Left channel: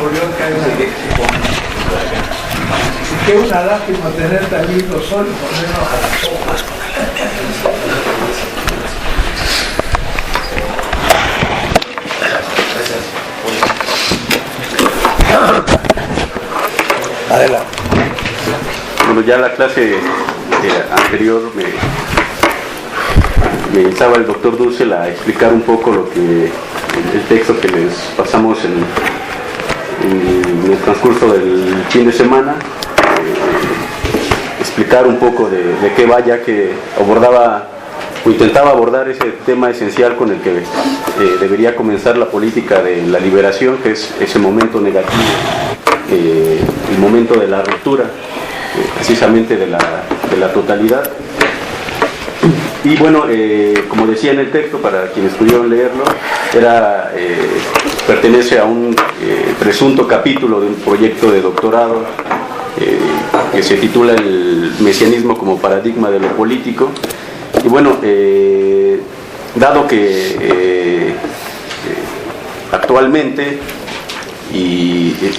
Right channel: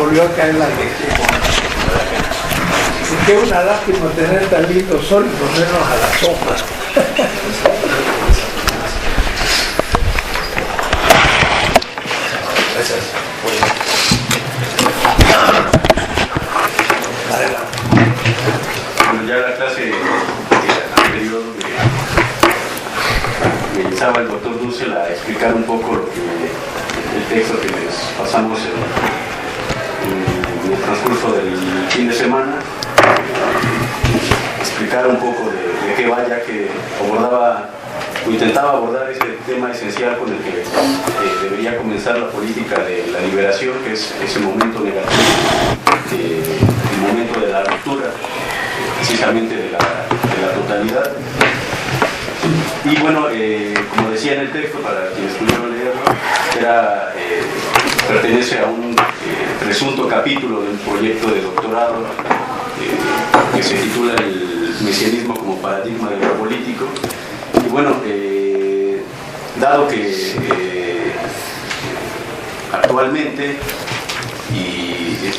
volvió a caer la lexicona. Qué una lástima tener tan lindo sol y ponernos a las sopas. Gracias. Adelante. Bueno, ya la clase anterior me instaba el doctor Dussel a explicar un poco lo que el texto que les pasamos en el transcurso del fin de semana, explicar un poco de qué va, ya que abordaba o intentaba abordar ese tema esencial con el que debería comenzar la política de la liberación, que es ese momento negativo, el momento de la ruptura, precisamente de la totalidad. Y bueno, como decía en el texto, para quienes pudieron leerlo, pertenece a un presunto capítulo de un proyecto de doctorado que se titula El mesianismo como paradigma de lo político. Y bueno, dado que actualmente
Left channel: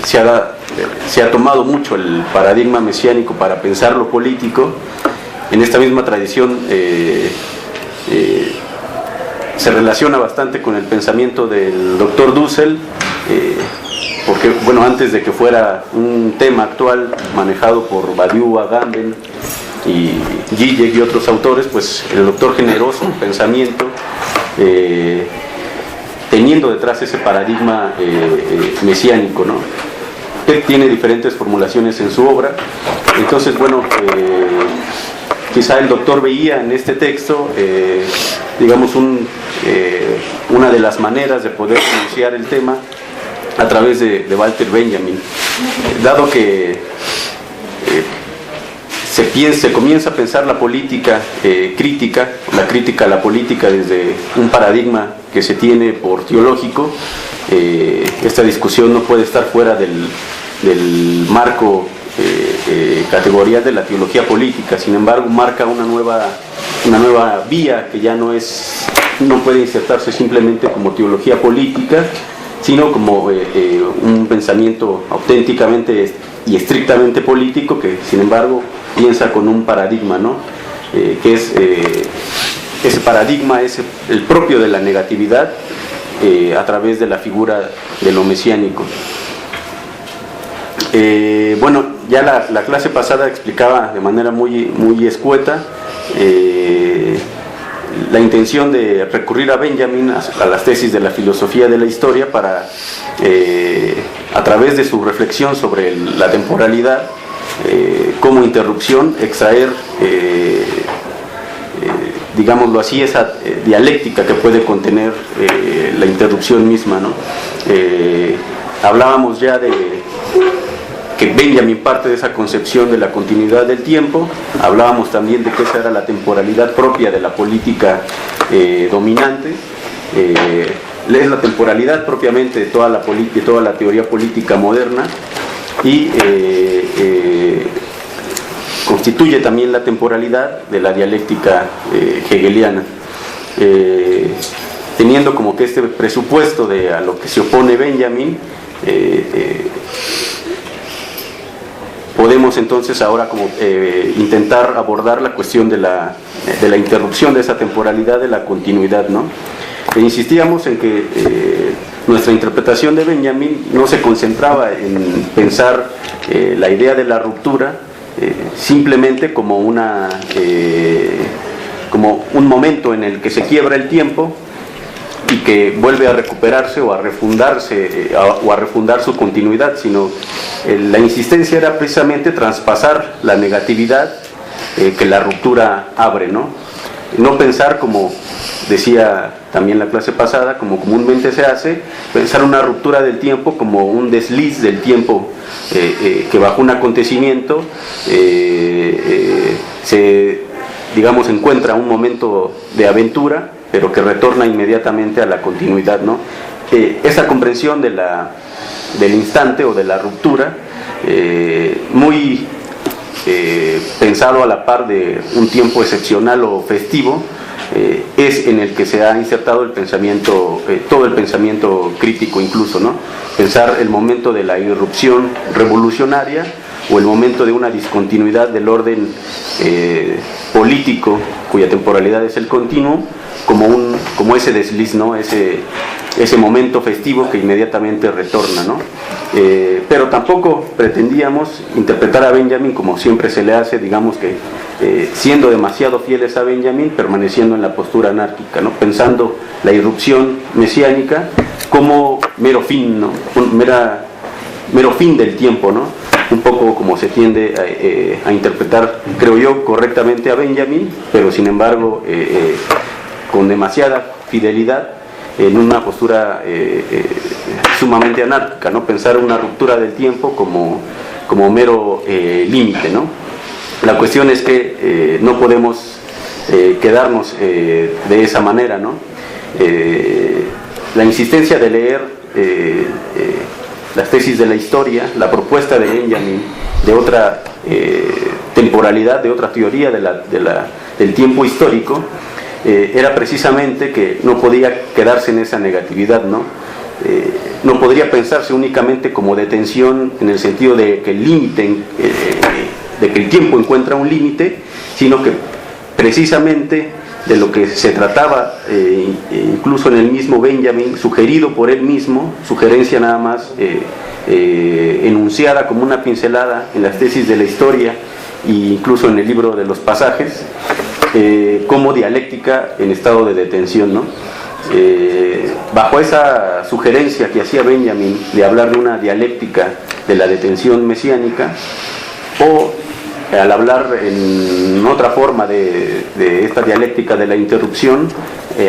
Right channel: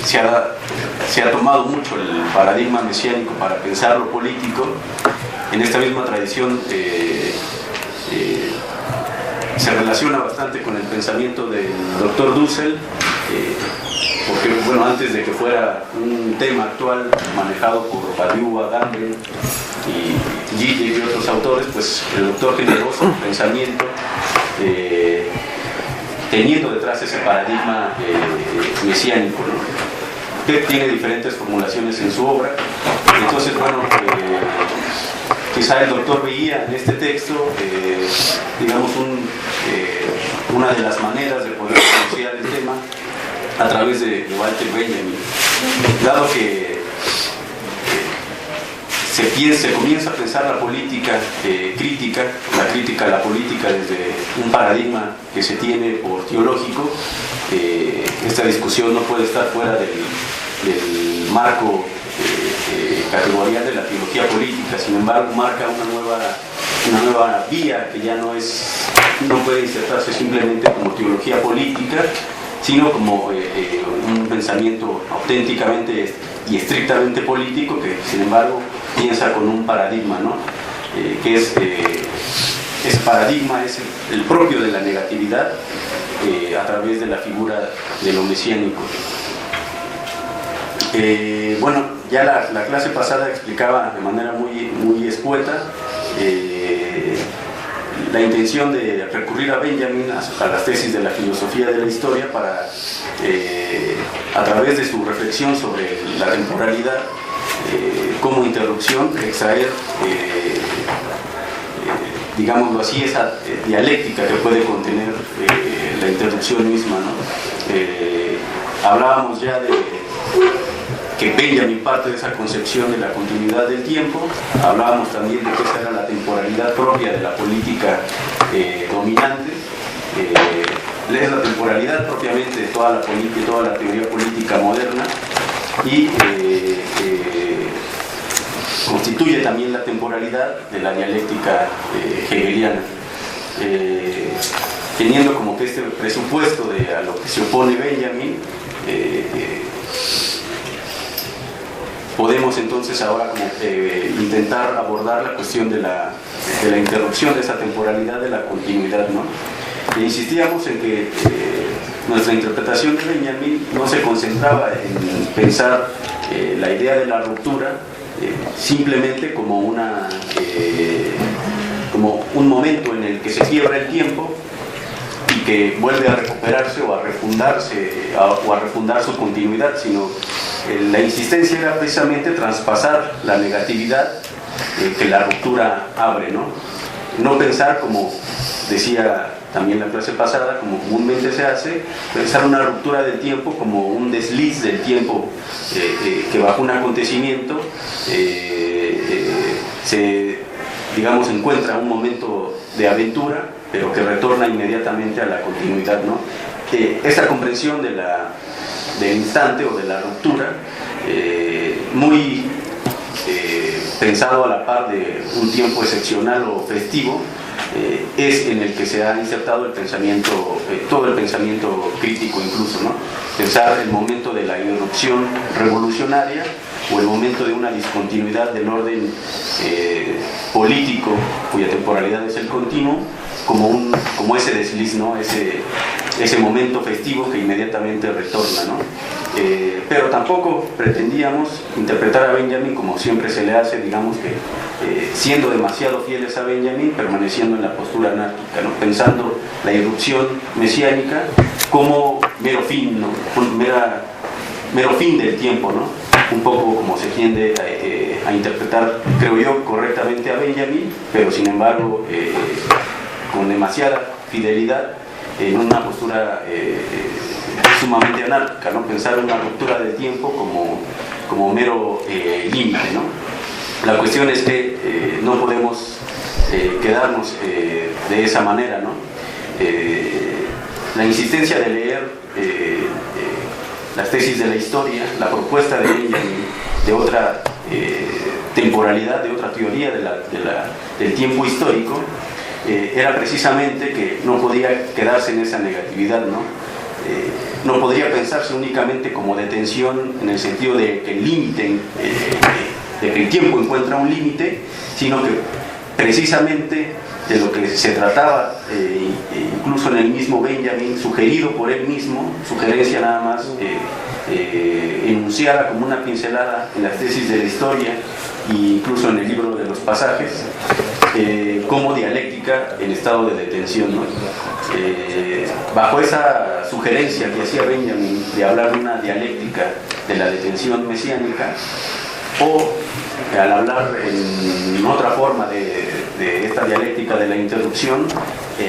se ha tomado mucho el paradigma mesiánico para pensar lo político, en esta misma tradición se relaciona bastante con el pensamiento del doctor Dussel, porque bueno, antes de que fuera un tema actual manejado por Badiou, Agamben y Zizek y otros autores, pues el doctor generó su pensamiento teniendo detrás ese paradigma mesiánico, ¿no? Que tiene diferentes formulaciones en su obra. Entonces, bueno, quizá el doctor veía en este texto, digamos, una de las maneras de poder pronunciar el tema a través de Walter Benjamin, dado que se comienza a pensar la política crítica, la crítica a la política desde un paradigma que se tiene por teológico. Esta discusión no puede estar fuera del marco categorial de la teología política. Sin embargo, marca una nueva vía que ya no puede insertarse simplemente como teología política, sino como un pensamiento auténticamente y estrictamente político, que sin embargo piensa con un paradigma, ¿no? Que es ese paradigma es el propio de la negatividad a través de la figura de lo mesiánico. Bueno, ya la clase pasada explicaba de manera muy escueta la intención de recurrir a Benjamin, a las tesis de la filosofía de la historia, para a través de su reflexión sobre la temporalidad como interrupción, extraer digámoslo así, esa dialéctica que puede contener la interrupción misma, ¿no? Hablábamos ya de que Benjamin parte de esa concepción de la continuidad del tiempo. Hablábamos también de que esa era la temporalidad propia de la política dominante. Es la temporalidad propiamente de toda la política y toda la teoría política moderna, y constituye también la temporalidad de la dialéctica hegeliana, teniendo como que este presupuesto a lo que se opone Benjamin. Podemos entonces ahora como intentar abordar la cuestión de la interrupción de esa temporalidad, de la continuidad, ¿no? Insistíamos en que nuestra interpretación de Benjamin no se concentraba en pensar la idea de la ruptura simplemente como como un momento en el que se quiebra el tiempo y que vuelve a recuperarse o a refundarse o a refundar su continuidad, sino la insistencia era precisamente traspasar la negatividad que la ruptura abre, ¿no? No pensar, como decía también la clase pasada, como comúnmente se hace, pensar una ruptura del tiempo como un desliz del tiempo que bajo un acontecimiento digamos, encuentra un momento de aventura, pero que retorna inmediatamente a la continuidad, ¿no? Esa comprensión del instante o de la ruptura, muy pensado a la par de un tiempo excepcional o festivo, es en el que se ha insertado el pensamiento, todo el pensamiento crítico incluso, ¿no? Pensar el momento de la irrupción revolucionaria o el momento de una discontinuidad del orden político, cuya temporalidad es el continuo, como ese desliz, ¿no? Ese momento festivo que inmediatamente retorna, ¿no? Pero tampoco pretendíamos interpretar a Benjamin como siempre se le hace, digamos que siendo demasiado fieles a Benjamin, permaneciendo en la postura anárquica, ¿no? Pensando la irrupción mesiánica como mero fin, ¿no? Mero fin del tiempo, ¿no? Un poco como se tiende a interpretar, creo yo, correctamente a Benjamin, pero sin embargo con demasiada fidelidad en una postura sumamente anárquica, ¿no? Pensar una ruptura del tiempo como mero límite, ¿no? La cuestión es que no podemos quedarnos de esa manera, ¿no? La insistencia de leer las tesis de la historia, la propuesta de Benjamin de otra temporalidad, de otra teoría del tiempo histórico, era precisamente que no podía quedarse en esa negatividad, ¿no? No podría pensarse únicamente como detención en el sentido de que el límite, de que el tiempo encuentra un límite, sino que precisamente de lo que se trataba, incluso en el mismo Benjamin, sugerido por él mismo, sugerencia nada más enunciada como una pincelada en las tesis de la historia e incluso en el libro de los pasajes, como dialéctica en estado de detención, ¿no? Bajo esa sugerencia que hacía Benjamin de hablar de una dialéctica de la detención mesiánica, o al hablar en otra forma de esta dialéctica de la interrupción,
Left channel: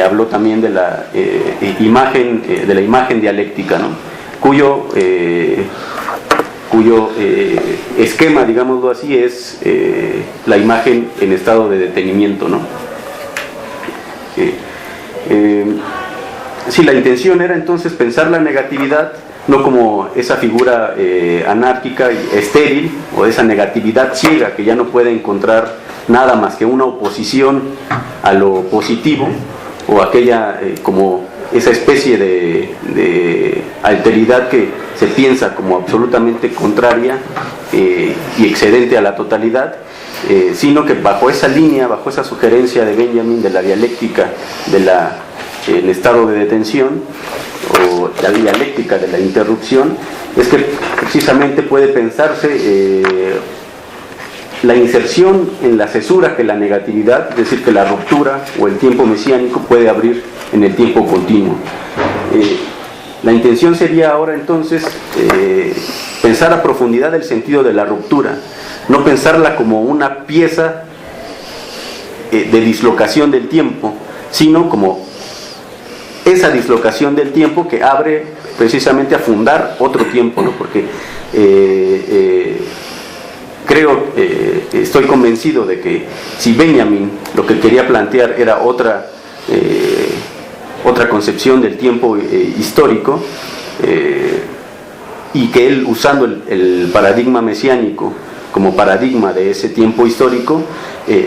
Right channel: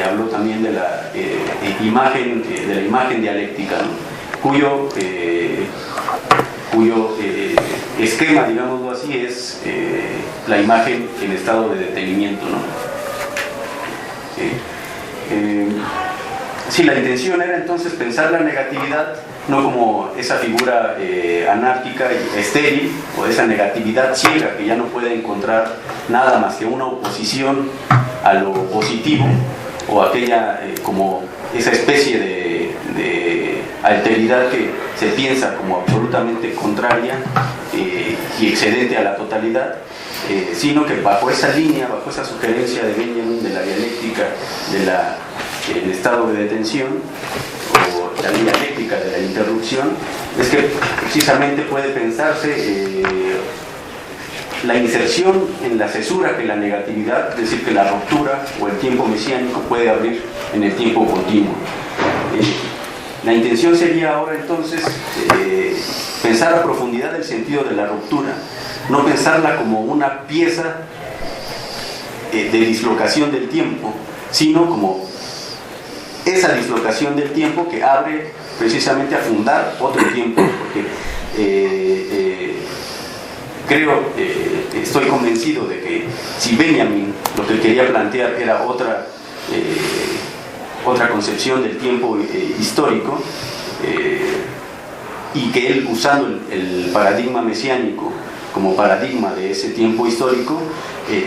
habló también de la imagen dialéctica, ¿no? cuyo esquema, digámoslo así, es la imagen en estado de detenimiento, ¿no? Sí, la intención era entonces pensar la negatividad no como esa figura anárquica y estéril, o esa negatividad ciega que ya no puede encontrar nada más que una oposición a lo positivo, o aquella como esa especie de alteridad que se piensa como absolutamente contraria y excedente a la totalidad, sino que bajo esa línea, bajo esa sugerencia de Benjamin de la dialéctica del estado de detención, o la dialéctica de la interrupción, es que precisamente puede pensarse la inserción en la cesura que la negatividad, es decir, que la ruptura o el tiempo mesiánico puede abrir en el tiempo continuo. La intención sería ahora entonces pensar a profundidad el sentido de la ruptura, no pensarla como una pieza de dislocación del tiempo, sino como esa dislocación del tiempo que abre precisamente a fundar otro tiempo, porque estoy convencido de que si Benjamin lo que él quería plantear era otra concepción del tiempo histórico, y que él, usando el paradigma mesiánico como paradigma de ese tiempo histórico,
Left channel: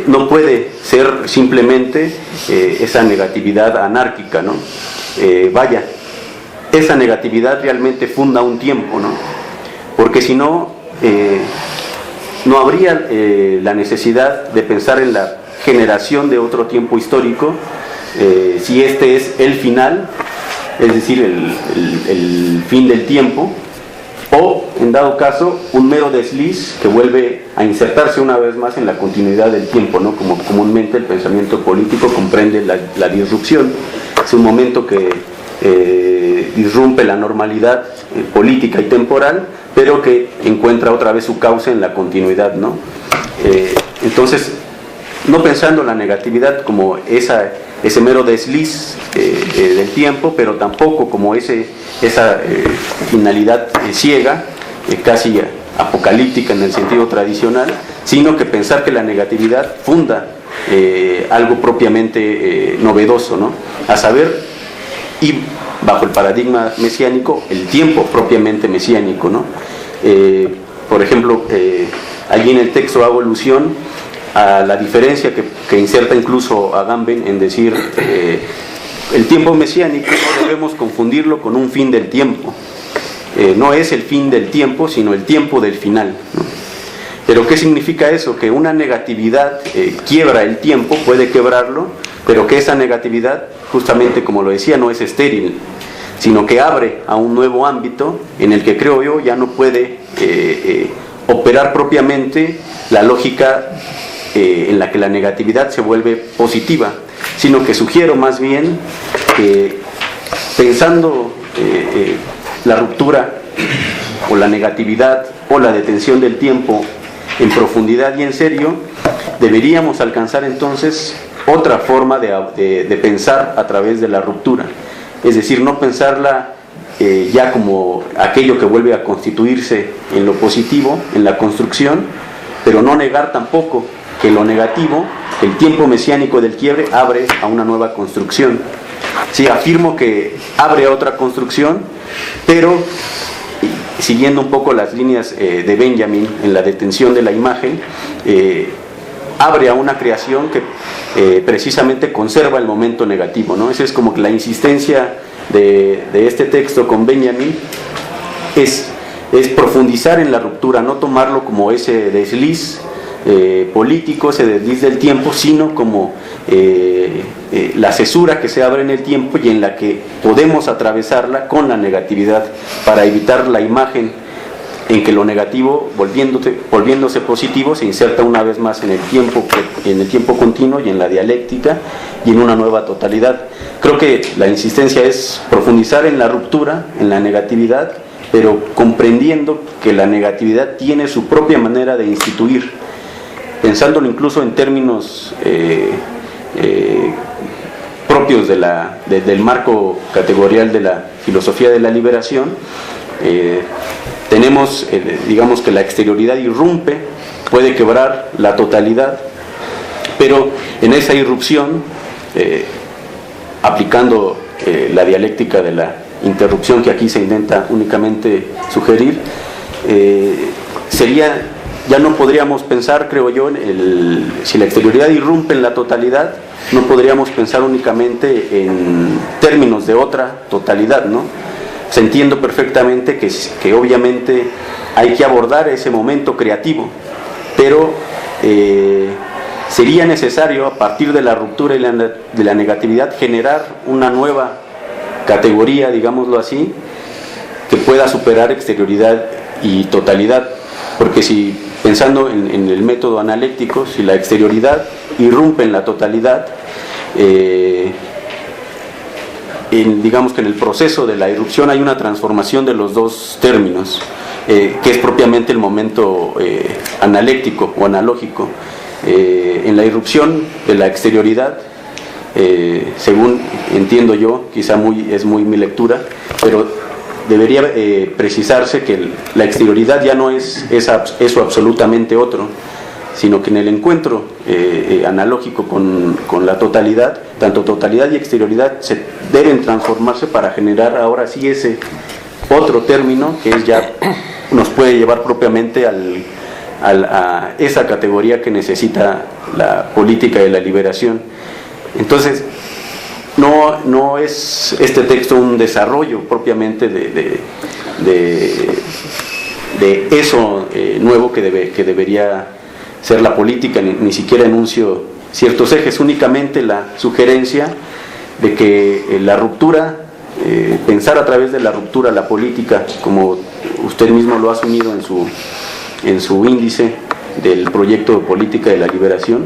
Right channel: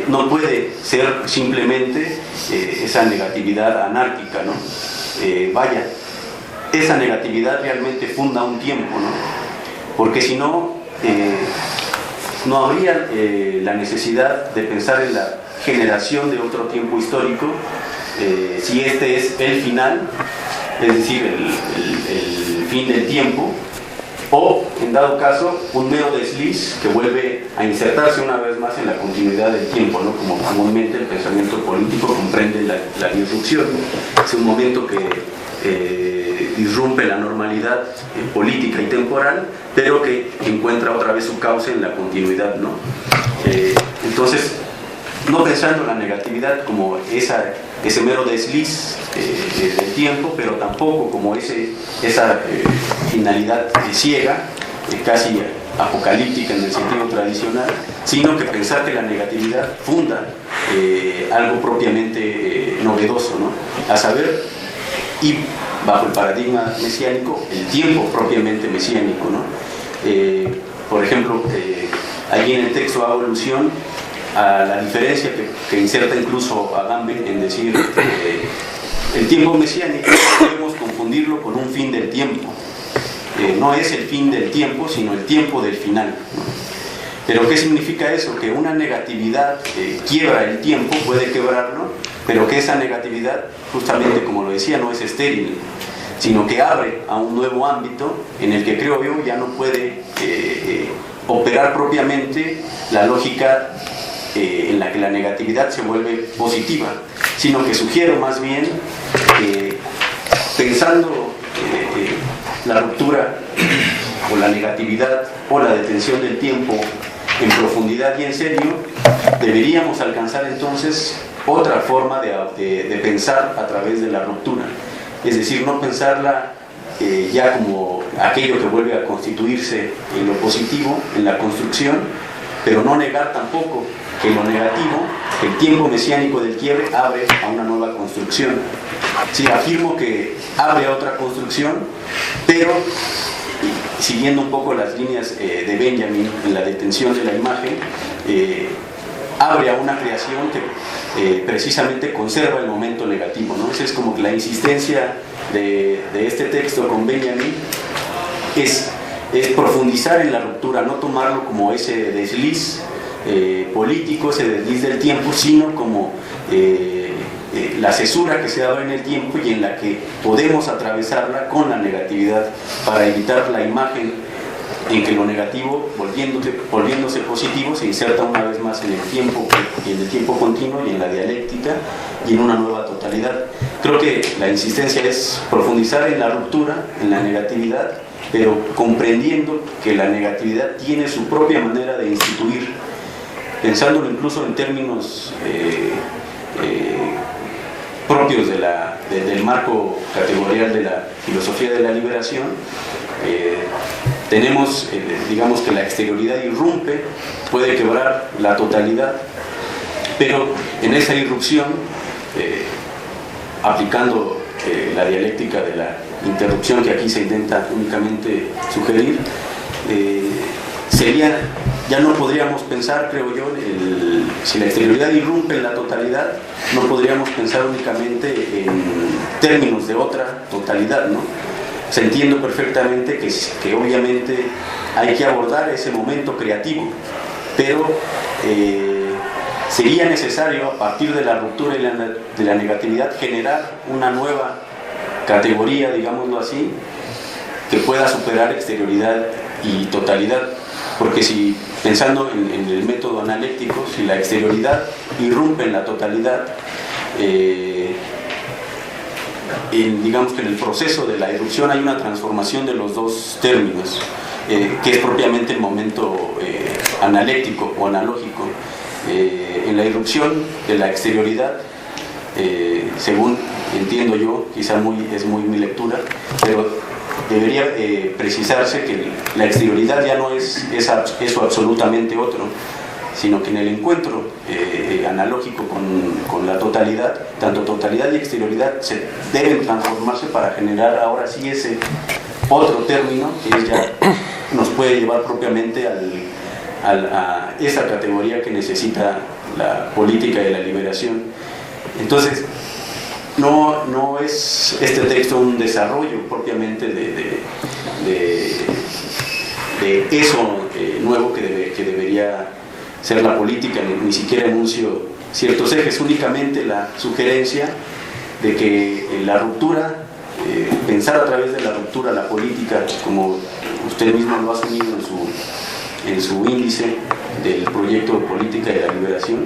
no puede ser simplemente esa negatividad anárquica, ¿no? Esa negatividad realmente funda un tiempo, ¿no? Porque si no, no habría la necesidad de pensar en la generación de otro tiempo histórico, si este es el final, es decir, el fin del tiempo, o en dado caso un mero desliz que vuelve a insertarse una vez más en la continuidad del tiempo, ¿no? Como comúnmente el pensamiento político comprende la disrupción. Es un momento que disrumpe la normalidad política y temporal, pero que encuentra otra vez su cauce en la continuidad, ¿no? Entonces, no pensando en la negatividad como ese mero desliz del tiempo, pero tampoco como esa finalidad ciega, casi apocalíptica en el sentido tradicional, sino que pensar que la negatividad funda algo propiamente novedoso, ¿no? A saber, y bajo el paradigma mesiánico, el tiempo propiamente mesiánico, ¿no? Por ejemplo, allí en el texto hago alusión a la diferencia que inserta incluso Agamben en decir el tiempo mesiánico no debemos confundirlo con un fin del tiempo. No es el fin del tiempo, sino el tiempo del final, ¿no? Pero ¿qué significa eso? Que una negatividad quiebra el tiempo, puede quebrarlo, pero que esa negatividad, justamente como lo decía, no es estéril, sino que abre a un nuevo ámbito en el que, creo yo, ya no puede operar propiamente la lógica en la que la negatividad se vuelve positiva, sino que sugiero más bien que pensando la ruptura o la negatividad o la detención del tiempo en profundidad y en serio, deberíamos alcanzar entonces otra forma de pensar a través de la ruptura. Es decir, no pensarla ya como aquello que vuelve a constituirse en lo positivo, en la construcción, pero no negar tampoco que lo negativo, el tiempo mesiánico del quiebre, abre a una nueva construcción. Sí, afirmo que abre a otra construcción, pero siguiendo un poco las líneas de Benjamin en la detención de la imagen, abre a una creación que precisamente conserva el momento negativo, ¿no? Esa es como que la insistencia de este texto con Benjamin, es profundizar en la ruptura, no tomarlo como ese desliz político, ese desliz del tiempo, sino como la cesura que se abre en el tiempo y en la que podemos atravesarla con la negatividad para evitar la imagen en que lo negativo, volviéndose positivo, se inserta una vez más en el tiempo continuo y en la dialéctica y en una nueva totalidad. Creo que la insistencia es profundizar en la ruptura, en la negatividad, pero comprendiendo que la negatividad tiene su propia manera de instituir, pensándolo incluso en términos propios del marco categorial de la filosofía de la liberación. Tenemos, digamos que la exterioridad irrumpe, puede quebrar la totalidad, pero en esa irrupción, aplicando la dialéctica de la interrupción que aquí se intenta únicamente sugerir, ya no podríamos pensar, creo yo, si la exterioridad irrumpe en la totalidad, no podríamos pensar únicamente en términos de otra totalidad, ¿no? Se entiende perfectamente que obviamente hay que abordar ese momento creativo, pero sería necesario, a partir de la ruptura y de la negatividad, generar una nueva categoría, digámoslo así, que pueda superar exterioridad y totalidad, porque si, pensando en el método analéctico, si la exterioridad irrumpe en la totalidad, digamos que en el proceso de la irrupción hay una transformación de los dos términos, que es propiamente el momento analéctico o analógico. En la irrupción de la exterioridad, según entiendo yo, quizá es muy mi lectura, pero debería precisarse que la exterioridad ya no es eso absolutamente otro, sino que en el encuentro analógico con la totalidad, tanto totalidad y exterioridad deben transformarse para generar ahora sí ese otro término que ya nos puede llevar propiamente a esa categoría que necesita la política de la liberación. Entonces, no es este texto un desarrollo propiamente de eso nuevo que debería ser la política, ni siquiera enuncio ciertos ejes, únicamente la sugerencia de que la ruptura, pensar a través de la ruptura la política, como usted mismo lo ha asumido en su índice del proyecto de política de la liberación,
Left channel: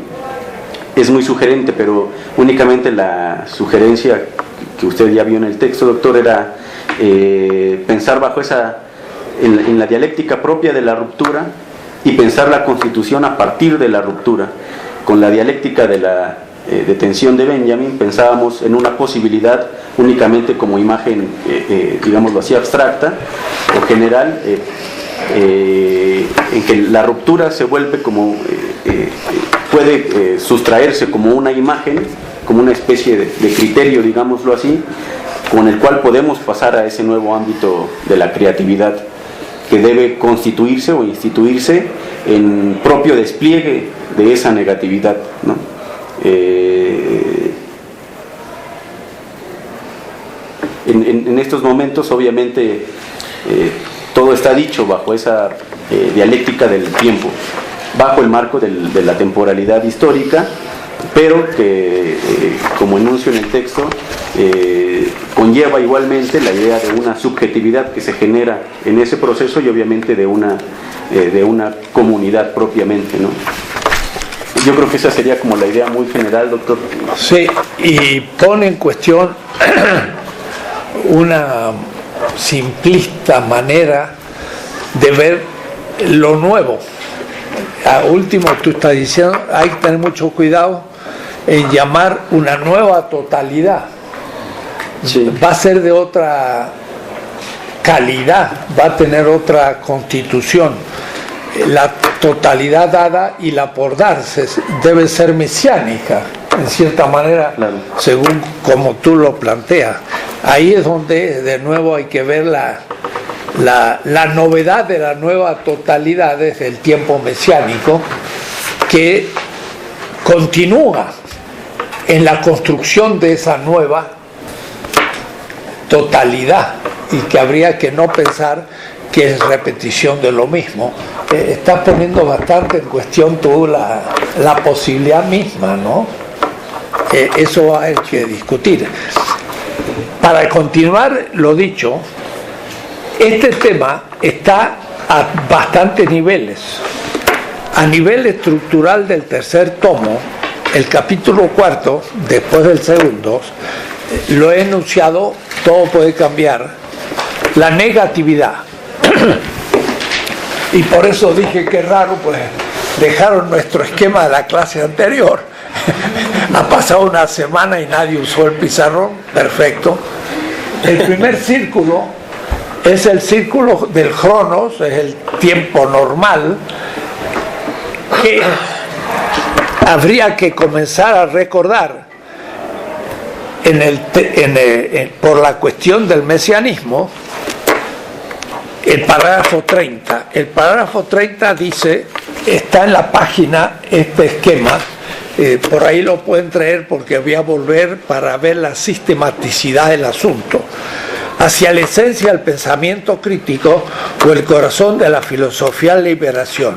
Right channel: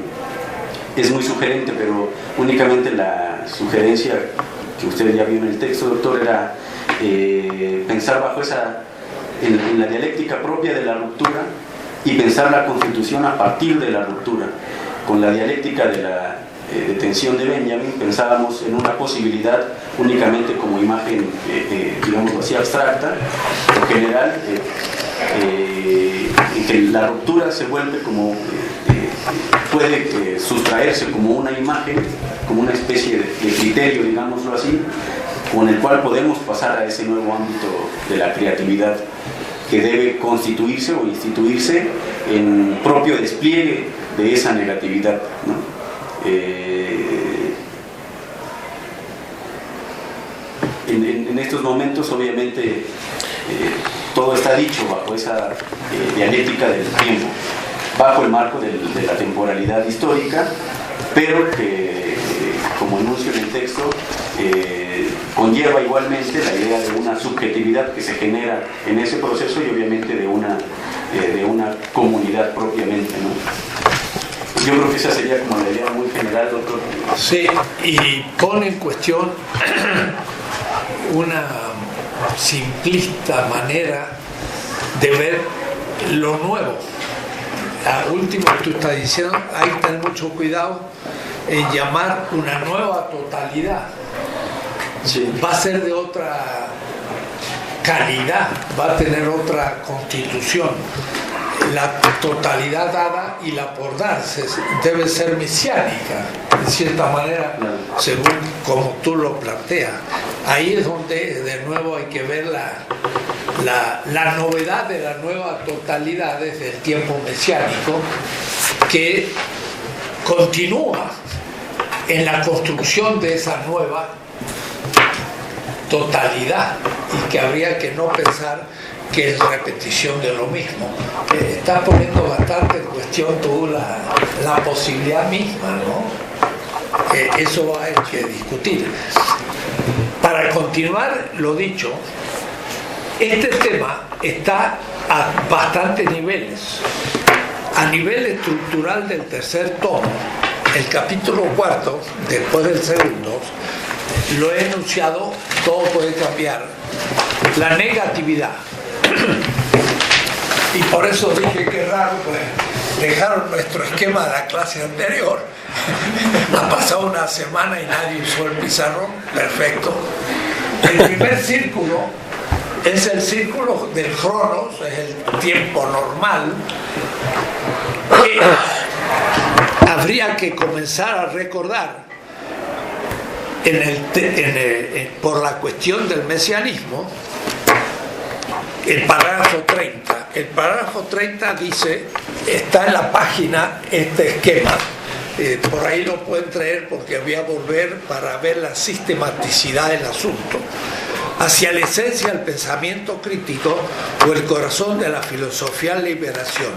es muy sugerente, pero únicamente la sugerencia que usted ya vio en el texto, doctor, era pensar bajo en la dialéctica propia de la ruptura y pensar la constitución a partir de la ruptura. Con la dialéctica de la detención de Benjamin pensábamos en una posibilidad únicamente como imagen, digámoslo así, abstracta, en general, en que la ruptura se vuelve como, puede sustraerse como una imagen, como una especie de criterio, digámoslo así, con el cual podemos pasar a ese nuevo ámbito de la creatividad, que debe constituirse o instituirse en propio despliegue de esa negatividad, ¿no? En estos momentos, obviamente, todo está dicho bajo esa dialéctica del tiempo, bajo el marco de la temporalidad histórica, pero que, como enuncio en el texto, conlleva igualmente la idea de una subjetividad que se genera en ese proceso y obviamente de una comunidad propiamente, ¿no? Yo creo que esa sería como la idea muy general, doctor. Sí, y pone en cuestión una simplista manera de ver lo nuevo. A último, tú estás diciendo, hay que tener mucho cuidado en llamar una nueva totalidad. Sí. Va a ser de otra calidad, va a tener otra constitución. La totalidad dada y la por darse debe ser mesiánica, en cierta manera, según como tú lo planteas. Ahí es donde de nuevo hay que ver la novedad de la nueva totalidad desde el tiempo mesiánico, que continúa en la construcción de esa nueva totalidad y que habría que no pensar que es repetición de lo mismo. Estás poniendo bastante en cuestión tú la posibilidad misma, ¿no? Eso hay que discutir. Para continuar lo dicho, este tema está a bastantes niveles. A nivel estructural del tercer tomo, el capítulo 4, después del segundo, lo he enunciado, todo puede cambiar, la negatividad. Y por eso dije que raro, pues dejaron nuestro esquema de la clase anterior. Ha pasado una semana y nadie usó el pizarrón, perfecto. El primer círculo es el círculo del cronos, es el tiempo normal, que habría que comenzar a recordar por la cuestión del mesianismo. El parágrafo 30. El parágrafo 30 dice, está en la página este esquema, por ahí lo pueden traer porque voy a volver para ver la sistematicidad del asunto. Hacia la esencia del pensamiento crítico o el corazón de la filosofía de liberación,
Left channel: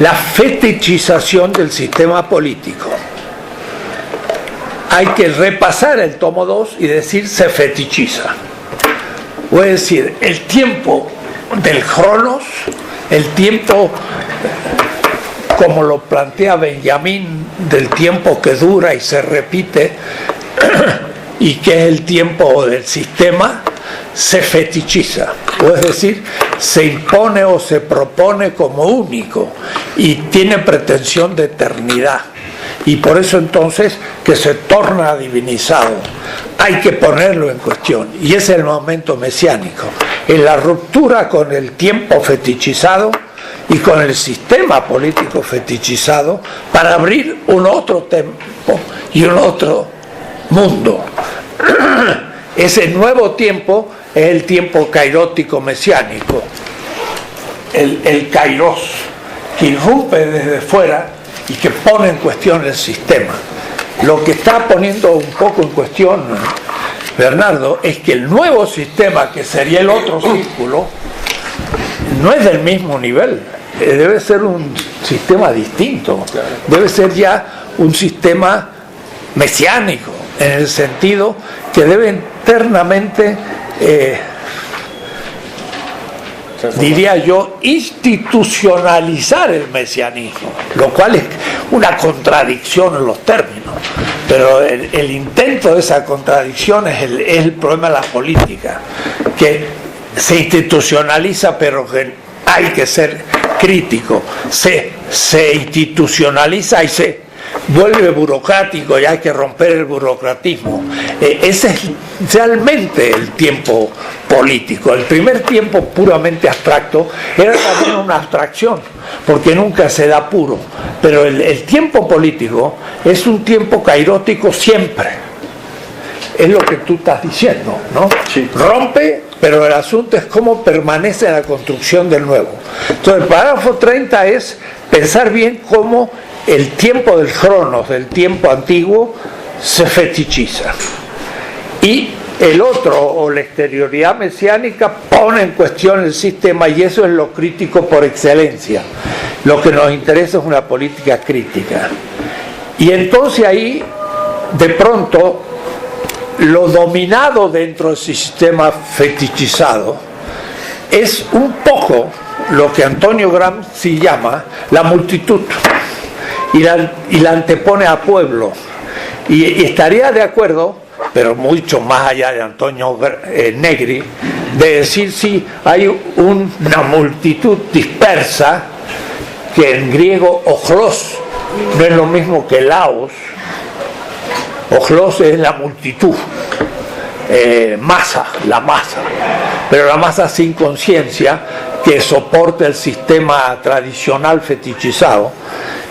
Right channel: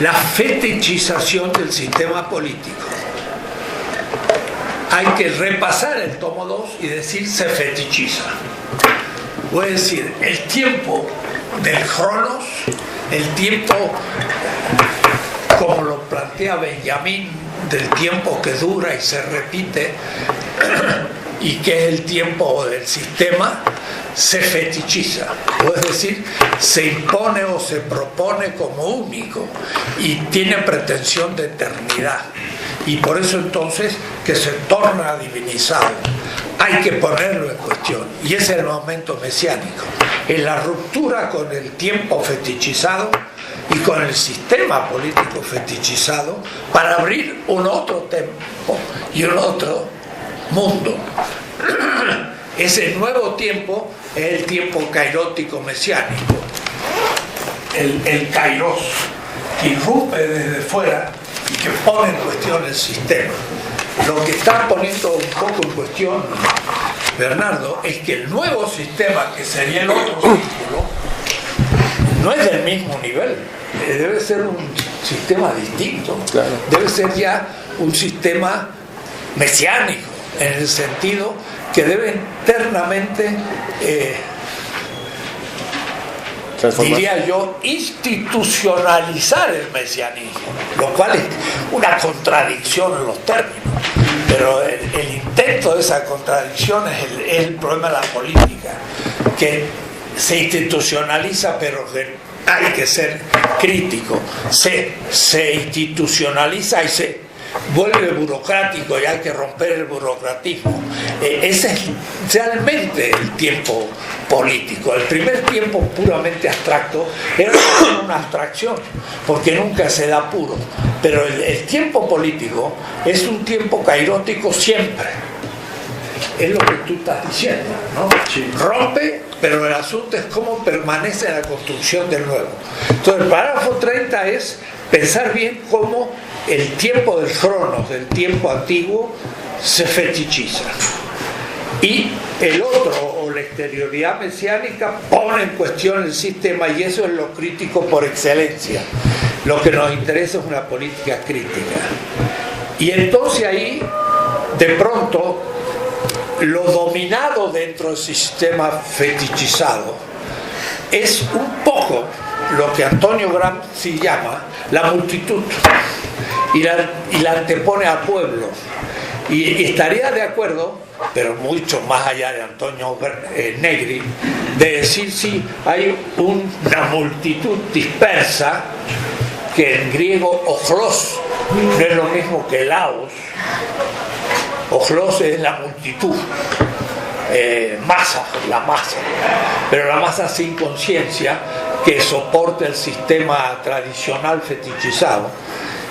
la fetichización del sistema político. Hay que repasar el tomo 2 y decir se fetichiza. O es decir, el tiempo del cronos, el tiempo, como lo plantea Benjamín, del tiempo que dura y se repite, y que es el tiempo del sistema, se fetichiza, o es decir, se impone o se propone como único y tiene pretensión de eternidad, y por eso entonces que se torna divinizado. Hay que ponerlo en cuestión, y ese es el momento mesiánico, en la ruptura con el tiempo fetichizado y con el sistema político fetichizado para abrir un otro tiempo y un otro mundo. Ese nuevo tiempo es el tiempo kairótico mesiánico, el kairos, que irrumpe desde fuera y que pone en cuestión el sistema. Lo que está poniendo un poco en cuestión Bernardo es que el nuevo sistema, que sería el otro círculo, no es del mismo nivel, debe ser un sistema distinto, claro. Debe ser ya un sistema mesiánico, en el sentido que debe internamente, diría yo, institucionalizar el mesianismo, lo cual es una contradicción en los términos, pero el intento de esa contradicción es el problema de la política, que se institucionaliza, pero que hay que ser crítico, se institucionaliza y se vuelve burocrático y hay que romper el burocratismo. Ese es realmente el tiempo político. El primer tiempo puramente abstracto era también una abstracción, porque nunca se da puro, pero el tiempo político es un tiempo kairótico siempre. Es lo que tú estás diciendo, ¿no? Sí. Rompe, pero el asunto es cómo permanece la construcción del nuevo. Entonces el parágrafo 30 es pensar bien cómo el tiempo del Cronos, del tiempo antiguo, se fetichiza. Y el otro, o la exterioridad mesiánica, pone en cuestión el sistema, y eso es lo crítico por excelencia. Lo que nos interesa es una política crítica. Y entonces ahí, de pronto, lo dominado dentro del sistema fetichizado es un poco lo que Antonio Gramsci llama la multitud, y la antepone a pueblo. Y estaría de acuerdo, pero mucho más allá de Antonio Negri, de decir sí, hay una multitud dispersa, que en griego ojlos no es lo mismo que laos. Ojlos es la multitud, masa, la masa, pero la masa sin conciencia, que soporta el sistema tradicional fetichizado,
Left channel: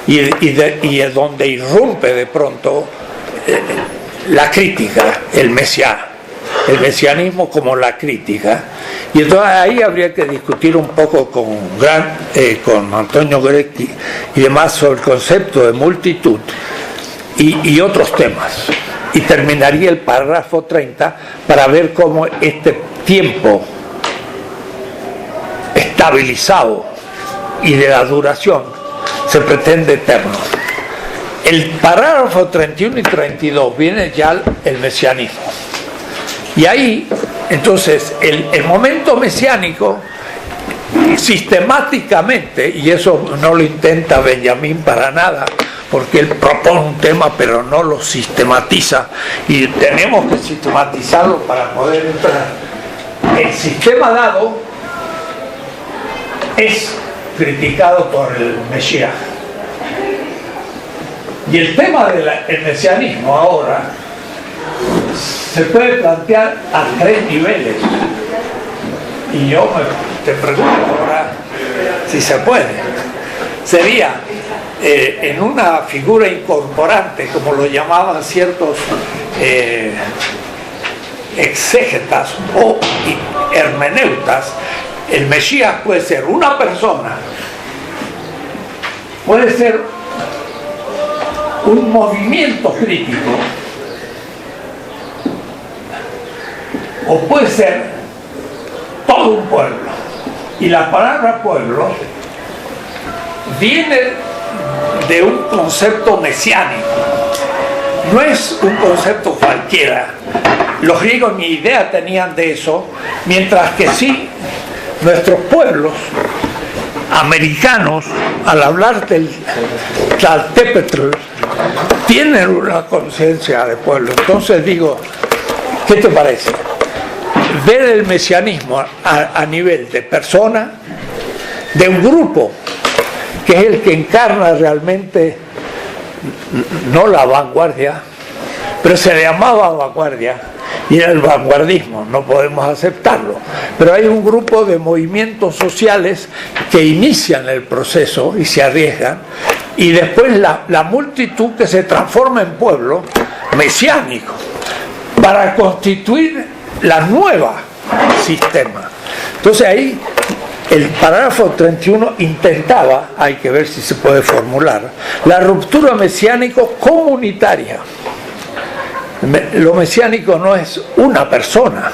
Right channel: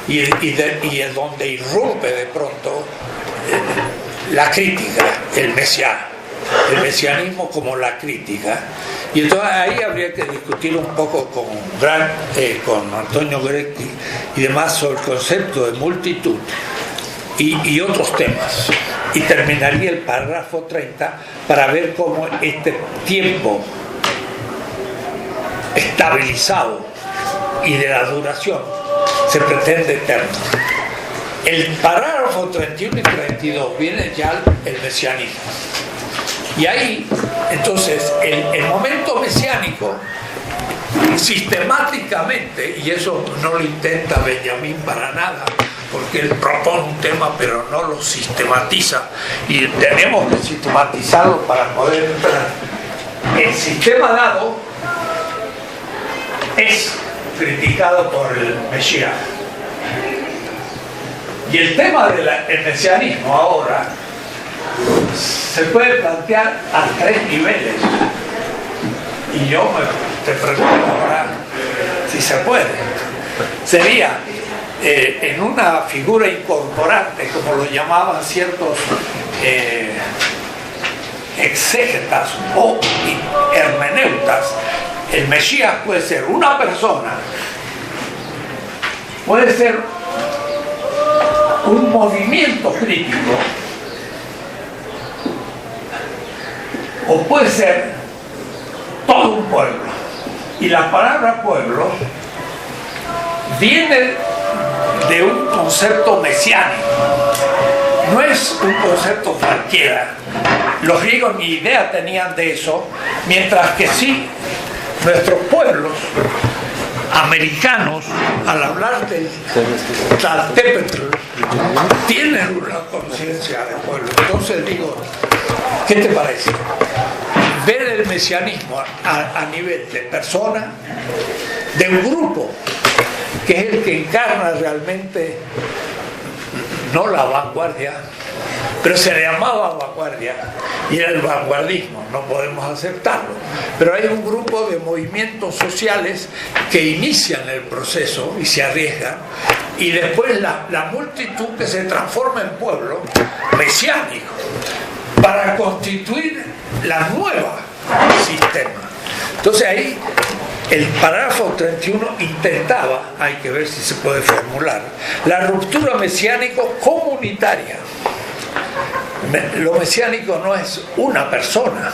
y es donde irrumpe de pronto la crítica, el mesianismo como la crítica. Y entonces ahí habría que discutir un poco con Antonio Grecchi y demás sobre el concepto de multitud y otros temas. Y terminaría el párrafo 30 para ver cómo este tiempo estabilizado y de la duración se pretende eterno. El parágrafo 31 y 32 viene ya el mesianismo. Y ahí, entonces, el momento mesiánico, sistemáticamente, y eso no lo intenta Benjamín para nada, porque él propone un tema pero no lo sistematiza, y tenemos que sistematizarlo para poder entrar. El sistema dado es criticado por el Mesías. Y el tema del mesianismo ahora se puede plantear a 3 niveles. Y yo te pregunto ahora si se puede. Sería en una figura incorporante, como lo llamaban ciertos exégetas o hermeneutas. El Mesías puede ser una persona, puede ser un movimiento crítico, o puede ser todo un pueblo. Y la palabra pueblo viene de un concepto mesiánico, no es un concepto cualquiera. Los griegos ni idea tenían de eso, mientras que sí nuestros pueblos americanos, al hablar del Tlaltépetl, tienen una conciencia de pueblo. Entonces digo, ¿qué te parece? Ver el mesianismo a nivel de persona, de un grupo, que es el que encarna realmente, no la vanguardia, pero se le llamaba vanguardia, y era el vanguardismo, no podemos aceptarlo. Pero hay un grupo de movimientos sociales que inician el proceso y se arriesgan, y después la multitud que se transforma en pueblo mesiánico para constituir la nueva sistema. Entonces ahí el parágrafo 31 intentaba, hay que ver si se puede formular, la ruptura mesiánico comunitaria. Lo mesiánico no es una persona,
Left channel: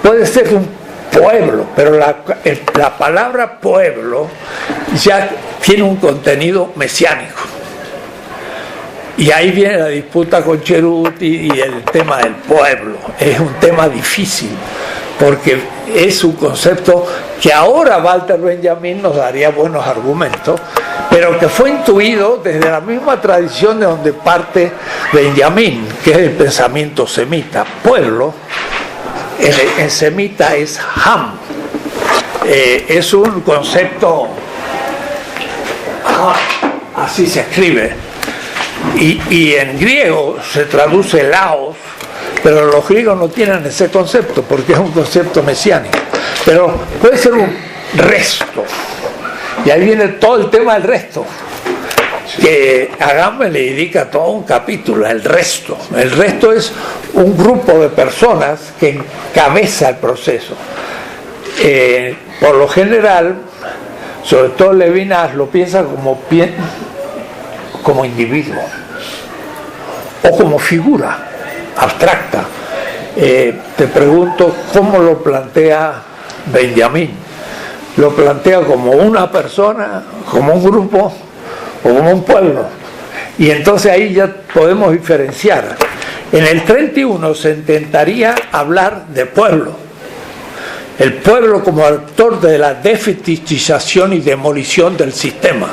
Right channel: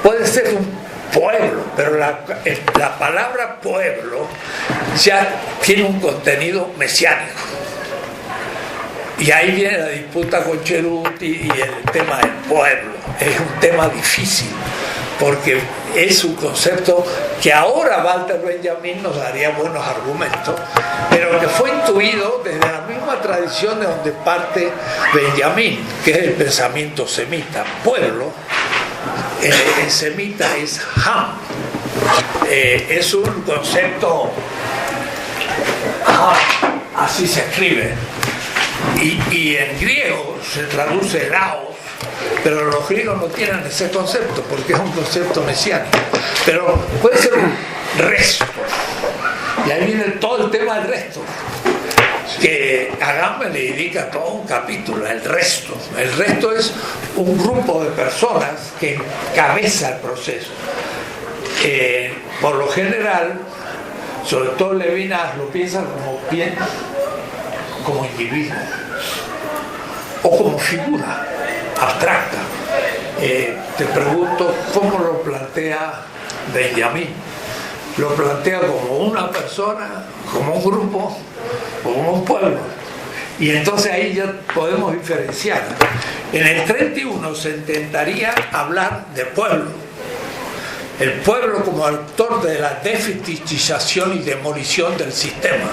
puede ser un pueblo, pero la palabra pueblo ya tiene un contenido mesiánico. Y ahí viene la disputa con Ceruti y el tema del pueblo. Es un tema difícil, porque es un concepto que ahora Walter Benjamin nos daría buenos argumentos, pero que fue intuido desde la misma tradición de donde parte Benjamin, que es el pensamiento semita. Pueblo, en semita es ham, es un concepto, así se escribe, y en griego se traduce laos, pero los griegos no tienen ese concepto porque es un concepto mesiánico, pero puede ser un resto. Y ahí viene todo el tema del resto, que Agamben le dedica todo un capítulo, el resto. El resto es un grupo de personas que encabeza el proceso. Por lo general, sobre todo Levinas lo piensa como individuo o como figura abstracta. Te pregunto cómo lo plantea Benjamín. ¿Lo plantea como una persona, como un grupo o como un pueblo? Y entonces ahí ya podemos diferenciar. En el 31 se intentaría hablar de pueblo. El pueblo como actor de la defetichización y demolición del sistema.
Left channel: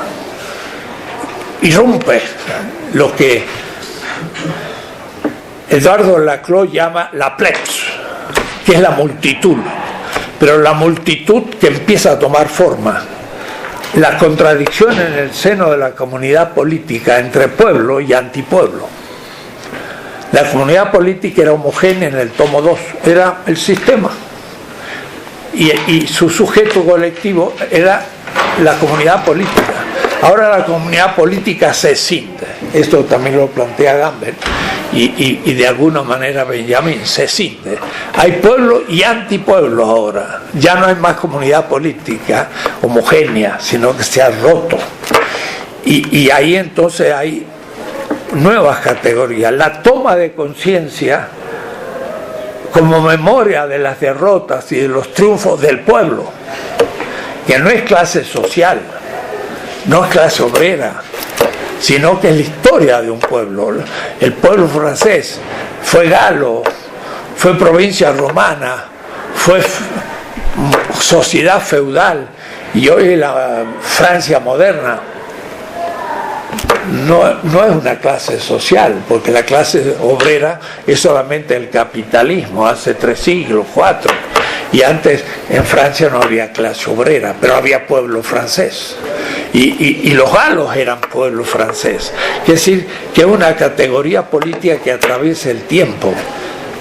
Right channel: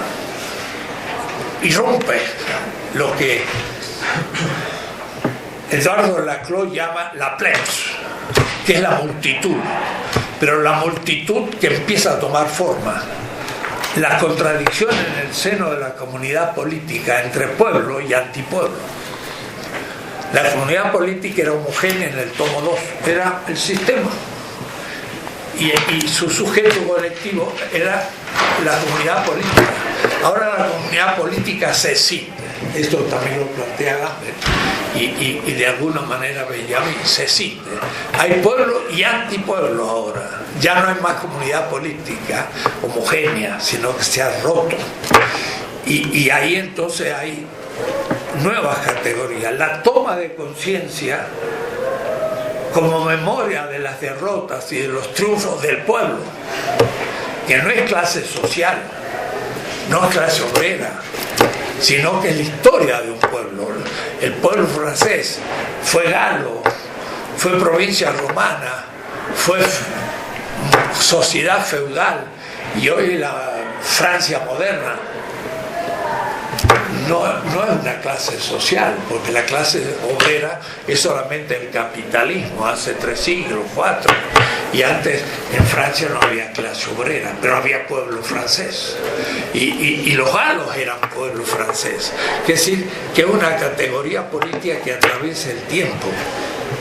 Irrumpe lo que Eduardo Laclau llama la plebs, que es la multitud, pero la multitud que empieza a tomar forma. La contradicción en el seno de la comunidad política entre pueblo y antipueblo. La comunidad política era homogénea en el tomo 2, era el sistema. Y su sujeto colectivo era la comunidad política. Ahora la comunidad política se escinde. Esto también lo plantea Gambert y de alguna manera Benjamín, se escinde. Hay pueblo y antipueblo ahora. Ya no hay más comunidad política homogénea, sino que se ha roto. Y ahí entonces hay nuevas categorías. La toma de conciencia como memoria de las derrotas y de los triunfos del pueblo, que no es clase social, no es clase obrera, sino que es la historia de un pueblo. El pueblo francés fue galo, fue provincia romana, fue sociedad feudal, y hoy la Francia moderna no es una clase social, porque la clase obrera es solamente el capitalismo, hace 3 siglos, 4, y antes en Francia no había clase obrera, pero había pueblo francés, y los galos eran pueblo francés, es decir, que es una categoría política que atraviesa el tiempo.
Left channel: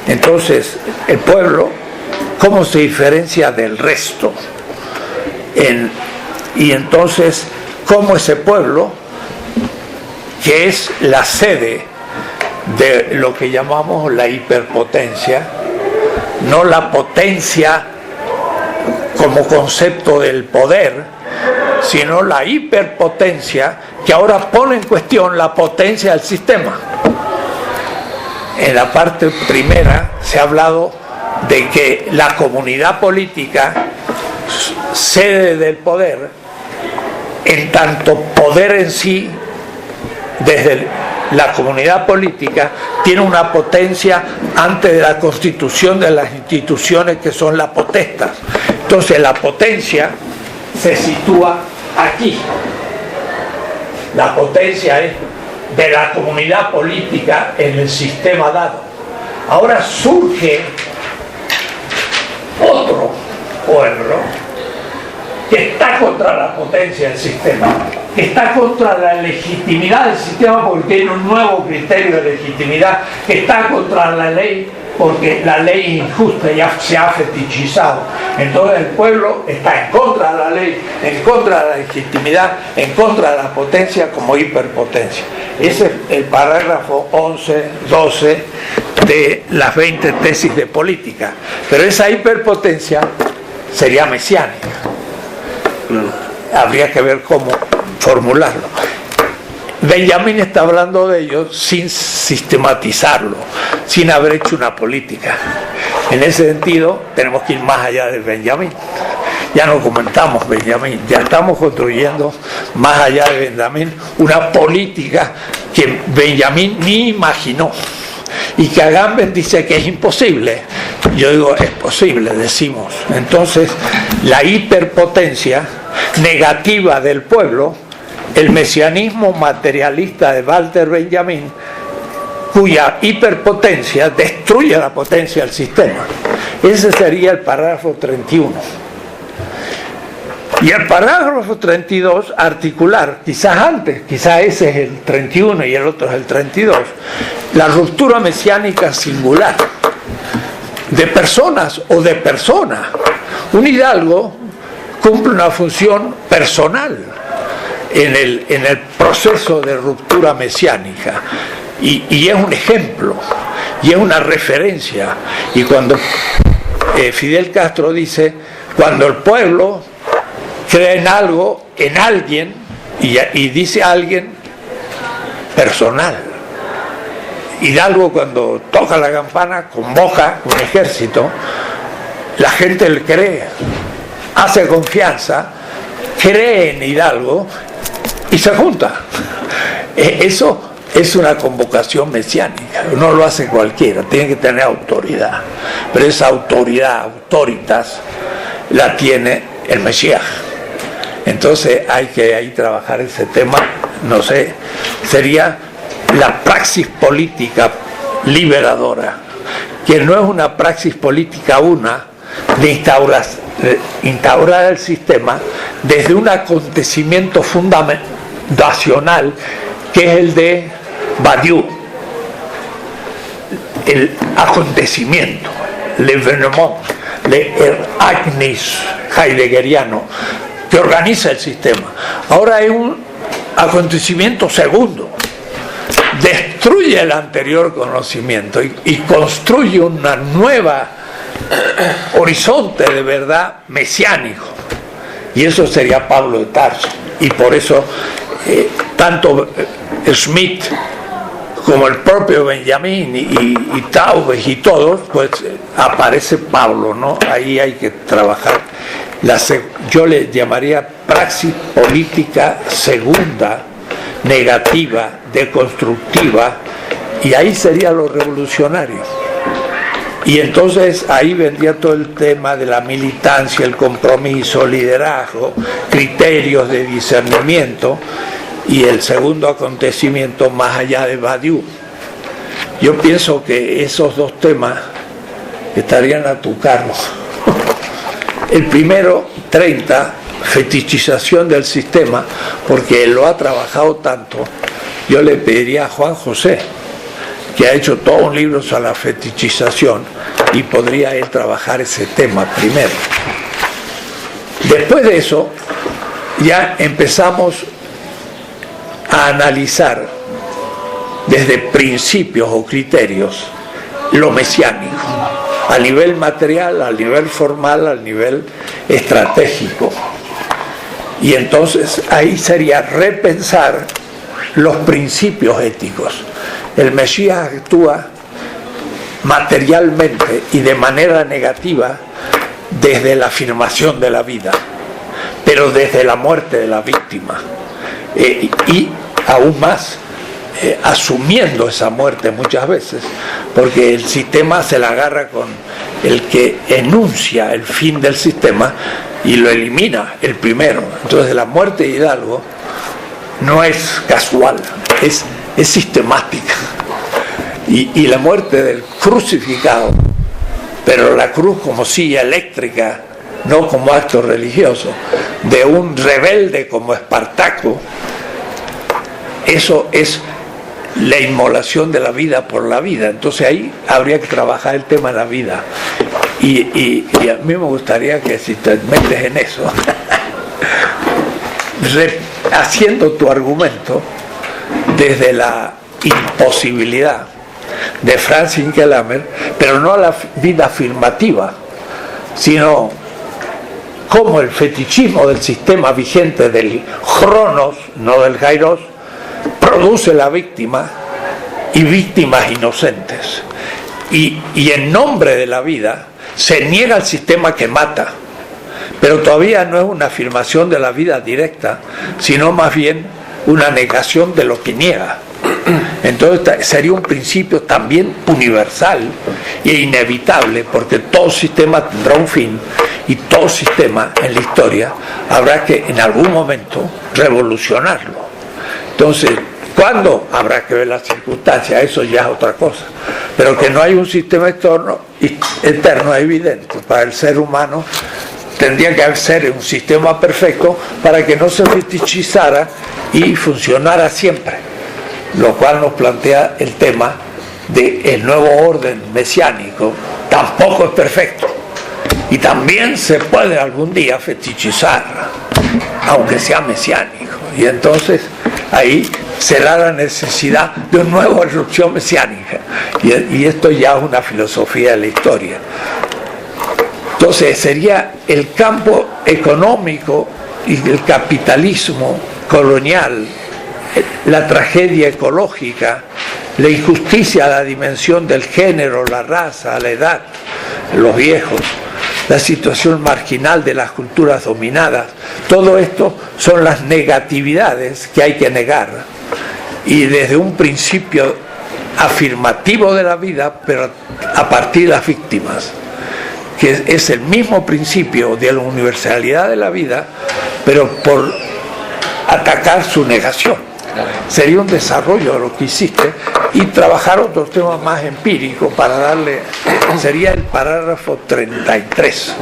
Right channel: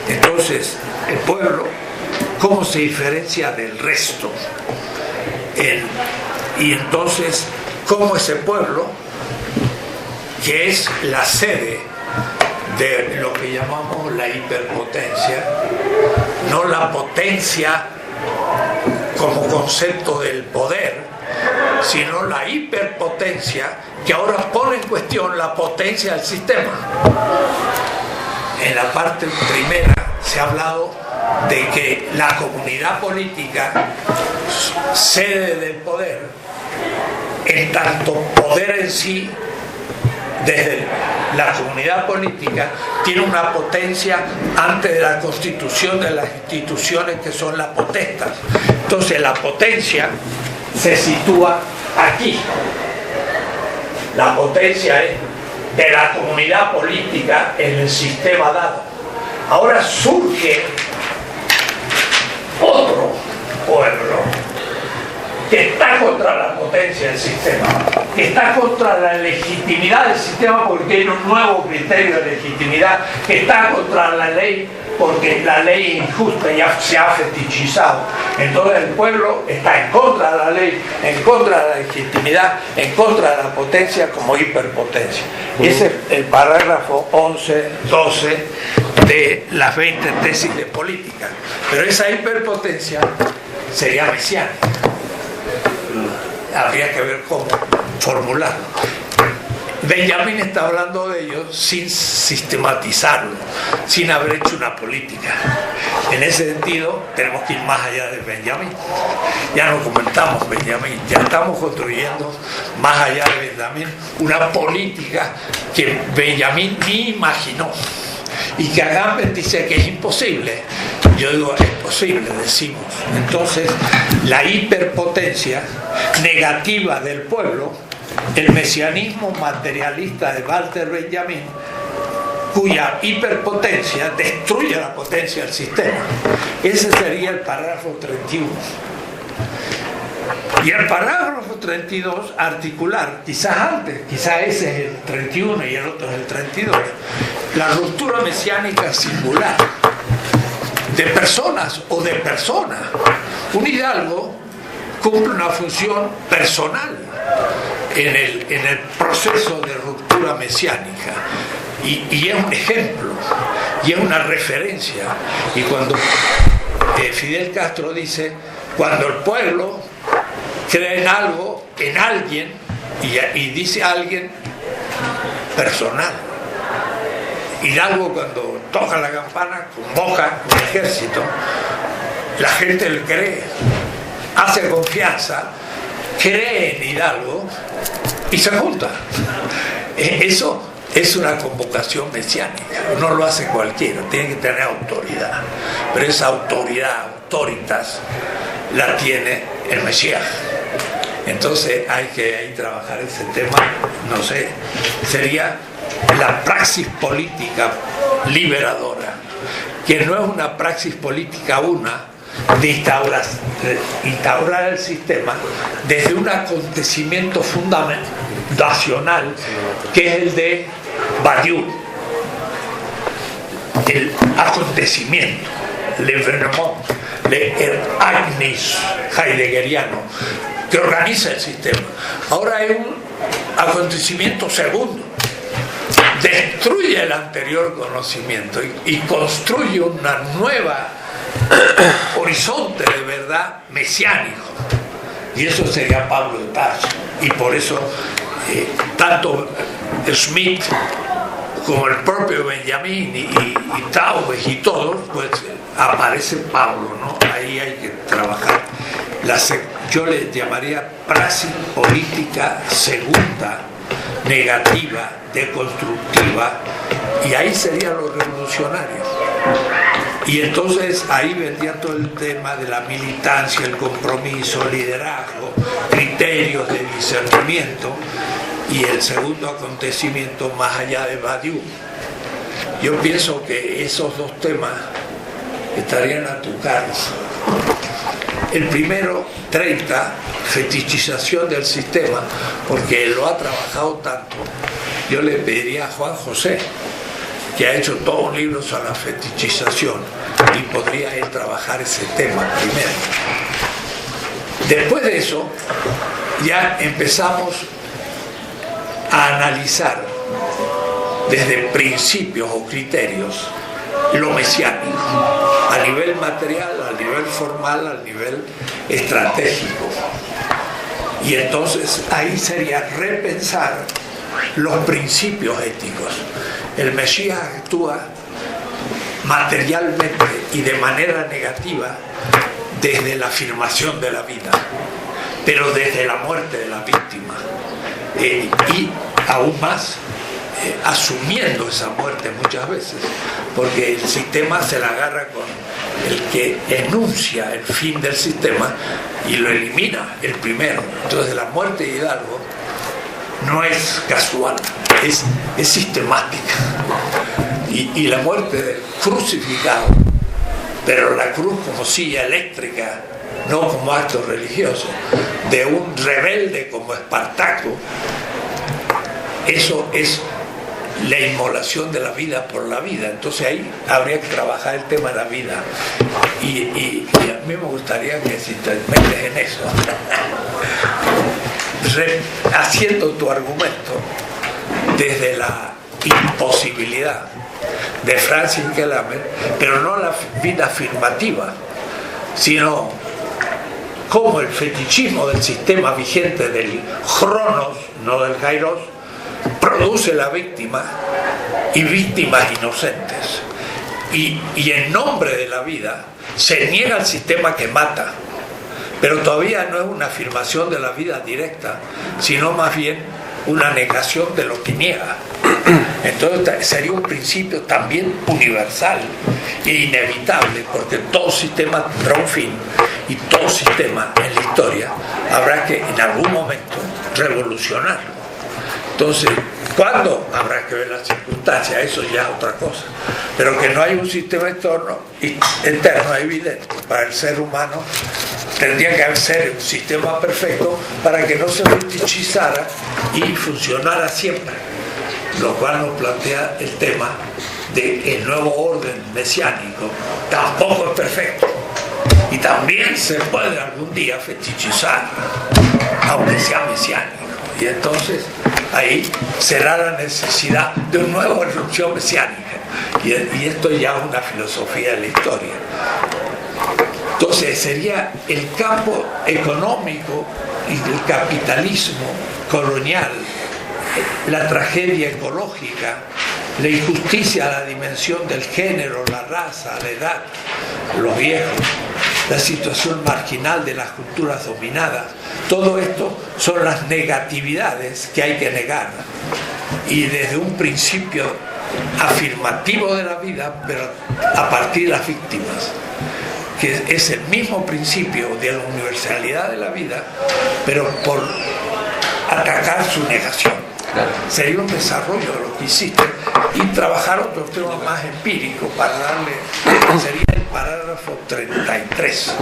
Entonces, el pueblo, ¿cómo se diferencia del resto? Y entonces, ¿cómo ese pueblo, que es la sede de lo que llamamos la hiperpotencia, no la potencia como concepto del poder, sino la hiperpotencia que ahora pone en cuestión la potencia del sistema? En la parte primera se ha hablado de que la comunidad política, sede del poder, en tanto poder en sí, desde la comunidad política, tiene una potencia antes de la constitución de las instituciones que son las potestas. Entonces la potencia se sitúa aquí. La potencia es de la comunidad política en el sistema dado. Ahora surge otro pueblo que está contra la potencia del sistema, que está contra la legitimidad del sistema porque tiene un nuevo criterio de legitimidad, que está contra la ley porque la ley es injusta, ya se ha fetichizado. Entonces el pueblo está en contra de la ley, en contra de la legitimidad, en contra de la potencia como hiperpotencia. Ese es el parágrafo 11, 12 de las 20 tesis de política. Pero esa hiperpotencia sería mesiánica. Habría que ver cómo formularlo. Benjamín está hablando de ello sin sistematizarlo, sin haber hecho una política. En ese sentido, tenemos que ir más allá de Benjamín. Ya no comentamos Benjamín, ya estamos construyendo más allá de Benjamín una política que Benjamín ni imaginó y que Agamben dice que es imposible. Yo digo, es posible, decimos. Entonces, la hiperpotencia negativa del pueblo, el mesianismo materialista de Walter Benjamin, cuya hiperpotencia destruye la potencia del sistema. Ese sería el parágrafo 31. Y el parágrafo 32, articular, quizás antes, quizás ese es el 31 y el otro es el 32, la ruptura mesiánica singular, de personas o de personas. Un hidalgo cumple una función personal en el proceso de ruptura mesiánica y es un ejemplo y es una referencia. Y cuando Fidel Castro dice, cuando el pueblo cree en algo, en alguien, y dice alguien personal. Hidalgo, cuando toca la campana, convoca un ejército, la gente le cree, hace confianza, cree en Hidalgo y se junta. Eso es una convocación mesiánica, no lo hace cualquiera, tiene que tener autoridad, pero esa autoridad, autoritas, la tiene el Mesías. Entonces hay que ahí trabajar ese tema, no sé, sería la praxis política liberadora, que no es una praxis política de instaurar el sistema desde un acontecimiento fundacional que es el de Badiou, el acontecimiento, l'événement, l'agnis heideggeriano, que organiza el sistema. Ahora hay un acontecimiento segundo, destruye el anterior conocimiento y construye una nueva horizonte de verdad mesiánico, y eso sería Pablo de Tarso. Y por eso tanto Smith como el propio Benjamín y Taubes y todos, pues aparece Pablo, ¿no? Ahí hay que trabajar. Yo le llamaría praxis política segunda, negativa, deconstructiva, y ahí sería lo revolucionario. Y entonces ahí vendría todo el tema de la militancia, el compromiso, liderazgo, criterios de discernimiento, y el segundo acontecimiento más allá de Badiou. Yo pienso que esos dos temas estarían a tu cargo. El primero, 30, fetichización del sistema, porque él lo ha trabajado tanto. Yo le pediría a Juan José, que ha hecho todo un libro sobre la fetichización, y podría él trabajar ese tema primero. Después de eso, ya empezamos a analizar desde principios o criterios lo mesiánico, a nivel material, a nivel formal, a nivel estratégico. Y entonces ahí sería repensar los principios éticos. El Mesías actúa materialmente y de manera negativa desde la afirmación de la vida, pero desde la muerte de la víctima, y aún más asumiendo esa muerte muchas veces, porque el sistema se la agarra con el que enuncia el fin del sistema y lo elimina el primero. Entonces la muerte de Hidalgo no es casual, es sistemática. Y la muerte del crucificado, pero la cruz como silla eléctrica, no como acto religioso, de un rebelde como Espartaco, eso es la inmolación de la vida por la vida. Entonces ahí habría que trabajar el tema de la vida, y a mí me gustaría que, si te metes en eso, haciendo tu argumento desde la imposibilidad de Francis Kellerman, pero no la vida afirmativa, sino como el fetichismo del sistema vigente del Cronos, no del Kairos, produce la víctima y víctimas inocentes, y en nombre de la vida se niega el sistema que mata, pero todavía no es una afirmación de la vida directa, sino más bien una negación de lo que niega. Entonces sería un principio también universal e inevitable, porque todo sistema tendrá un fin, y todo sistema en la historia habrá que en algún momento revolucionarlo. Entonces, ¿cuándo? Habrá que ver las circunstancias, eso ya es otra cosa, pero que no hay un sistema eterno evidente. Para el ser humano tendría que ser un sistema perfecto para que no se fetichizara y funcionara siempre, lo cual nos plantea el tema del nuevo orden mesiánico. Tampoco es perfecto, y también se puede algún día fetichizar, aunque sea mesiánico, y entonces ahí será la necesidad de una nueva erupción mesiánica, y esto ya es una filosofía de la historia. Entonces sería el campo económico y el capitalismo colonial la tragedia ecológica, la injusticia a la dimensión del género, la raza, la edad, los viejos, la situación marginal de las culturas dominadas. Todo esto son las negatividades que hay que negar. Y desde un principio afirmativo de la vida, pero a partir de las víctimas, que es el mismo principio de la universalidad de la vida, pero por atacar su negación. Claro. Sería un desarrollo de lo que hiciste y trabajar otros temas más empíricos para darle, sería el parágrafo 33.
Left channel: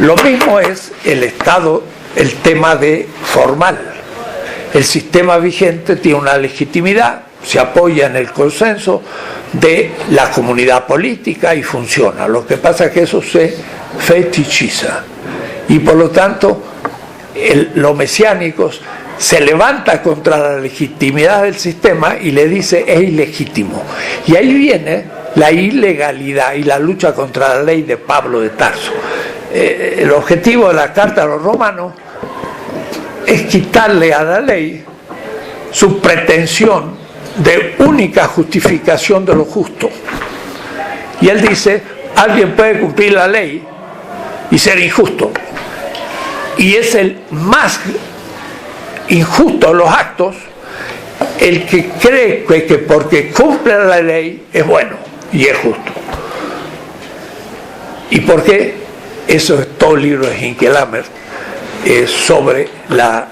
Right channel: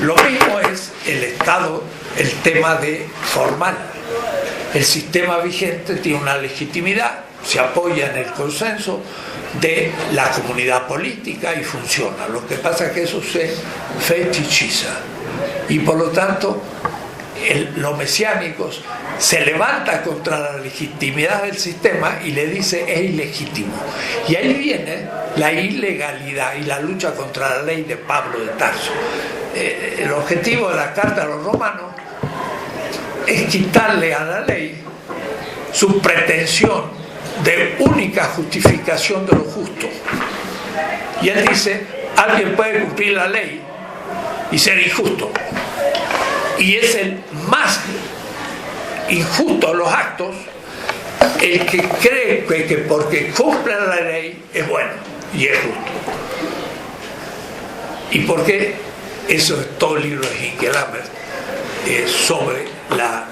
Lo mismo es el Estado, el tema de formal. El sistema vigente tiene una legitimidad, se apoya en el consenso de la comunidad política y funciona. Lo que pasa es que eso se fetichiza y por lo tanto los mesiánicos se levanta contra la legitimidad del sistema y le dice es ilegítimo. Y ahí viene la ilegalidad y la lucha contra la ley de Pablo de Tarso. El objetivo de la Carta a los Romanos es quitarle a la ley su pretensión de única justificación de lo justo. Y él dice, alguien puede cumplir la ley y ser injusto. Y es el más injusto de los actos el que cree que porque cumple la ley es bueno y es justo. ¿Y por qué? Eso es todo el libro de Hinkelhammer sobre la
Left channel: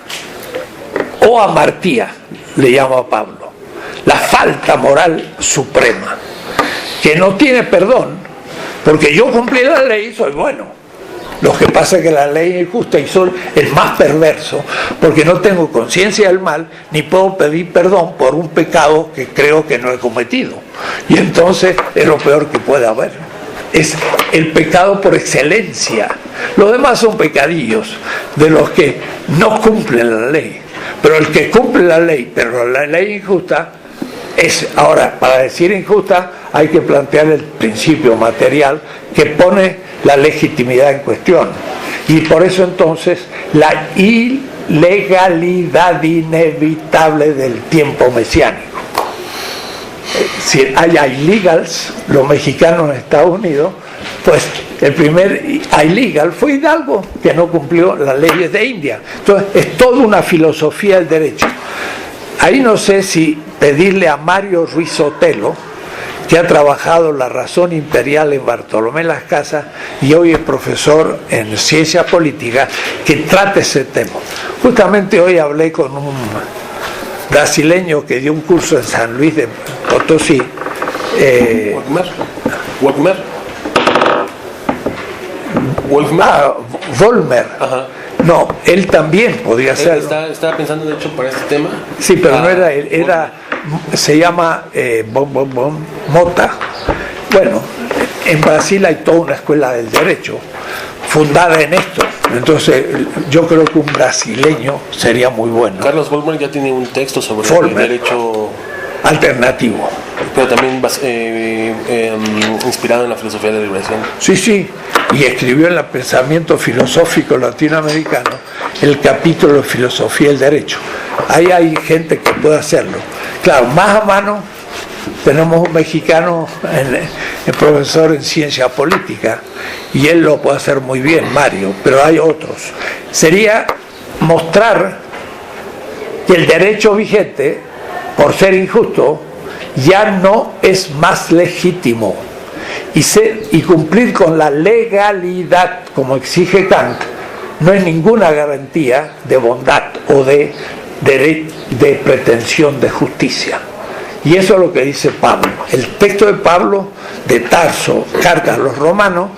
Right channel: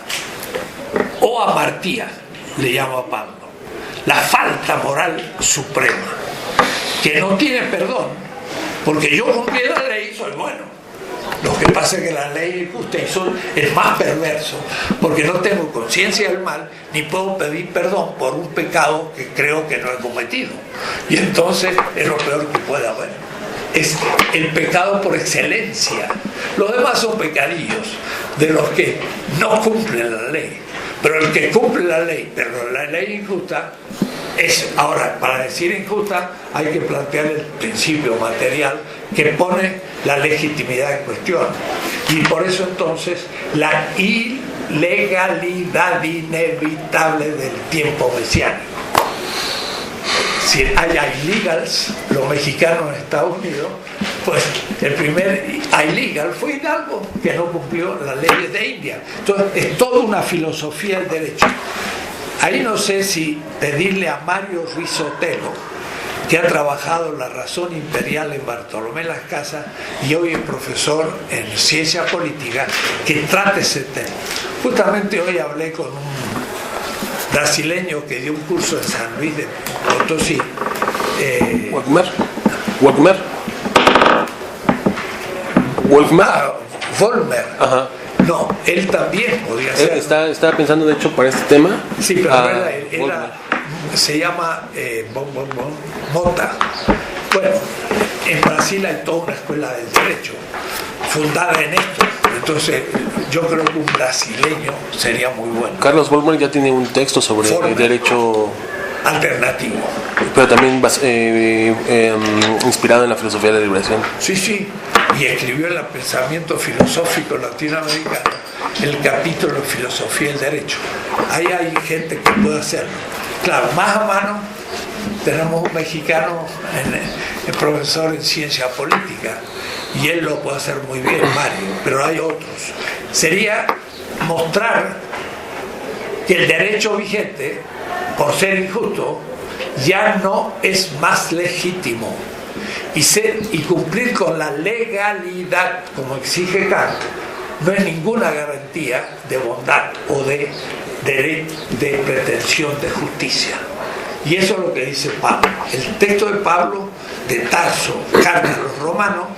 oamartía, le llama Pablo, la falta moral suprema, que no tiene perdón, porque yo cumplí la ley y soy bueno. Lo que pasa es que la ley es justa y soy el más perverso, porque no tengo conciencia del mal, ni puedo pedir perdón por un pecado que creo que no he cometido. Y entonces es lo peor que puede haber. Es el pecado por excelencia. Los demás son pecadillos de los que no cumplen la ley. Pero el que cumple la ley, pero la ley injusta, es, ahora, para decir injusta, hay que plantear el principio material que pone la legitimidad en cuestión. Y por eso entonces la ilegalidad inevitable del tiempo mesiánico. Si hay illegals, los mexicanos en Estados Unidos, pues el primer illegal fue Hidalgo, que no cumplió las leyes de India. Entonces es toda una filosofía del derecho. Ahí no sé si pedirle a Mario Ruiz Sotelo, que ha trabajado la razón imperial en Bartolomé Las Casas y hoy es profesor en ciencia política, que trate ese tema. Justamente hoy hablé con un brasileño que dio un curso en San Luis de Potosí. Volmer. Ajá. No, él también podría ser. Estaba pensando, de hecho, para este tema. Sí, pero no era él, se llama Mota. Bueno, en Brasil hay toda una escuela del derecho fundada en esto. Entonces, yo creo que un brasileño sería muy bueno. Carlos Vollmer ya tiene un texto sobre el derecho alternativo, pero también inspirado en la filosofía de la liberación. Sí, y escribió en el pensamiento filosófico latinoamericano el capítulo de filosofía del derecho. Ahí hay gente que puede hacerlo. Claro, más a mano tenemos un mexicano, el profesor en ciencia política, y él lo puede hacer muy bien, Mario, pero hay otros. Sería mostrar que el derecho vigente, por ser injusto, ya no es más legítimo. Y cumplir con la legalidad, como exige Kant, no es ninguna garantía de bondad o de pretensión de justicia. Y eso es lo que dice Pablo. El texto de Pablo, de Tarso, Carta a los Romanos,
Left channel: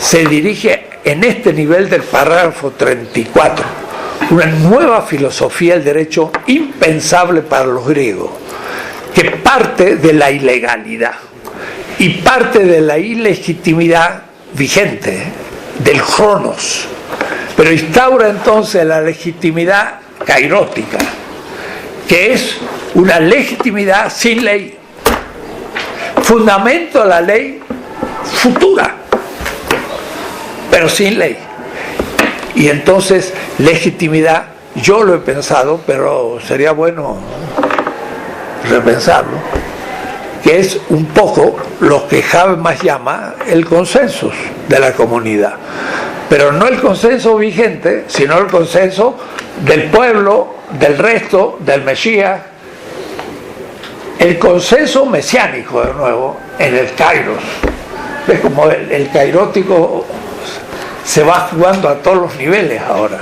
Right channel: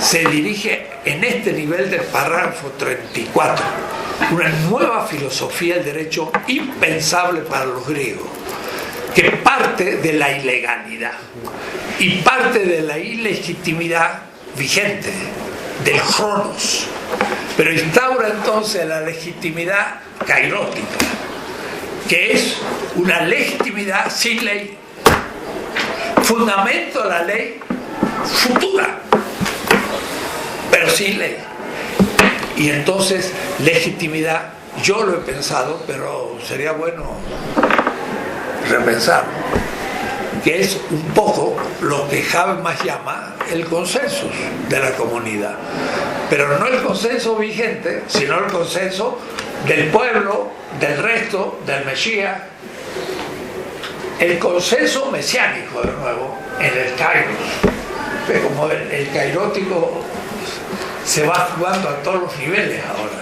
se dirige en este nivel del parágrafo 34. Una nueva filosofía del derecho impensable para los griegos, que parte de la ilegalidad y parte de la ilegitimidad vigente, del Cronos, pero instaura entonces la legitimidad kairótica, que es una legitimidad sin ley, fundamento de la ley futura, pero sin ley. Y entonces legitimidad yo lo he pensado, pero sería bueno repensarlo, que es un poco lo que Habermas llama el consenso de la comunidad, pero no el consenso vigente, sino el consenso del pueblo, del resto, del Mesías, el consenso mesiánico de nuevo en el Kairos. ¿Ves como el kairótico se va jugando a todos los niveles ahora?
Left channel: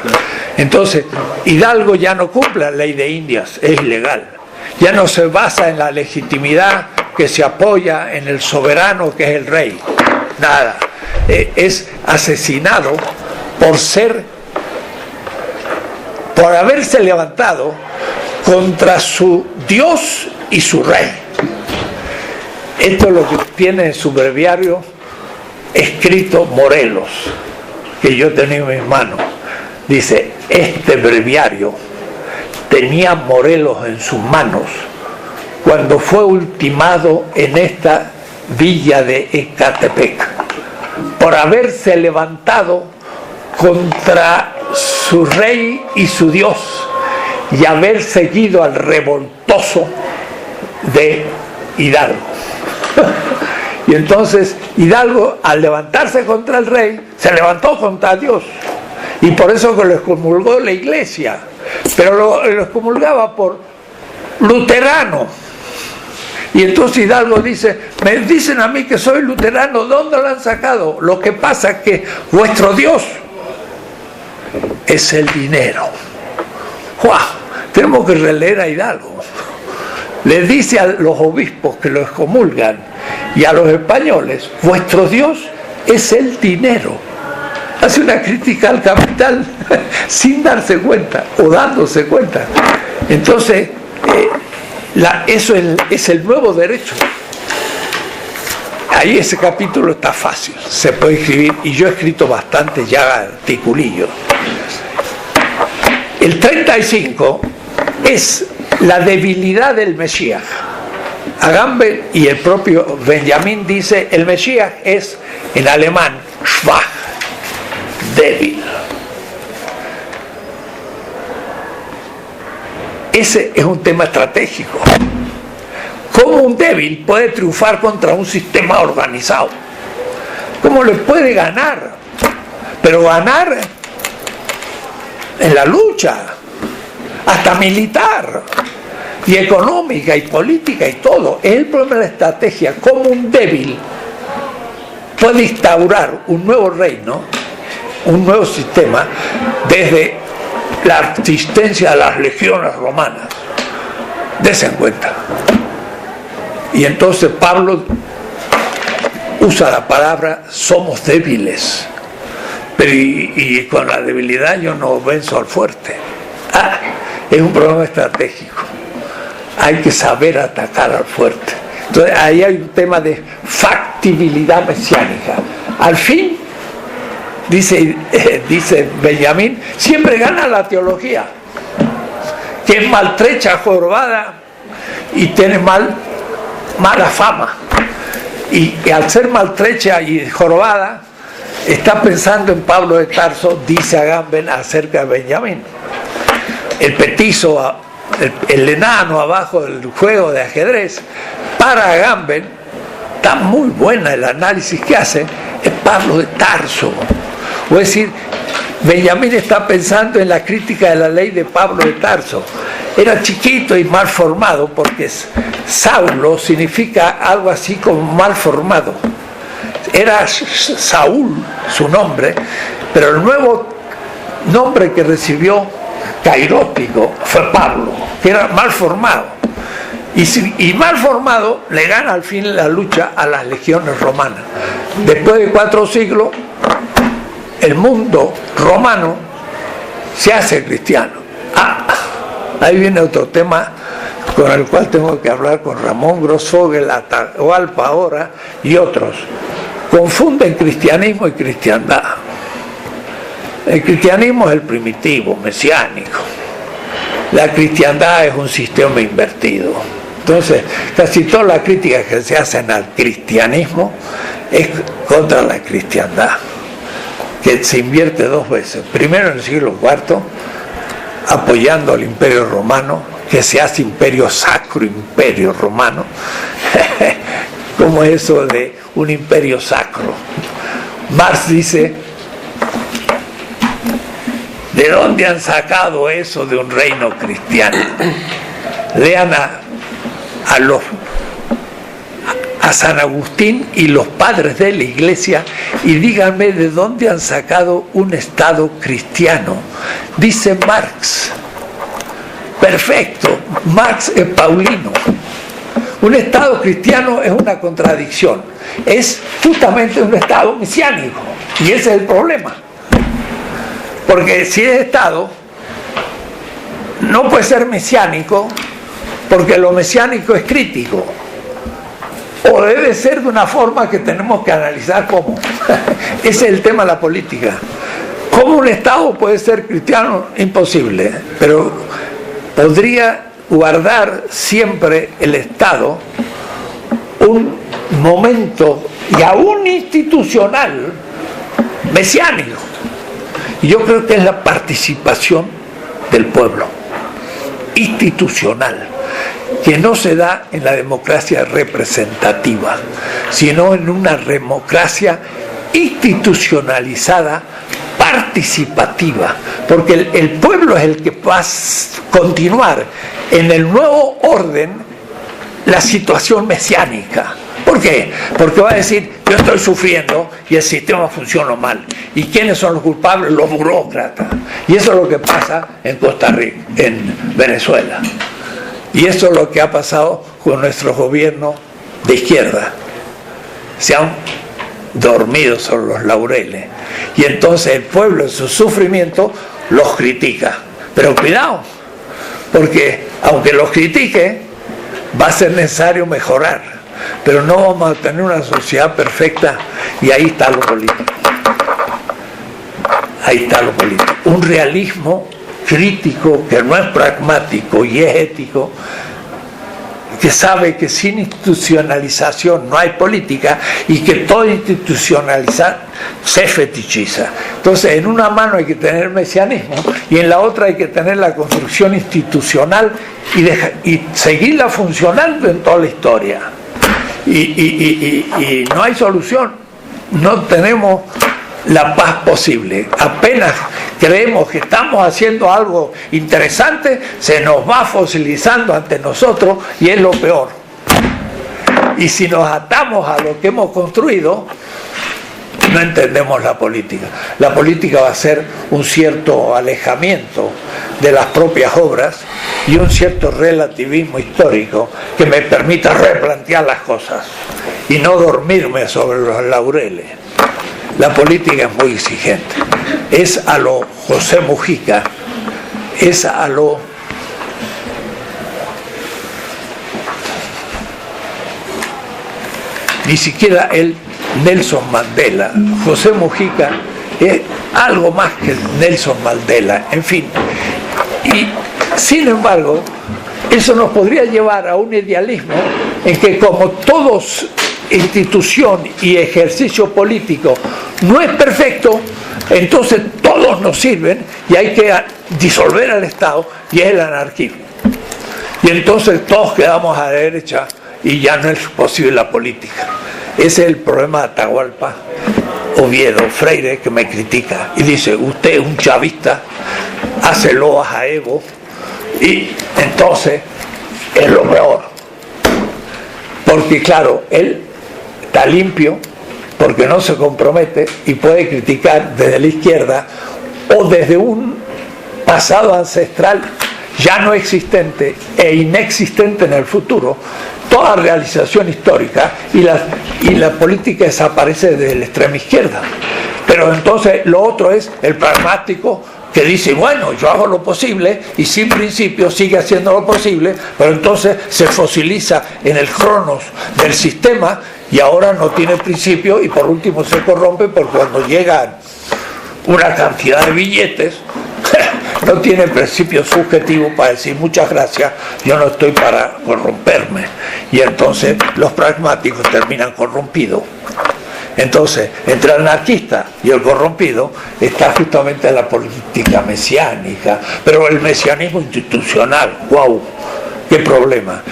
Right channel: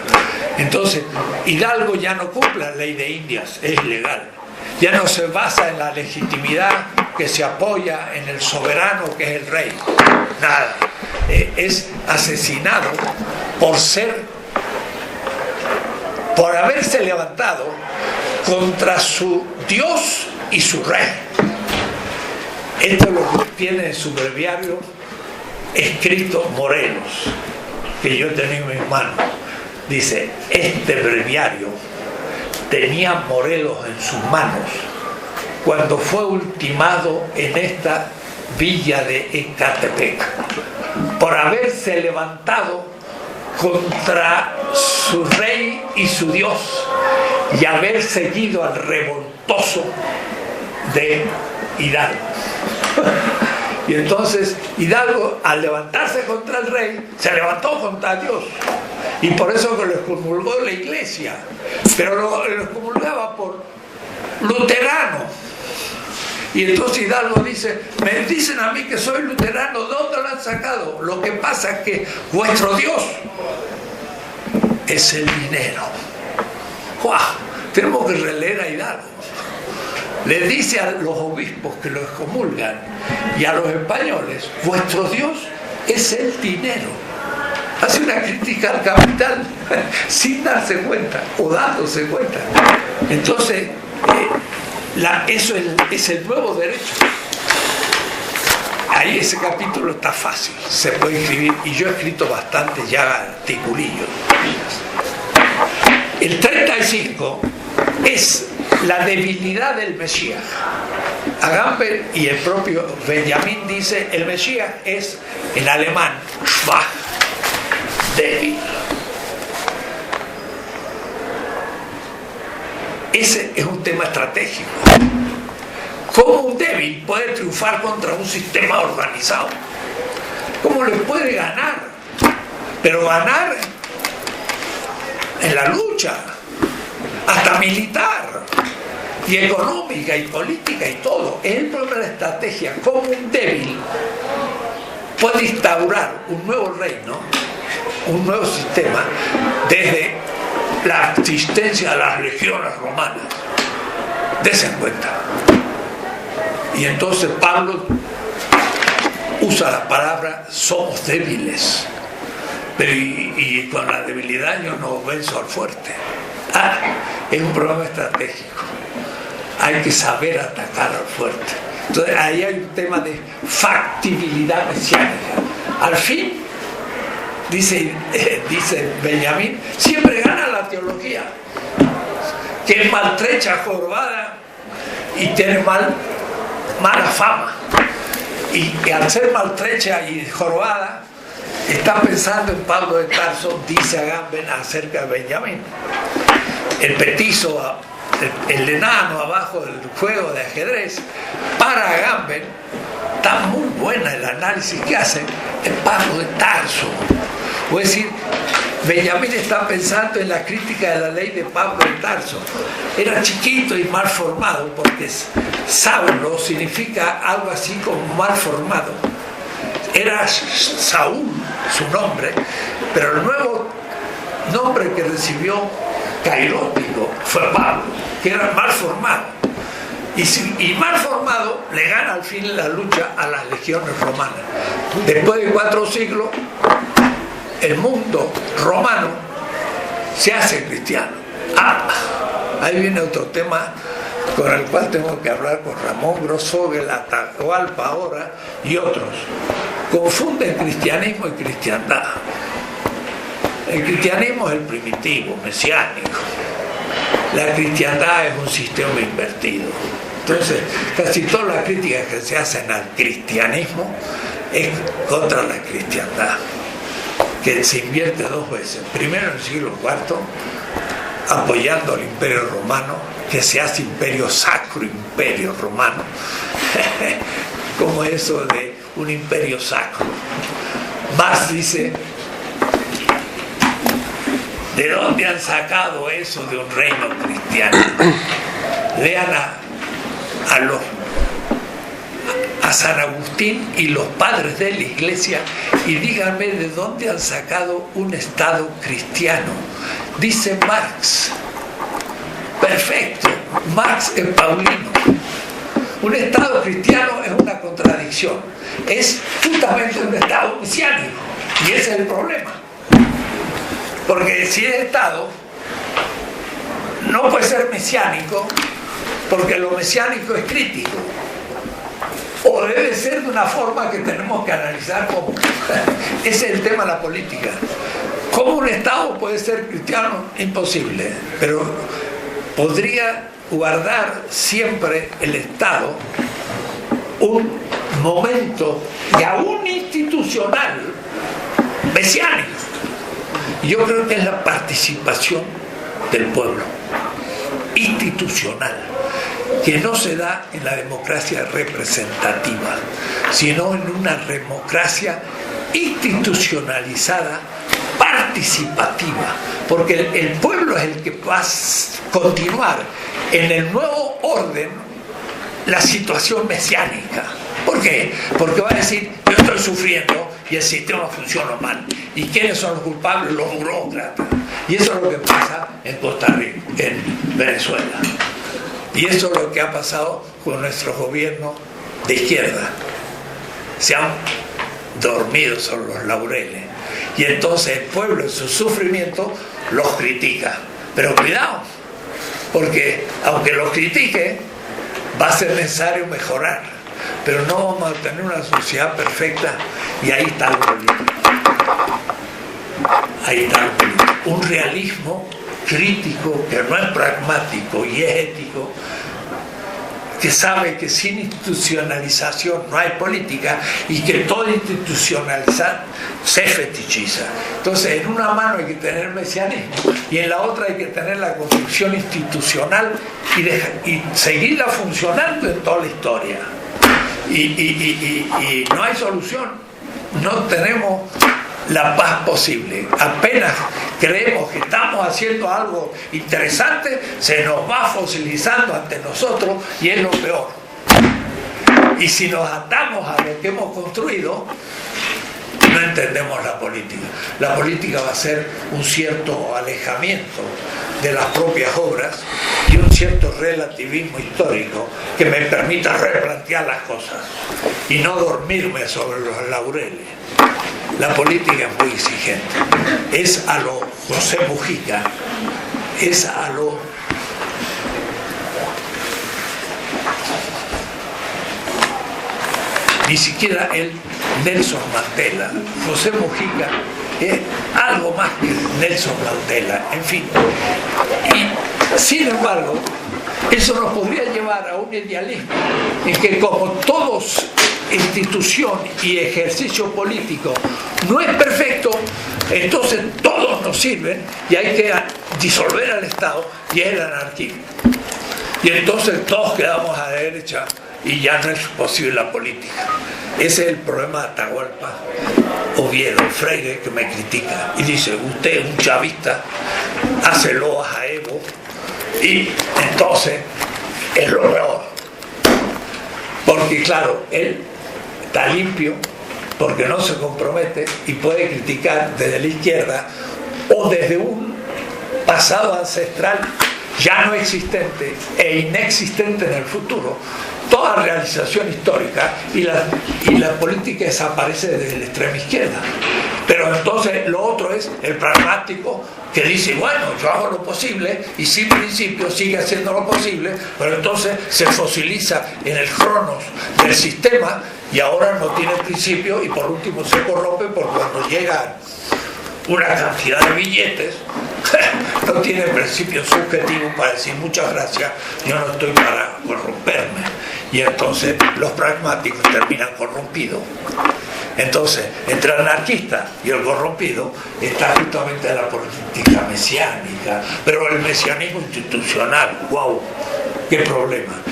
Entonces, Hidalgo ya no cumple la ley de Indias, es ilegal. Ya no se basa en la legitimidad que se apoya en el soberano que es el rey. Nada. Es asesinado por haberse levantado contra su Dios y su rey. Esto es lo que tiene en su breviario escrito Morelos, que yo tenía en mis manos. Dice, este breviario tenía Morelos en sus manos cuando fue ultimado en esta villa de Ecatepec, por haberse levantado contra su rey y su Dios y haber seguido al revoltoso de Hidalgo. Y entonces Hidalgo, al levantarse contra el rey, se levantó contra Dios, y por eso que lo excomulgó la iglesia, pero lo excomulgaba por luterano. Y entonces Hidalgo dice, me dicen a mí que soy luterano, ¿dónde lo han sacado? Lo que pasa es que vuestro Dios es el dinero. ¡Wow! Tenemos que releer a Hidalgo. Le dice a los obispos que lo excomulgan y a los españoles, vuestro Dios es el dinero. Hace una crítica al capital sin darse cuenta o dándose cuenta. Entonces, eso es el nuevo derecho. Ahí ese capítulo está fácil, se puede escribir, y yo he escrito bastante ya articulillos. El 35 es la debilidad del Mesías. Agamben y el propio Benjamín dice, el Mesías es en alemán schwach, débil. Ese es un tema estratégico. ¿Cómo un débil puede triunfar contra un sistema organizado? ¿Cómo le puede ganar? Pero ganar en la lucha, hasta militar, y económica, y política, y todo. Es el problema de la estrategia. ¿Cómo un débil puede instaurar un nuevo reino, un nuevo sistema, desde la existencia de las legiones romanas? Dese en cuenta. Y entonces Pablo usa la palabra somos débiles, pero y con la debilidad yo no venzo al fuerte. Es un problema estratégico. Hay que saber atacar al fuerte. Entonces ahí hay un tema de factibilidad mesiánica. Al fin, dice Benjamín, siempre gana la teología, que es maltrecha, jorobada y tiene mala fama. Y al ser maltrecha y jorobada, está pensando en Pablo de Tarso, dice Agamben acerca de Benjamín. El petizo, el enano abajo del juego de ajedrez, para Agamben, está muy buena el análisis que hace, es Pablo de Tarso. Es decir, Benjamín está pensando en la crítica de la ley de Pablo de Tarso. Era chiquito y mal formado, porque Saulo significa algo así como mal formado. Era Saúl su nombre, pero el nuevo nombre que recibió, cairótico, fue Pablo, que era mal formado. Y mal formado le gana al fin la lucha a las legiones romanas. Después de 4 siglos, el mundo romano se hace cristiano. Ahí viene otro tema con el cual tengo que hablar con Ramón Grossfogel, Atahualpa ahora y otros. Confunden cristianismo y cristiandad. El cristianismo es el primitivo, mesiánico. La cristiandad es un sistema invertido. Entonces, casi toda la crítica que se hacen al cristianismo es contra la cristiandad, que se invierte 2 veces. Primero en el siglo IV, apoyando al Imperio Romano, que se hace imperio sacro, Imperio Romano. ¿Cómo es eso de un imperio sacro? Marx dice, ¿de dónde han sacado eso de un reino cristiano? Lean a San Agustín y los padres de la Iglesia y díganme de dónde han sacado un Estado cristiano. Dice Marx. Perfecto, Marx es paulino. Un Estado cristiano es una contradicción. Es justamente un Estado mesiánico. Y ese es el problema. Porque si es Estado, no puede ser mesiánico, porque lo mesiánico es crítico. O debe ser de una forma que tenemos que analizar cómo. Ese es el tema de la política. ¿Cómo un Estado puede ser cristiano? Imposible. Pero podría guardar siempre el Estado un momento, y aún institucional, mesiánico. Y yo creo que es la participación del pueblo, institucional, que no se da en la democracia representativa, sino en una democracia institucionalizada, participativa, porque el pueblo es el que va a continuar en el nuevo orden la situación mesiánica. ¿Por qué? Porque va a decir, yo estoy sufriendo y el sistema funciona mal. ¿Y quiénes son los culpables? Los burócratas. Y eso es lo que pasa en Costa Rica, en Venezuela. Y eso es lo que ha pasado con nuestro gobierno de izquierda. Se han dormido sobre los laureles. Y entonces el pueblo en su sufrimiento los critica. Pero cuidado, porque aunque los critique, va a ser necesario mejorar. Pero no vamos a tener una sociedad perfecta, y ahí está lo político. Ahí está lo político. Un realismo crítico que no es pragmático y es ético, que sabe que sin institucionalización no hay política y que todo institucionalizar se fetichiza. Entonces, en una mano hay que tener mesianismo y en la otra hay que tener la construcción institucional y seguirla funcionando en toda la historia. Y no hay solución, no tenemos la paz posible. Apenas creemos que estamos haciendo algo interesante, se nos va fosilizando ante nosotros y es lo peor. Y si nos atamos a lo que hemos construido, no entendemos la política. La política va a ser un cierto alejamiento de las propias obras y un cierto relativismo histórico que me permita replantear las cosas y no dormirme sobre los laureles. La política es muy exigente. Es a lo José Mujica, es a lo ni siquiera el Nelson Mandela. José Mujica es algo más que Nelson Mandela, en fin. Y sin embargo, eso nos podría llevar a un idealismo en que, como todos institución y ejercicio político no es perfecto, entonces todos nos sirven y hay que disolver al Estado, y es el anarquismo. Y entonces todos quedamos a la derecha y ya no es posible la política. Ese es el problema de Atahualpa, Oviedo, Freire, que me critica y dice, usted es un chavista, hace loas a Evo, y entonces es lo peor. Porque claro, él está limpio, porque no se compromete y puede criticar desde la izquierda o desde un pasado ancestral ya no existente e inexistente en el futuro, toda realización histórica, y la política desaparece desde la extrema izquierda. Pero entonces lo otro es el pragmático, que dice, bueno, yo hago lo posible y sin principio sigue haciendo lo posible, pero entonces se fosiliza en el cronos del sistema y ahora no tiene principio y por último se corrompe, porque cuando llega una cantidad de billetes no tiene principio subjetivo para decir muchas gracias, yo no estoy para corromperme, y entonces los pragmáticos terminan corrompidos. Entonces, entre el anarquista y el corrompido está justamente la política mesiánica, pero el mesianismo institucional, ¡wow! ¡Qué problema!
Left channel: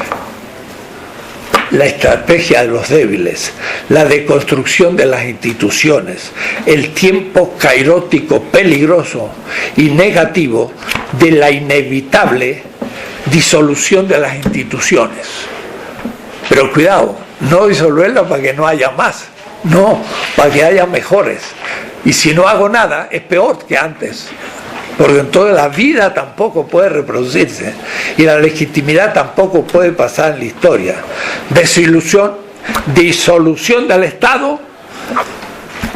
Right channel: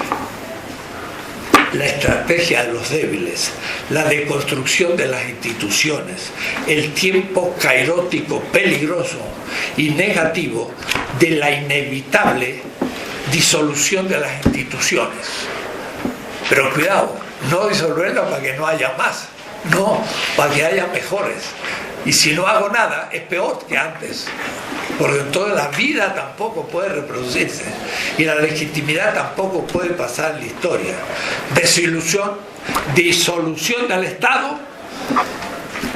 La estrategia de los débiles, la deconstrucción de las instituciones, el tiempo cairótico peligroso y negativo de la inevitable disolución de las instituciones. Pero cuidado, no disolverlas para que no haya más, no, para que haya mejores. Y si no hago nada, es peor que antes. Porque entonces la vida tampoco puede reproducirse y la legitimidad tampoco puede pasar en la historia. Disolución del Estado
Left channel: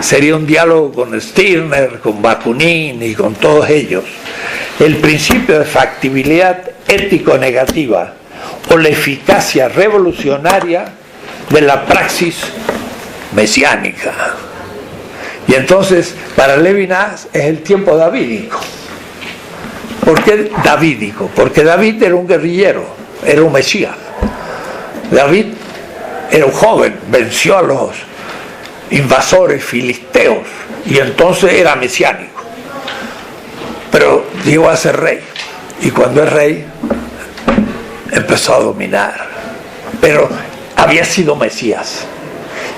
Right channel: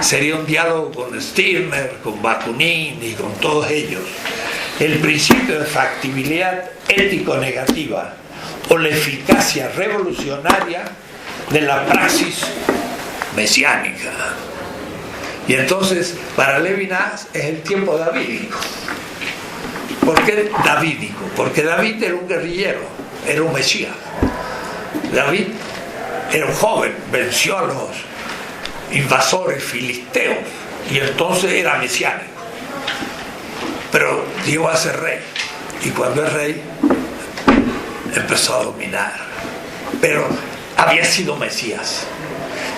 sería un diálogo con Stirner, con Bakunin y con todos ellos. El principio de factibilidad ético-negativa o la eficacia revolucionaria de la praxis mesiánica. Y entonces, para Levinas es el tiempo davídico. ¿Por qué davídico? Porque David era un guerrillero, era un mesías. David era un joven, venció a los invasores filisteos y entonces era mesiánico. Pero llegó a ser rey, y cuando es rey empezó a dominar. Pero había sido mesías,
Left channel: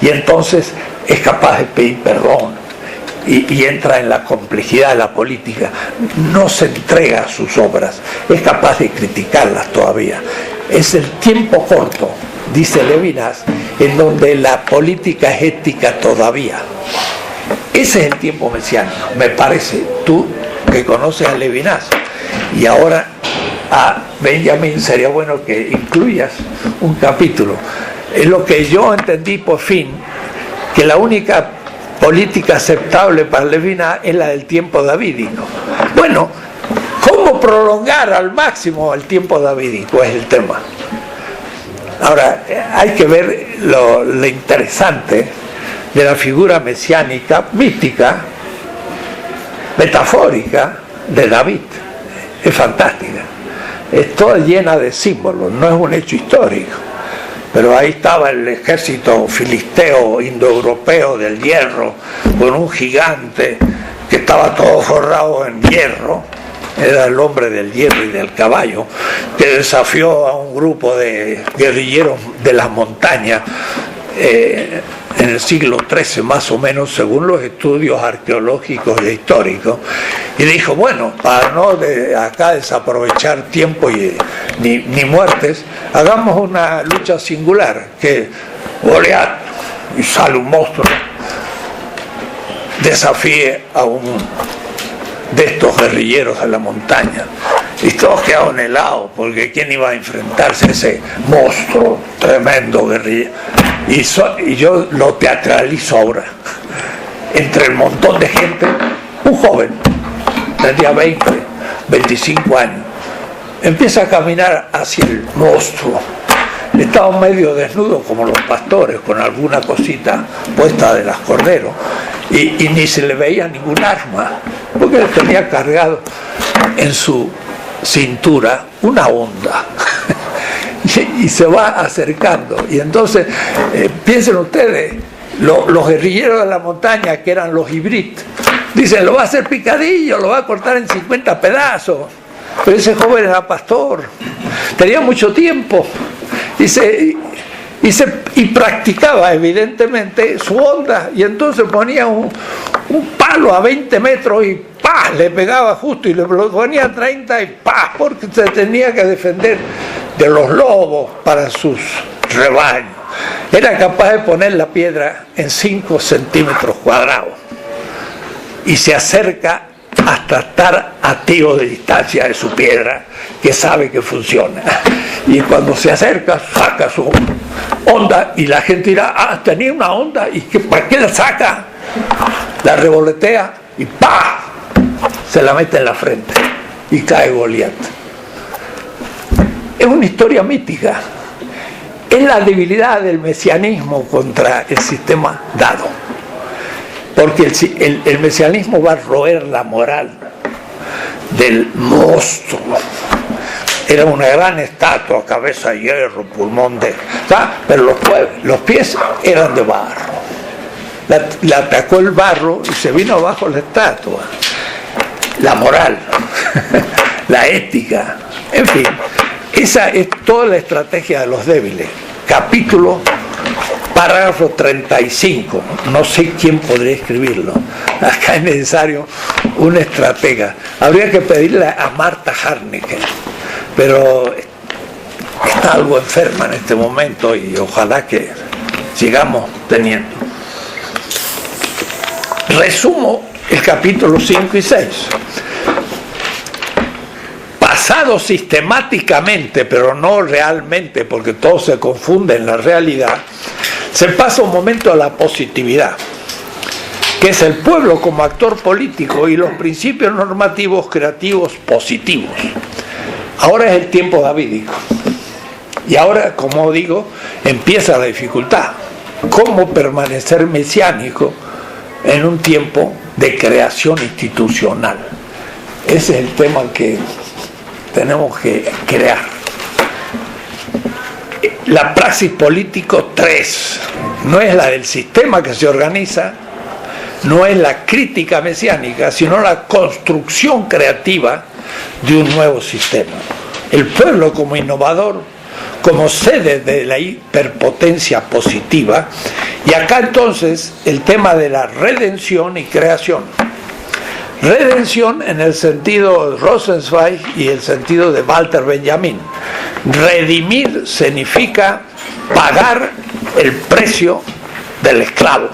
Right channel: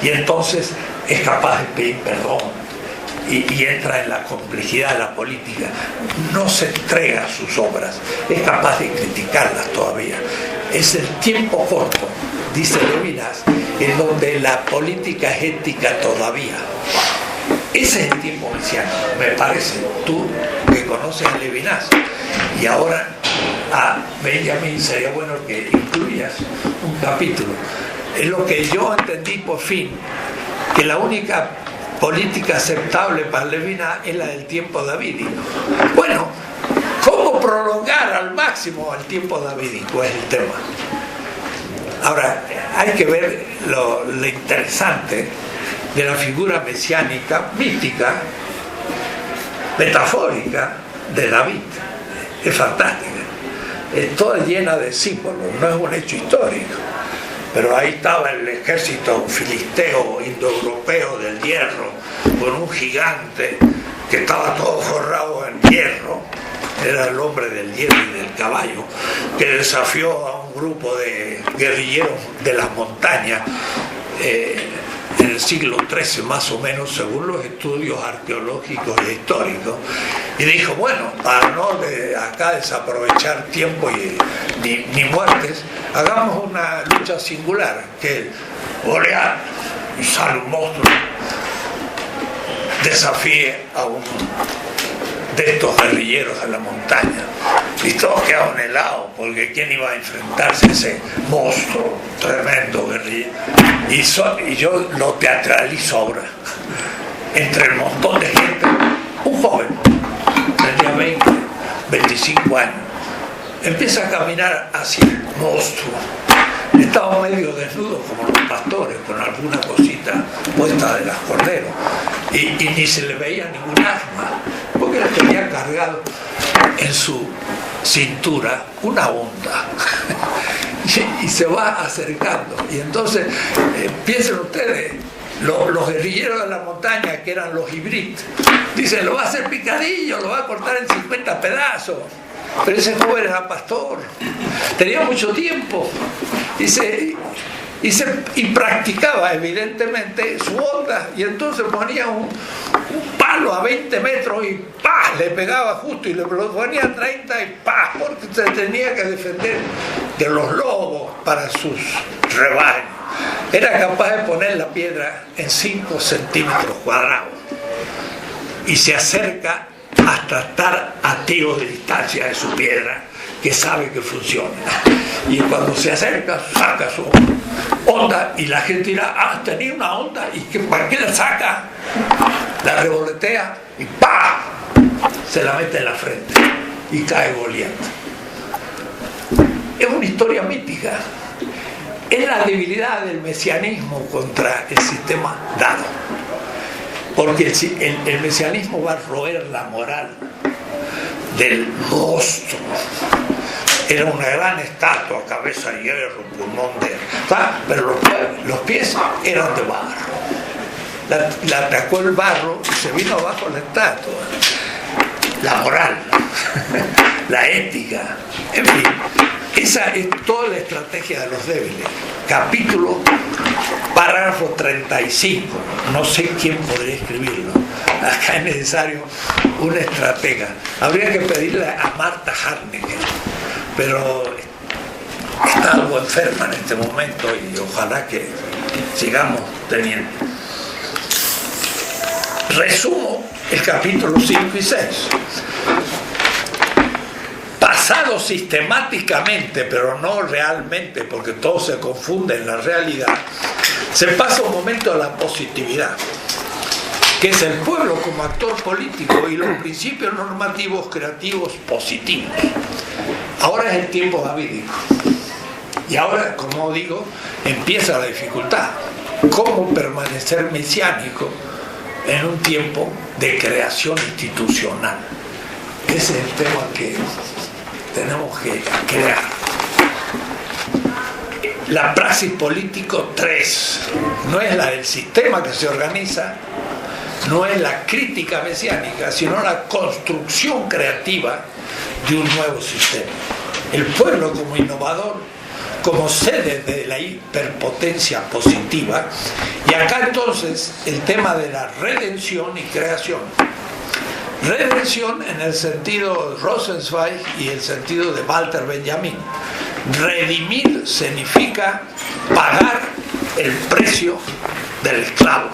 y entonces es capaz de pedir perdón. Y entra en la complejidad de la política, no se entrega a sus obras, es capaz de criticarlas todavía. Es el tiempo corto, dice Levinas, en donde la política es ética todavía. Ese es el tiempo mesiánico, me parece, tú que conoces a Levinas. Y ahora a Benjamin sería bueno que incluyas un capítulo. Es lo que yo entendí por fin, que la única política aceptable para Levinas es la del tiempo davídico. Bueno, ¿cómo prolongar al máximo el tiempo davídico? Es el tema. Ahora, hay que ver lo interesante de la figura mesiánica, mística, metafórica de David. Es fantástica. Es toda llena de símbolos, no es un hecho histórico. Pero ahí estaba el ejército filisteo, indoeuropeo del hierro, con un gigante que estaba todo forrado en hierro. Era el hombre del hierro y del caballo, que desafió a un grupo de guerrilleros de las montañas en el siglo XIII más o menos, según los estudios arqueológicos e históricos, y dijo, bueno, para no acá desaprovechar tiempo ni muertes, hagamos una lucha singular, que Goliat, y sale un monstruo, desafíe a un de estos guerrilleros de la montaña, y todos quedaron helados, porque ¿quién iba a enfrentarse a ese monstruo tremendo guerrillero? Y yo lo teatralizo ahora. Entre el montón de gente, un joven, tenía 20, 25 años, empieza a caminar hacia el monstruo. Estaba medio desnudo como los pastores, con alguna cosita puesta de las corderos, y ni se le veía ningún arma, porque le tenía cargado en su cintura una onda. Y se va acercando, y entonces piensen ustedes, los guerrilleros de la montaña, que eran los hibrit, dicen, lo va a hacer picadillo, lo va a cortar en 50 pedazos. Pero ese joven era pastor, tenía mucho tiempo y practicaba evidentemente su onda, y entonces ponía un palo a 20 metros y ¡pah!, le pegaba justo, y le ponía a 30 y ¡pah!, porque se tenía que defender de los lobos para sus rebaños. Era capaz de poner la piedra en 5 centímetros cuadrados y se acerca hasta estar a tiro de distancia de su piedra, que sabe que funciona. Y cuando se acerca, saca su onda, y la gente dirá, tenía una onda, ¿y para qué la saca? La revoletea y ¡pah!, se la mete en la frente y cae Goliat. Es una historia mítica. Es la debilidad del mesianismo contra el sistema dado. Porque el mesianismo va a roer la moral del monstruo. Era una gran estatua, cabeza de hierro, pulmón de... pero los pies eran de barro. la atacó el barro y se vino abajo la estatua. La moral, la ética, en fin, esa es toda la estrategia de los débiles. Capítulo, parágrafo 35, no sé quién podría escribirlo. Acá es necesario un estratega. Habría que pedirle a Marta Harnecker, pero está algo enferma en este momento y ojalá que sigamos teniendo. Resumo el capítulo 5 y 6. Pasado sistemáticamente, pero no realmente, porque todo se confunde en la realidad, se pasa un momento a la positividad, que es el pueblo como actor político y los principios normativos creativos positivos. Ahora es el tiempo davídico. Y ahora, como digo, empieza la dificultad. ¿Cómo permanecer mesiánico en un tiempo de creación institucional? Ese es el tema que tenemos que crear. La praxis político 3 no es la del sistema que se organiza, no es la crítica mesiánica, sino la construcción creativa de un nuevo sistema. El pueblo como innovador, como sede de la hiperpotencia positiva, y acá entonces el tema de la redención y creación. Redención en el sentido de Rosenzweig y el sentido de Walter Benjamin. Redimir significa pagar el precio del esclavo.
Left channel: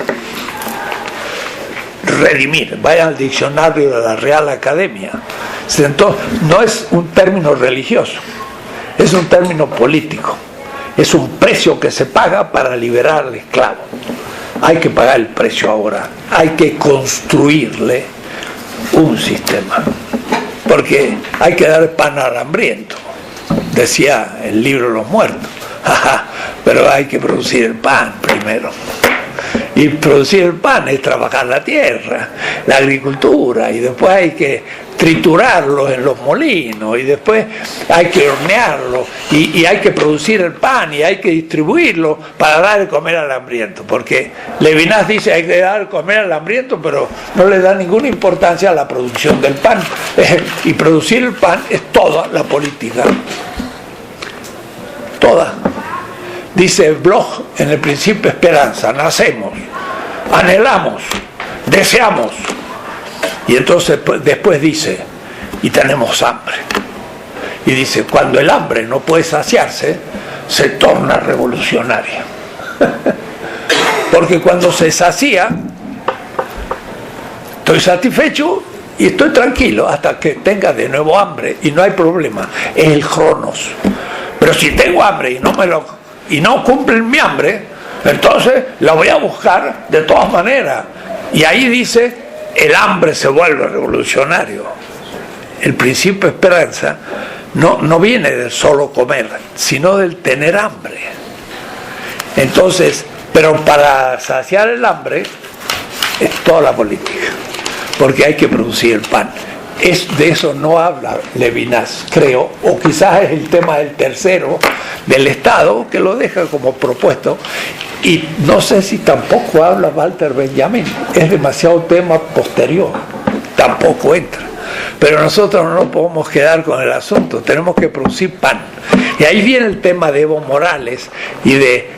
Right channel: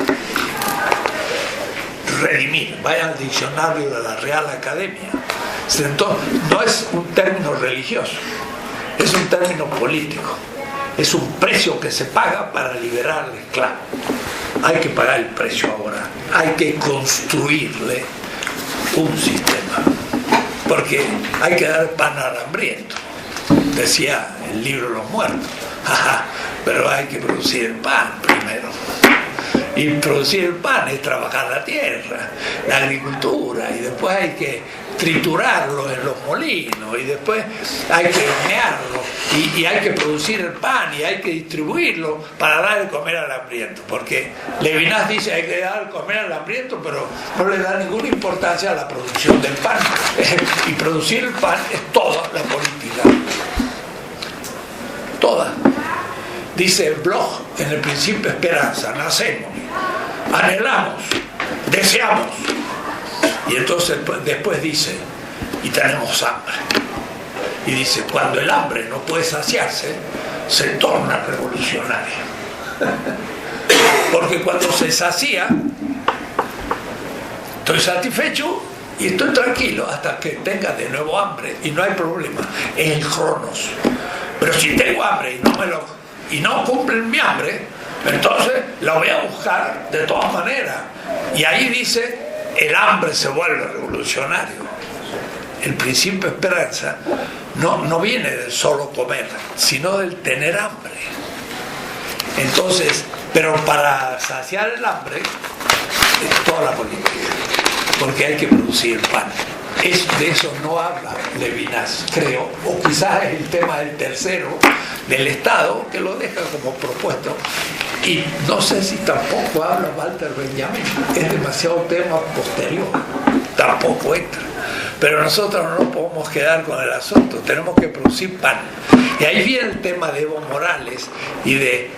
Redimir, vaya al diccionario de la Real Academia. Entonces, no es un término religioso, es un término político. Es un precio que se paga para liberar al esclavo. Hay que pagar el precio ahora, hay que construirle un sistema, porque hay que dar pan al hambriento, decía el libro de los muertos. Pero hay que producir el pan primero, y producir el pan es trabajar la tierra, la agricultura, y después hay que triturarlo en los molinos, y después hay que hornearlo, y hay que producir el pan, y hay que distribuirlo para dar de comer al hambriento, porque Levinas dice hay que dar de comer al hambriento, pero no le da ninguna importancia a la producción del pan, y producir el pan es toda la política, toda. Dice Bloch en el Principio Esperanza: nacemos, anhelamos, deseamos, y entonces después dice, y tenemos hambre. Y dice, cuando el hambre no puede saciarse, se torna revolucionaria. Porque cuando se sacía, estoy satisfecho y estoy tranquilo hasta que tenga de nuevo hambre, y no hay problema, es el cronos. Pero si tengo hambre y no cumplen mi hambre, entonces la voy a buscar de todas maneras. Y ahí dice, el hambre se vuelve revolucionario. El Principio Esperanza no viene del solo comer, sino del tener hambre. Entonces, pero para saciar el hambre es toda la política, porque hay que producir el pan. De eso no habla Levinas, creo, o quizás es el tema del tercero del Estado, que lo deja como propuesto, y no sé si tampoco habla Walter Benjamin, es demasiado tema posterior, tampoco entra. Pero nosotros no nos podemos quedar con el asunto, tenemos que producir pan. Y ahí viene el tema de Evo Morales y de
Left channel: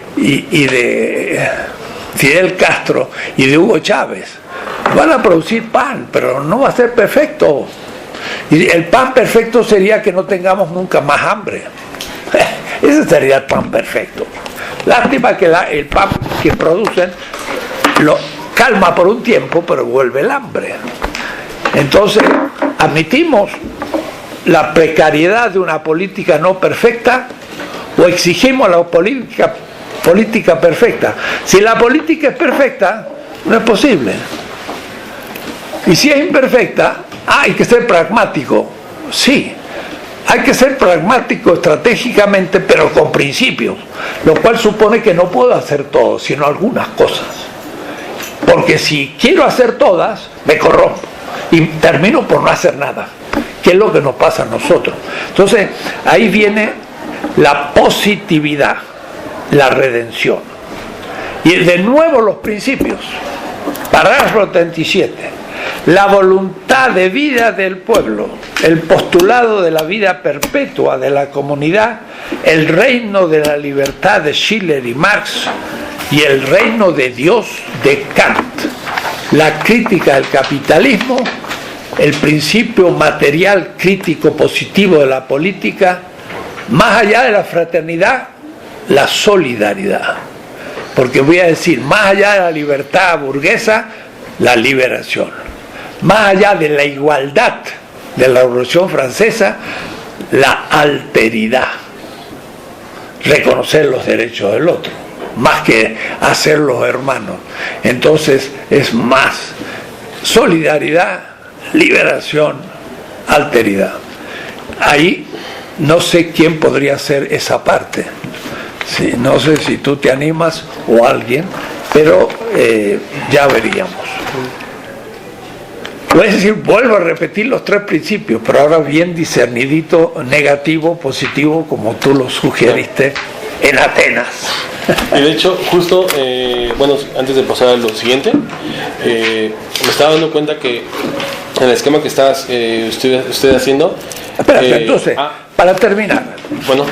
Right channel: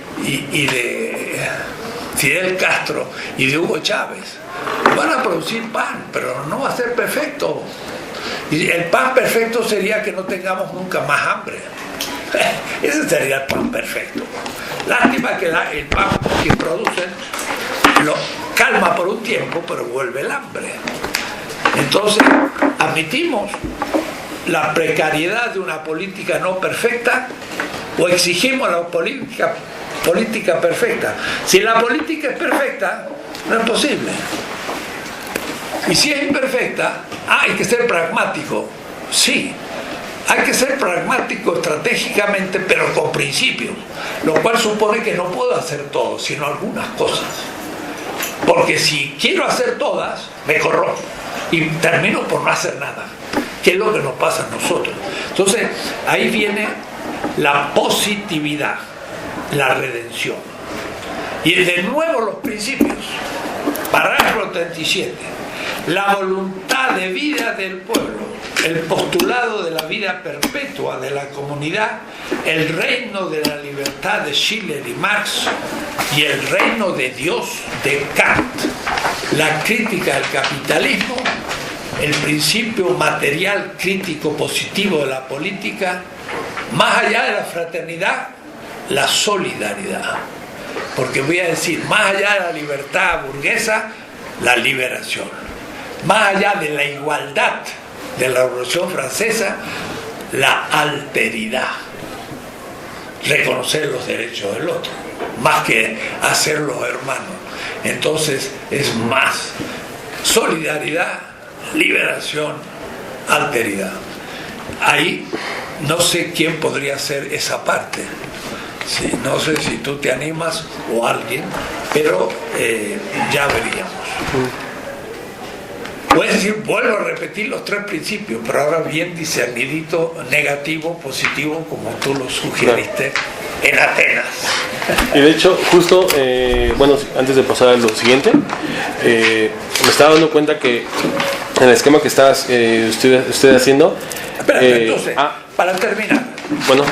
Fidel Castro y de Hugo Chávez. Van a producir pan, pero no va a ser perfecto. Y el pan perfecto sería que no tengamos nunca más hambre. Ese sería el pan perfecto. Lástima que el pan que producen lo calma por un tiempo, pero vuelve el hambre. Entonces, admitimos la precariedad de una política no perfecta o exigimos la política perfecta. Si la política es perfecta, no es posible. Y si es imperfecta, hay que ser pragmático. Sí, hay que ser pragmático estratégicamente, pero con principios, lo cual supone que no puedo hacer todo, sino algunas cosas. Porque si quiero hacer todas, me corrompo y termino por no hacer nada, que es lo que nos pasa a nosotros. Entonces, ahí viene la positividad, la redención. Y de nuevo los principios. Parágrafo 37. La voluntad de vida del pueblo, el postulado de la vida perpetua de la comunidad, el reino de la libertad de Schiller y Marx y el reino de Dios de Kant, la crítica del capitalismo, el principio material crítico positivo de la política, más allá de la fraternidad, la solidaridad. Porque voy a decir, más allá de la libertad burguesa, la liberación. Más allá de la igualdad de la Revolución Francesa, la alteridad. Reconocer los derechos del otro, más que hacerlos hermanos. Entonces es más solidaridad, liberación, alteridad. Ahí no sé quién podría hacer esa parte. Sí, no sé si tú te animas o alguien, pero ya veríamos. Voy a decir, vuelvo a repetir los tres principios, pero ahora bien discernidito, negativo, positivo, como tú lo sugeriste en Atenas. Y de hecho, justo, bueno, antes de pasar a lo siguiente, me estaba dando cuenta que en el esquema que estás usted haciendo... Espérate, entonces, para terminar. Bueno.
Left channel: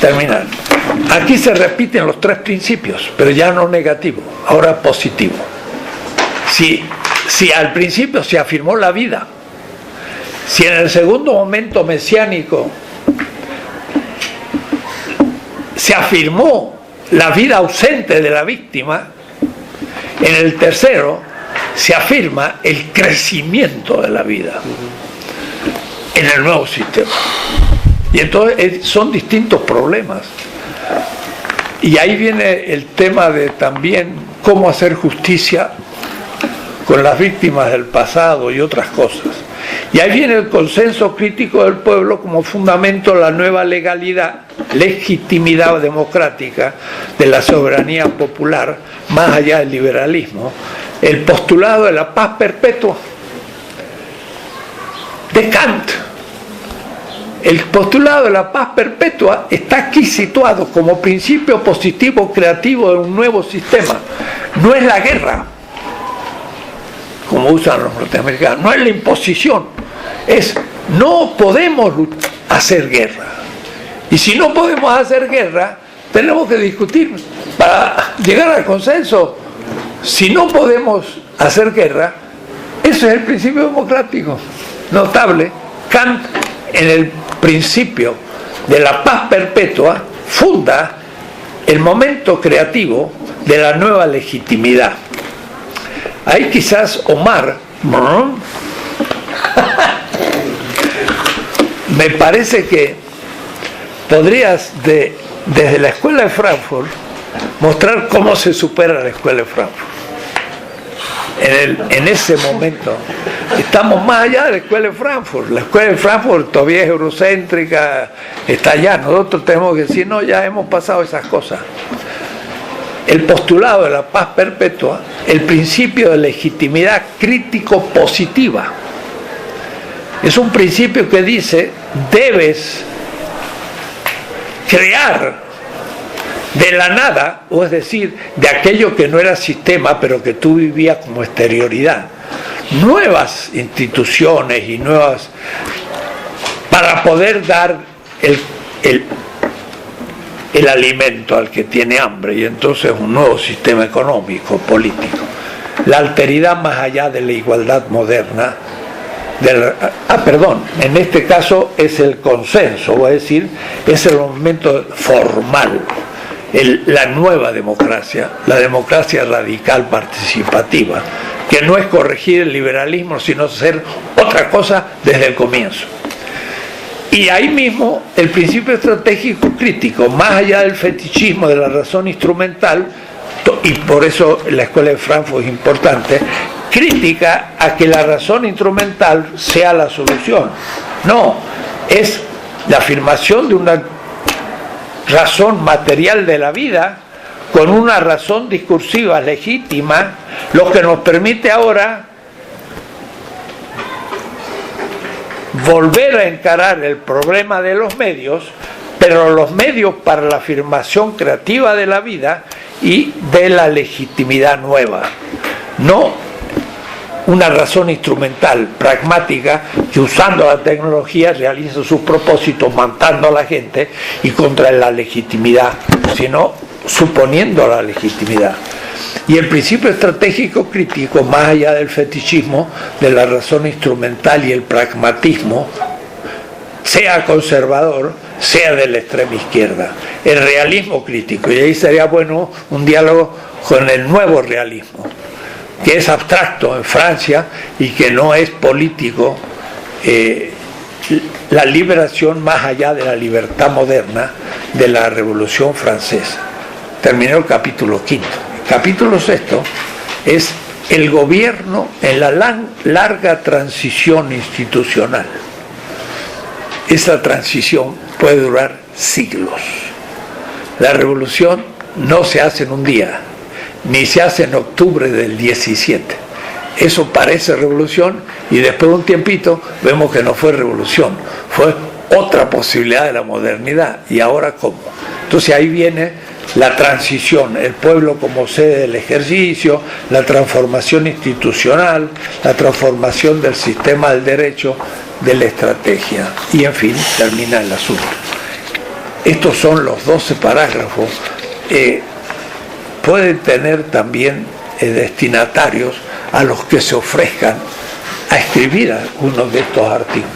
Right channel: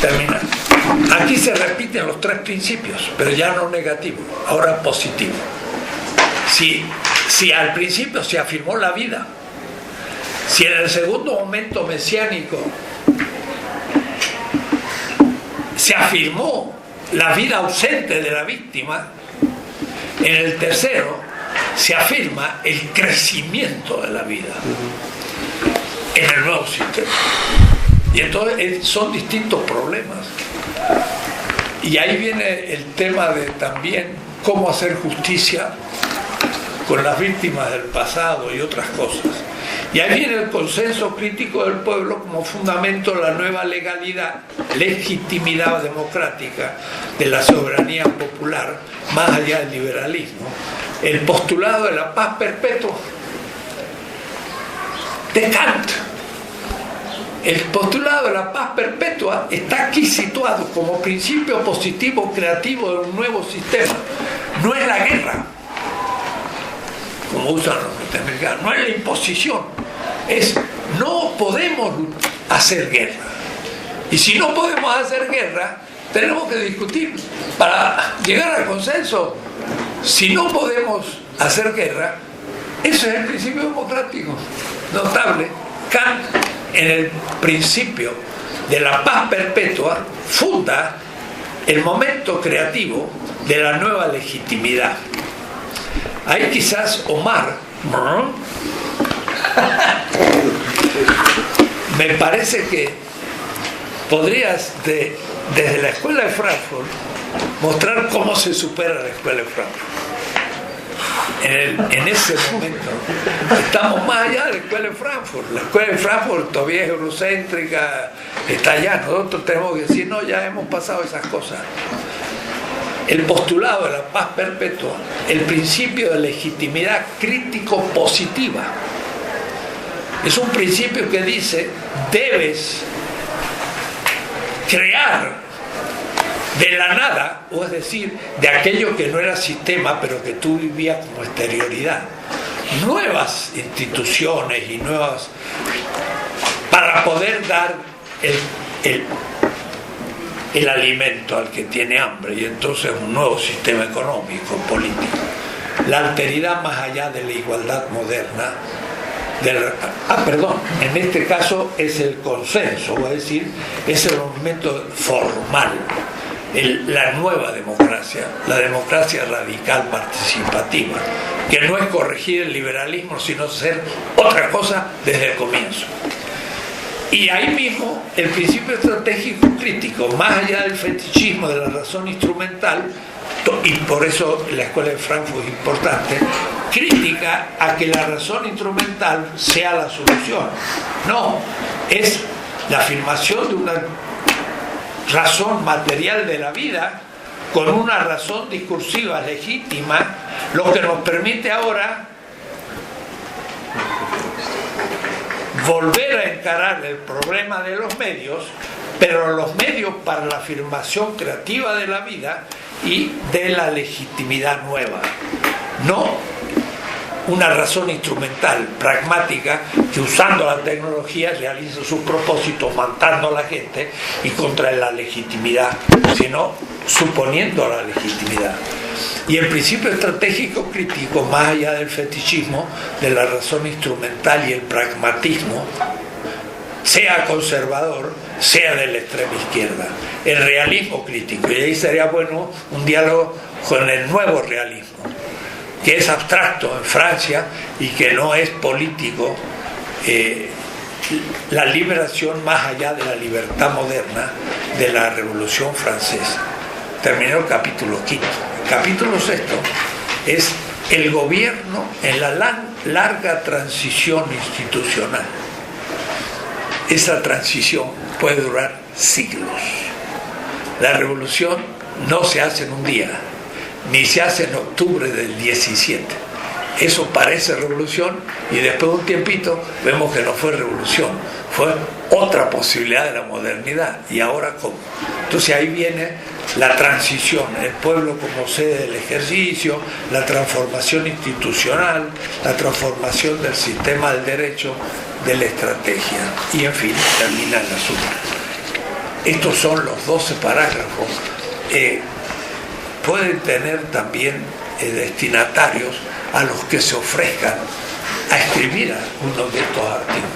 Terminar. Aquí se repiten los tres principios, pero ya no negativo, ahora positivo. Si al principio se afirmó la vida, si en el segundo momento mesiánico se afirmó la vida ausente de la víctima, en el tercero se afirma el crecimiento de la vida en el nuevo sistema. Y entonces son distintos problemas. Y ahí viene el tema de también cómo hacer justicia con las víctimas del pasado y otras cosas. Y ahí viene el consenso crítico del pueblo como fundamento de la nueva legitimidad democrática de la soberanía popular, más allá del liberalismo, el postulado de la paz perpetua de Kant. El postulado de la paz perpetua está aquí situado como principio positivo creativo de un nuevo sistema. No es la guerra, como usan los norteamericanos, no es la imposición, es no podemos hacer guerra. Y si no podemos hacer guerra, tenemos que discutir para llegar al consenso. Si no podemos hacer guerra, ese es el principio democrático notable. Kant, en el principio de la paz perpetua, funda el momento creativo de la nueva legitimidad. Ahí quizás Omar, me parece que podrías desde la Escuela de Frankfurt mostrar cómo se supera la Escuela de Frankfurt. En ese momento estamos más allá de la Escuela de Frankfurt. La Escuela de Frankfurt todavía es eurocéntrica, está allá. Nosotros tenemos que decir, no, ya hemos pasado esas cosas. El postulado de la paz perpetua, el principio de legitimidad crítico positiva, es un principio que dice, debes crear de la nada, o es decir, de aquello que no era sistema, pero que tú vivías como exterioridad, nuevas instituciones y nuevas, para poder dar el alimento al que tiene hambre, y entonces un nuevo sistema económico, político. La alteridad más allá de la igualdad moderna, en este caso es el consenso, es decir, es el momento formal, la nueva democracia, la democracia radical participativa, que no es corregir el liberalismo, sino hacer otra cosa desde el comienzo. Y ahí mismo el principio estratégico crítico, más allá del fetichismo de la razón instrumental, y por eso la Escuela de Frankfurt es importante, crítica a que la razón instrumental sea la solución. No, es la afirmación de una razón material de la vida con una razón discursiva legítima, lo que nos permite ahora volver a encarar el problema de los medios, pero los medios para la afirmación creativa de la vida y de la legitimidad nueva. No una razón instrumental, pragmática, que usando la tecnología realiza sus propósitos matando a la gente y contra la legitimidad, sino suponiendo la legitimidad. Y el principio estratégico crítico, más allá del fetichismo, de la razón instrumental y el pragmatismo, sea conservador, sea de la extrema izquierda, el realismo crítico. Y ahí sería bueno un diálogo con el nuevo realismo, que es abstracto en Francia y que no es político, la liberación más allá de la libertad moderna de la Revolución Francesa. Terminó el capítulo quinto. Capítulo sexto es el gobierno en la larga transición institucional. Esa transición puede durar siglos. La revolución no se hace en un día, ni se hace en octubre del 17. Eso parece revolución y después de un tiempito vemos que no fue revolución, fue otra posibilidad de la modernidad. ¿Y ahora cómo? Entonces ahí viene la transición, el pueblo como sede del ejercicio, la transformación institucional, la transformación del sistema del derecho, de la estrategia. Y en fin, termina el asunto. Estos son los 12 parágrafos. Pueden tener también destinatarios a los que se ofrezcan a escribir algunos de estos artículos,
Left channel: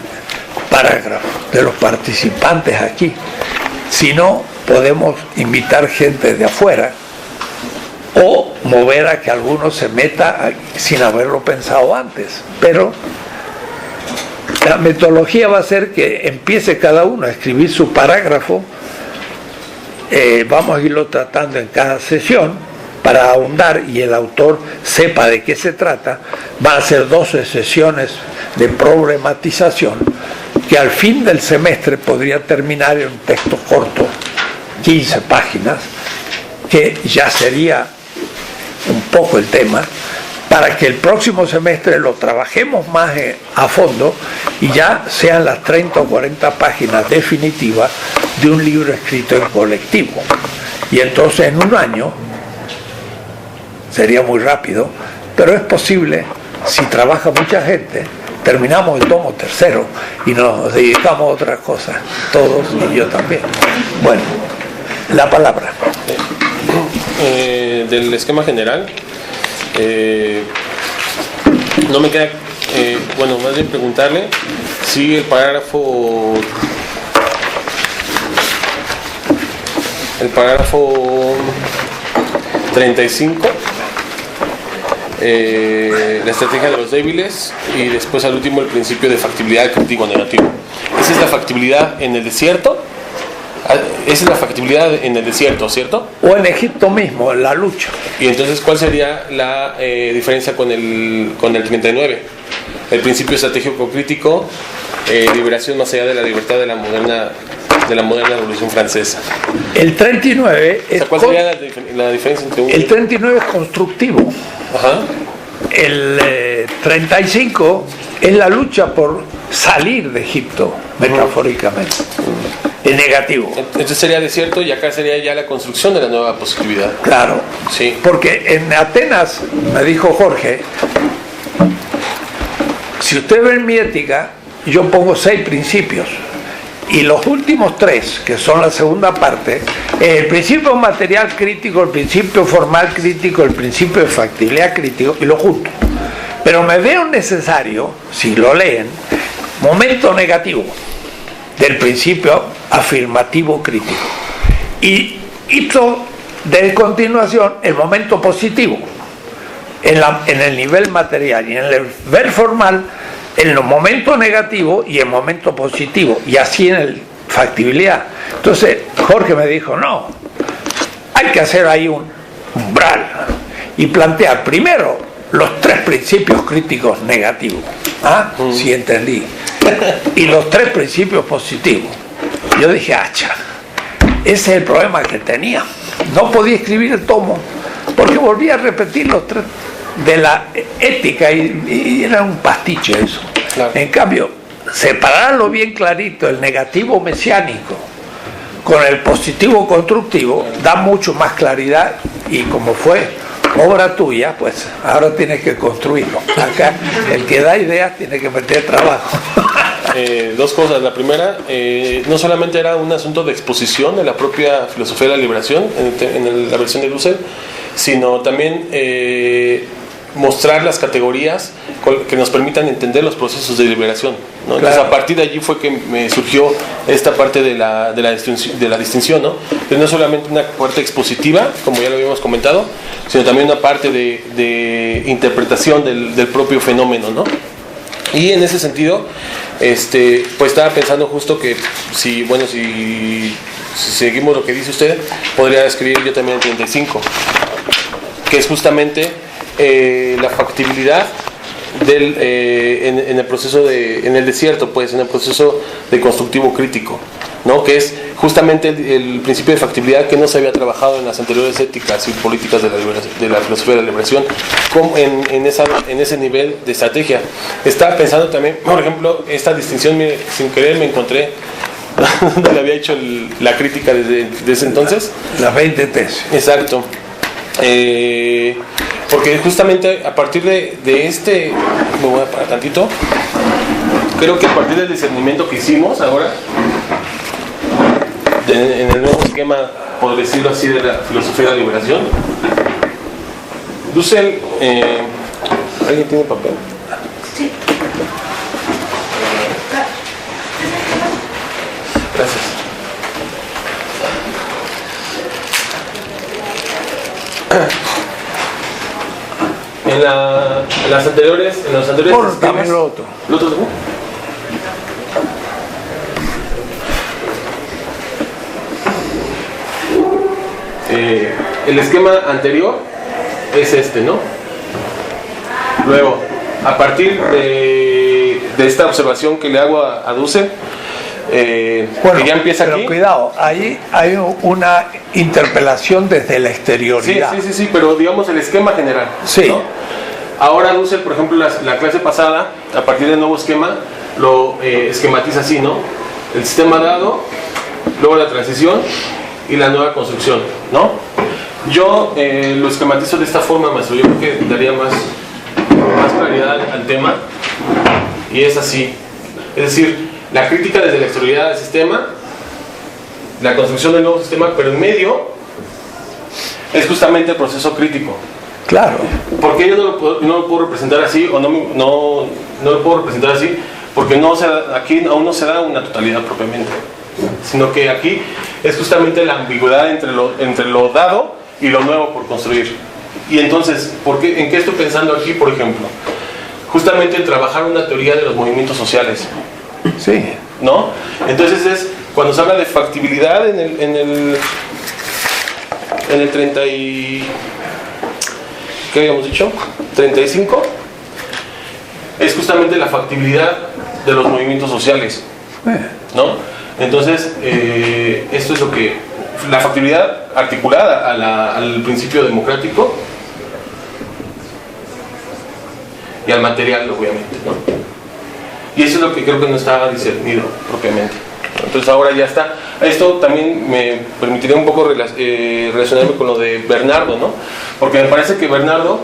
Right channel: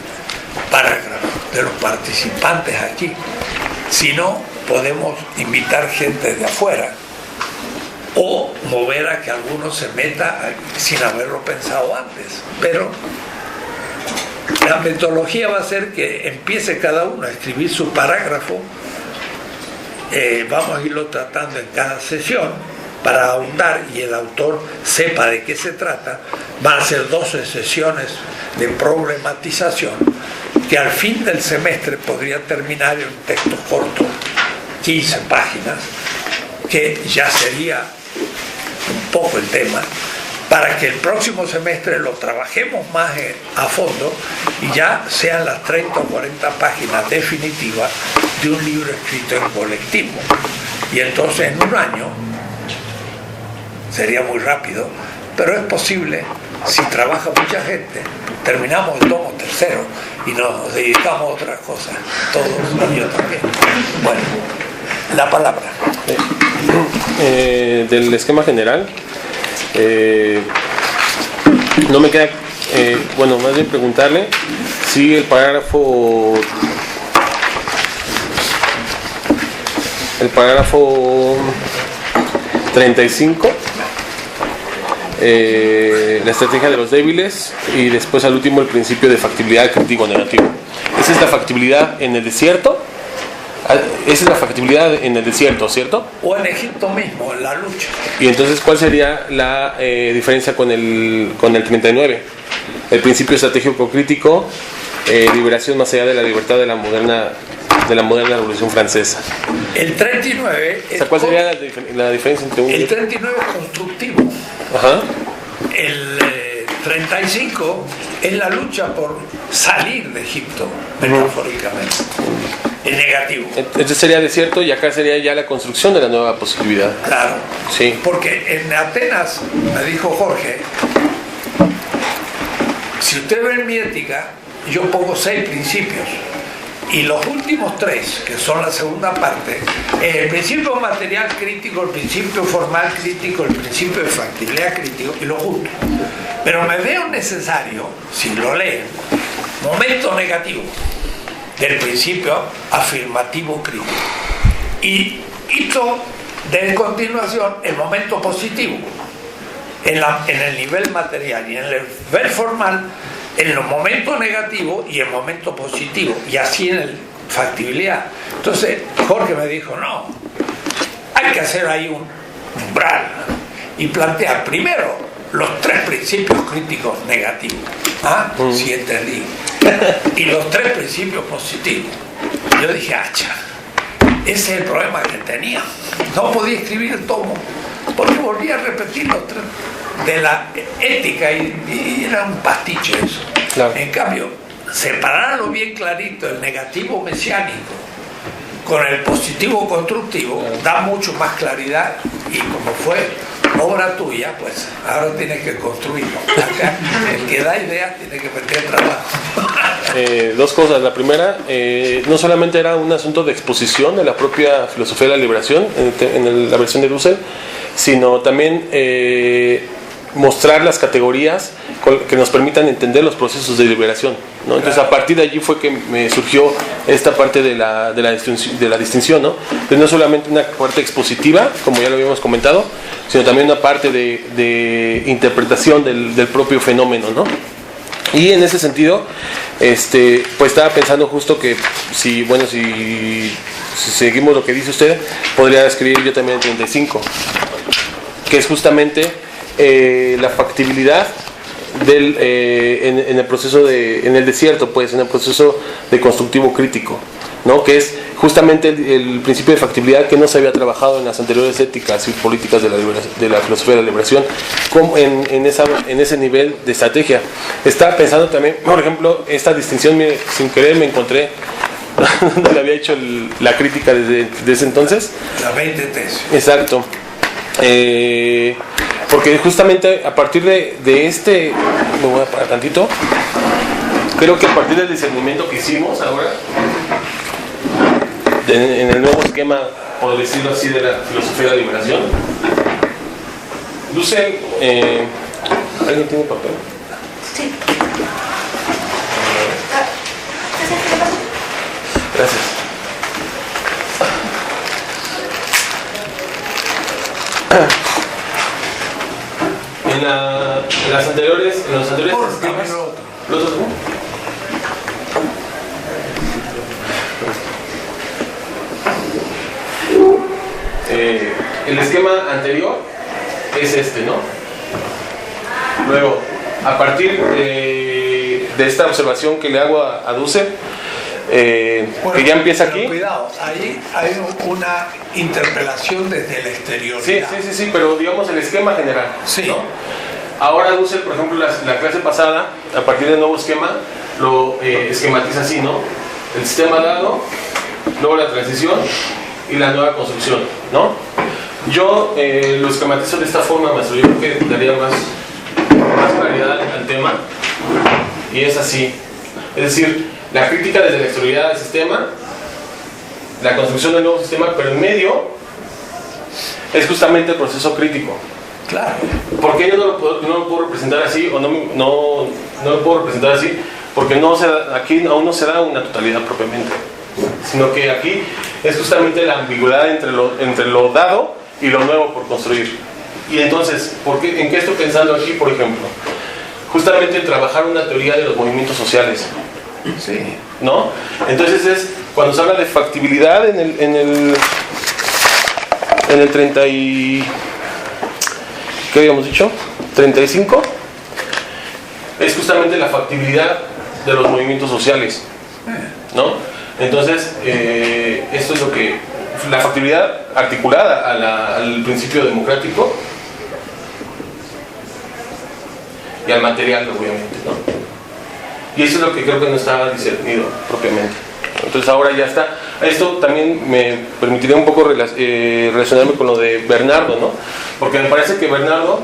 parágrafos de los participantes aquí. Si no, podemos invitar gente de afuera o mover a que alguno se meta sin haberlo pensado antes. Pero la metodología va a ser que empiece cada uno a escribir su parágrafo. Vamos a irlo tratando en cada sesión para ahondar y el autor sepa de qué se trata. Van a ser 12 sesiones de problematización que al fin del semestre podría terminar en un texto corto, 15 páginas, que ya sería un poco el tema, para que el próximo semestre lo trabajemos más a fondo y ya sean las 30 o 40 páginas definitivas de un libro escrito en colectivo. Y entonces en un año, sería muy rápido, pero es posible, si trabaja mucha gente, terminamos el tomo tercero y nos dedicamos a otras cosas, todos y yo también. Bueno, la palabra. Del esquema general, no me queda, bueno, más bien preguntarle si el parágrafo 35, la estrategia de los débiles, y después al último el principio de factibilidad crítico negativo. ¿Esa es la factibilidad en el desierto? Esa es la factibilidad en el desierto, ¿cierto? O en Egipto mismo, en la lucha. Y entonces, ¿cuál sería la diferencia con el 39? El principio estratégico crítico, liberación más allá de la libertad de la moderna Revolución Francesa. El 39 o sea, ¿cuál sería la diferencia entre uno y el otro? 39 es constructivo. Ajá. El 35 es la lucha por salir de Egipto, metafóricamente. Es negativo. Entonces sería desierto y acá sería ya la construcción de la nueva positividad. Claro. Sí. Porque en Atenas, me dijo Jorge, si usted ve en mi ética, yo pongo 6 principios. Y los últimos 3, que son la segunda parte, el principio material crítico, el principio formal crítico, el principio de factibilidad crítico, y lo junto. Pero me veo necesario, si lo leen, momento negativo del principio afirmativo crítico. Y hizo de continuación el momento positivo en el nivel material, y en el nivel formal en el momento negativo y el momento positivo, y así en el factibilidad. Entonces Jorge me dijo, no, hay que hacer ahí un umbral y plantear primero los 3 principios críticos negativos. Sí, entendí. Y los 3 principios positivos. Yo dije, hacha, ese es el problema que tenía. No podía escribir el tomo porque volvía a repetir los 3 de la ética y era un pastiche eso. Claro. En cambio, separarlo bien clarito, el negativo mesiánico con el positivo constructivo, da mucho más claridad, y como fue obra tuya, pues ahora tienes que construirlo. Acá el que da ideas tiene que meter trabajo. Dos cosas. La primera, no solamente era un asunto de exposición de la propia filosofía de la liberación en la versión de Dussel, sino también mostrar las categorías que nos permitan entender los procesos de liberación, ¿no? Entonces, Claro. a partir de allí fue que me surgió esta parte de la distinción, ¿no? Entonces, no solamente una parte expositiva, como ya lo habíamos comentado, sino también una parte de interpretación del propio fenómeno, ¿no? Y en ese sentido, pues estaba pensando justo que si seguimos lo que dice usted, podría escribir yo también el 35, que es justamente la factibilidad en el proceso en el desierto, pues en el proceso de constructivo crítico, ¿no? Que es justamente el principio de factibilidad que no se había trabajado en las anteriores éticas y políticas de la filosofía de la liberación, como en ese nivel de estrategia. Estaba pensando también, por ejemplo, esta distinción, mire, sin querer me encontré donde le había hecho la crítica desde ese entonces. Las 20 tesis. Exacto. Porque justamente a partir de este, me voy a parar tantito, creo que a partir del discernimiento que hicimos ahora, en el nuevo esquema, por decirlo así, de la filosofía de la liberación, Dussel, ¿alguien tiene papel? Sí. Gracias. En los anteriores Por esquemas, también lo otro. ¿lo otro también? El esquema anterior es este, ¿no? Luego, a partir de esta observación que le hago a Dussel, Bueno, que ya empieza pero aquí. cuidado, ahí hay una interpelación desde la exterioridad. Sí, pero digamos el esquema general. Sí. ¿No? Ahora Dussel, por ejemplo, la clase pasada, a partir del nuevo esquema, lo esquematiza así, ¿no? El sistema dado, luego la transición y la nueva construcción, ¿no? Yo lo esquematizo de esta forma, maestro. Yo creo que daría más claridad al tema. Y es así. Es decir, la crítica desde la exterioridad del sistema, la construcción del nuevo sistema, pero en medio es justamente el proceso crítico. Claro. ¿Por qué yo no lo puedo representar así? O no lo puedo representar así, porque aquí aún no se da una totalidad propiamente, sino que aquí es justamente la ambigüedad entre lo dado y lo nuevo por construir. Y entonces, ¿en qué estoy pensando aquí, por ejemplo? Justamente en trabajar una teoría de los movimientos sociales. Sí. ¿No? Entonces cuando se habla de factibilidad en el 30 y... ¿qué habíamos dicho? 35 es justamente la factibilidad de los movimientos sociales, ¿no? Entonces esto es lo que la factibilidad articulada al principio democrático y al material, obviamente, ¿no? Y eso es lo que creo que no estaba discernido propiamente. Entonces ahora ya está. Esto también me permitiría un poco relacionarme con lo de Bernardo, ¿no? Porque me parece que Bernardo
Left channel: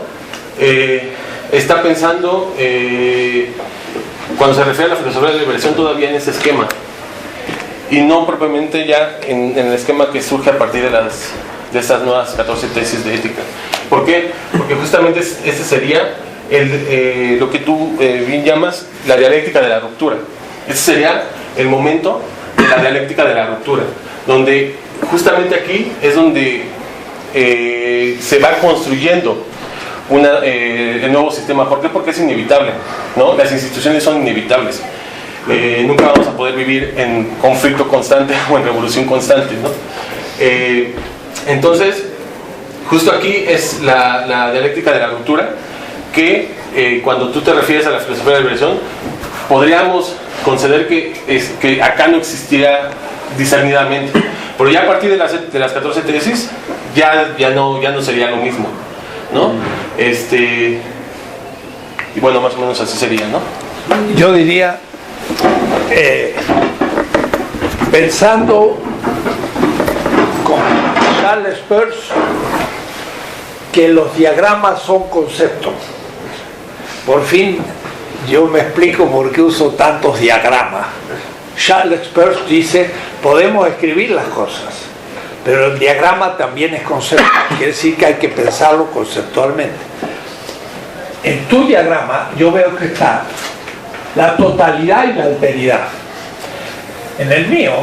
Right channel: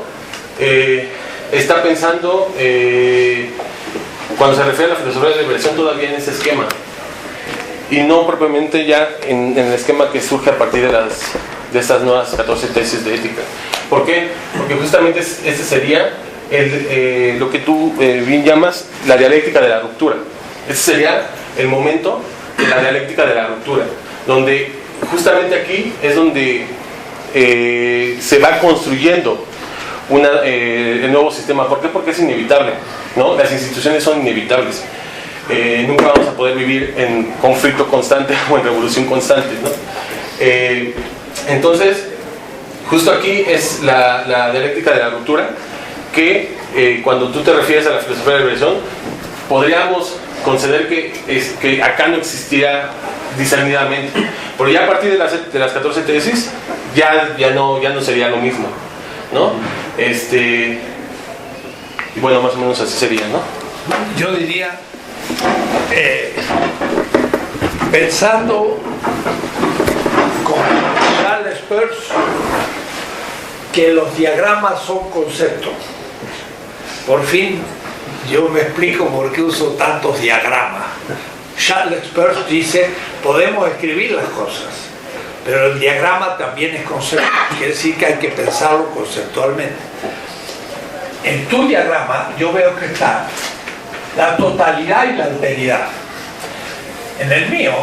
está pensando, cuando se refiere a la filosofía de la liberación, todavía en ese esquema. Y no propiamente ya en el esquema que surge a partir de estas nuevas 14 tesis de ética. ¿Por qué? Porque justamente este sería lo que tú bien llamas la dialéctica de la ruptura. Este sería el momento de la dialéctica de la ruptura, donde justamente aquí es donde se va construyendo el nuevo sistema. ¿Por qué? Porque es inevitable, ¿no? Las instituciones son inevitables. Nunca vamos a poder vivir en conflicto constante o en revolución constante, ¿no? Entonces, justo aquí es la dialéctica de la ruptura, que cuando tú te refieres a la filosofía de la liberación, podríamos conceder que acá no existiría discernidamente, pero ya a partir de las 14 tesis ya no sería lo mismo, ¿no? Y bueno, más o menos así sería, ¿no? Yo diría, pensando con Charles Peirce, que los diagramas son conceptos. Por fin yo me explico por qué uso tantos diagramas. Charles Peirce dice, podemos escribir las cosas, pero el diagrama también es concepto, quiere decir que hay que pensarlo conceptualmente. En tu diagrama yo veo que está la totalidad y la alteridad. En el mío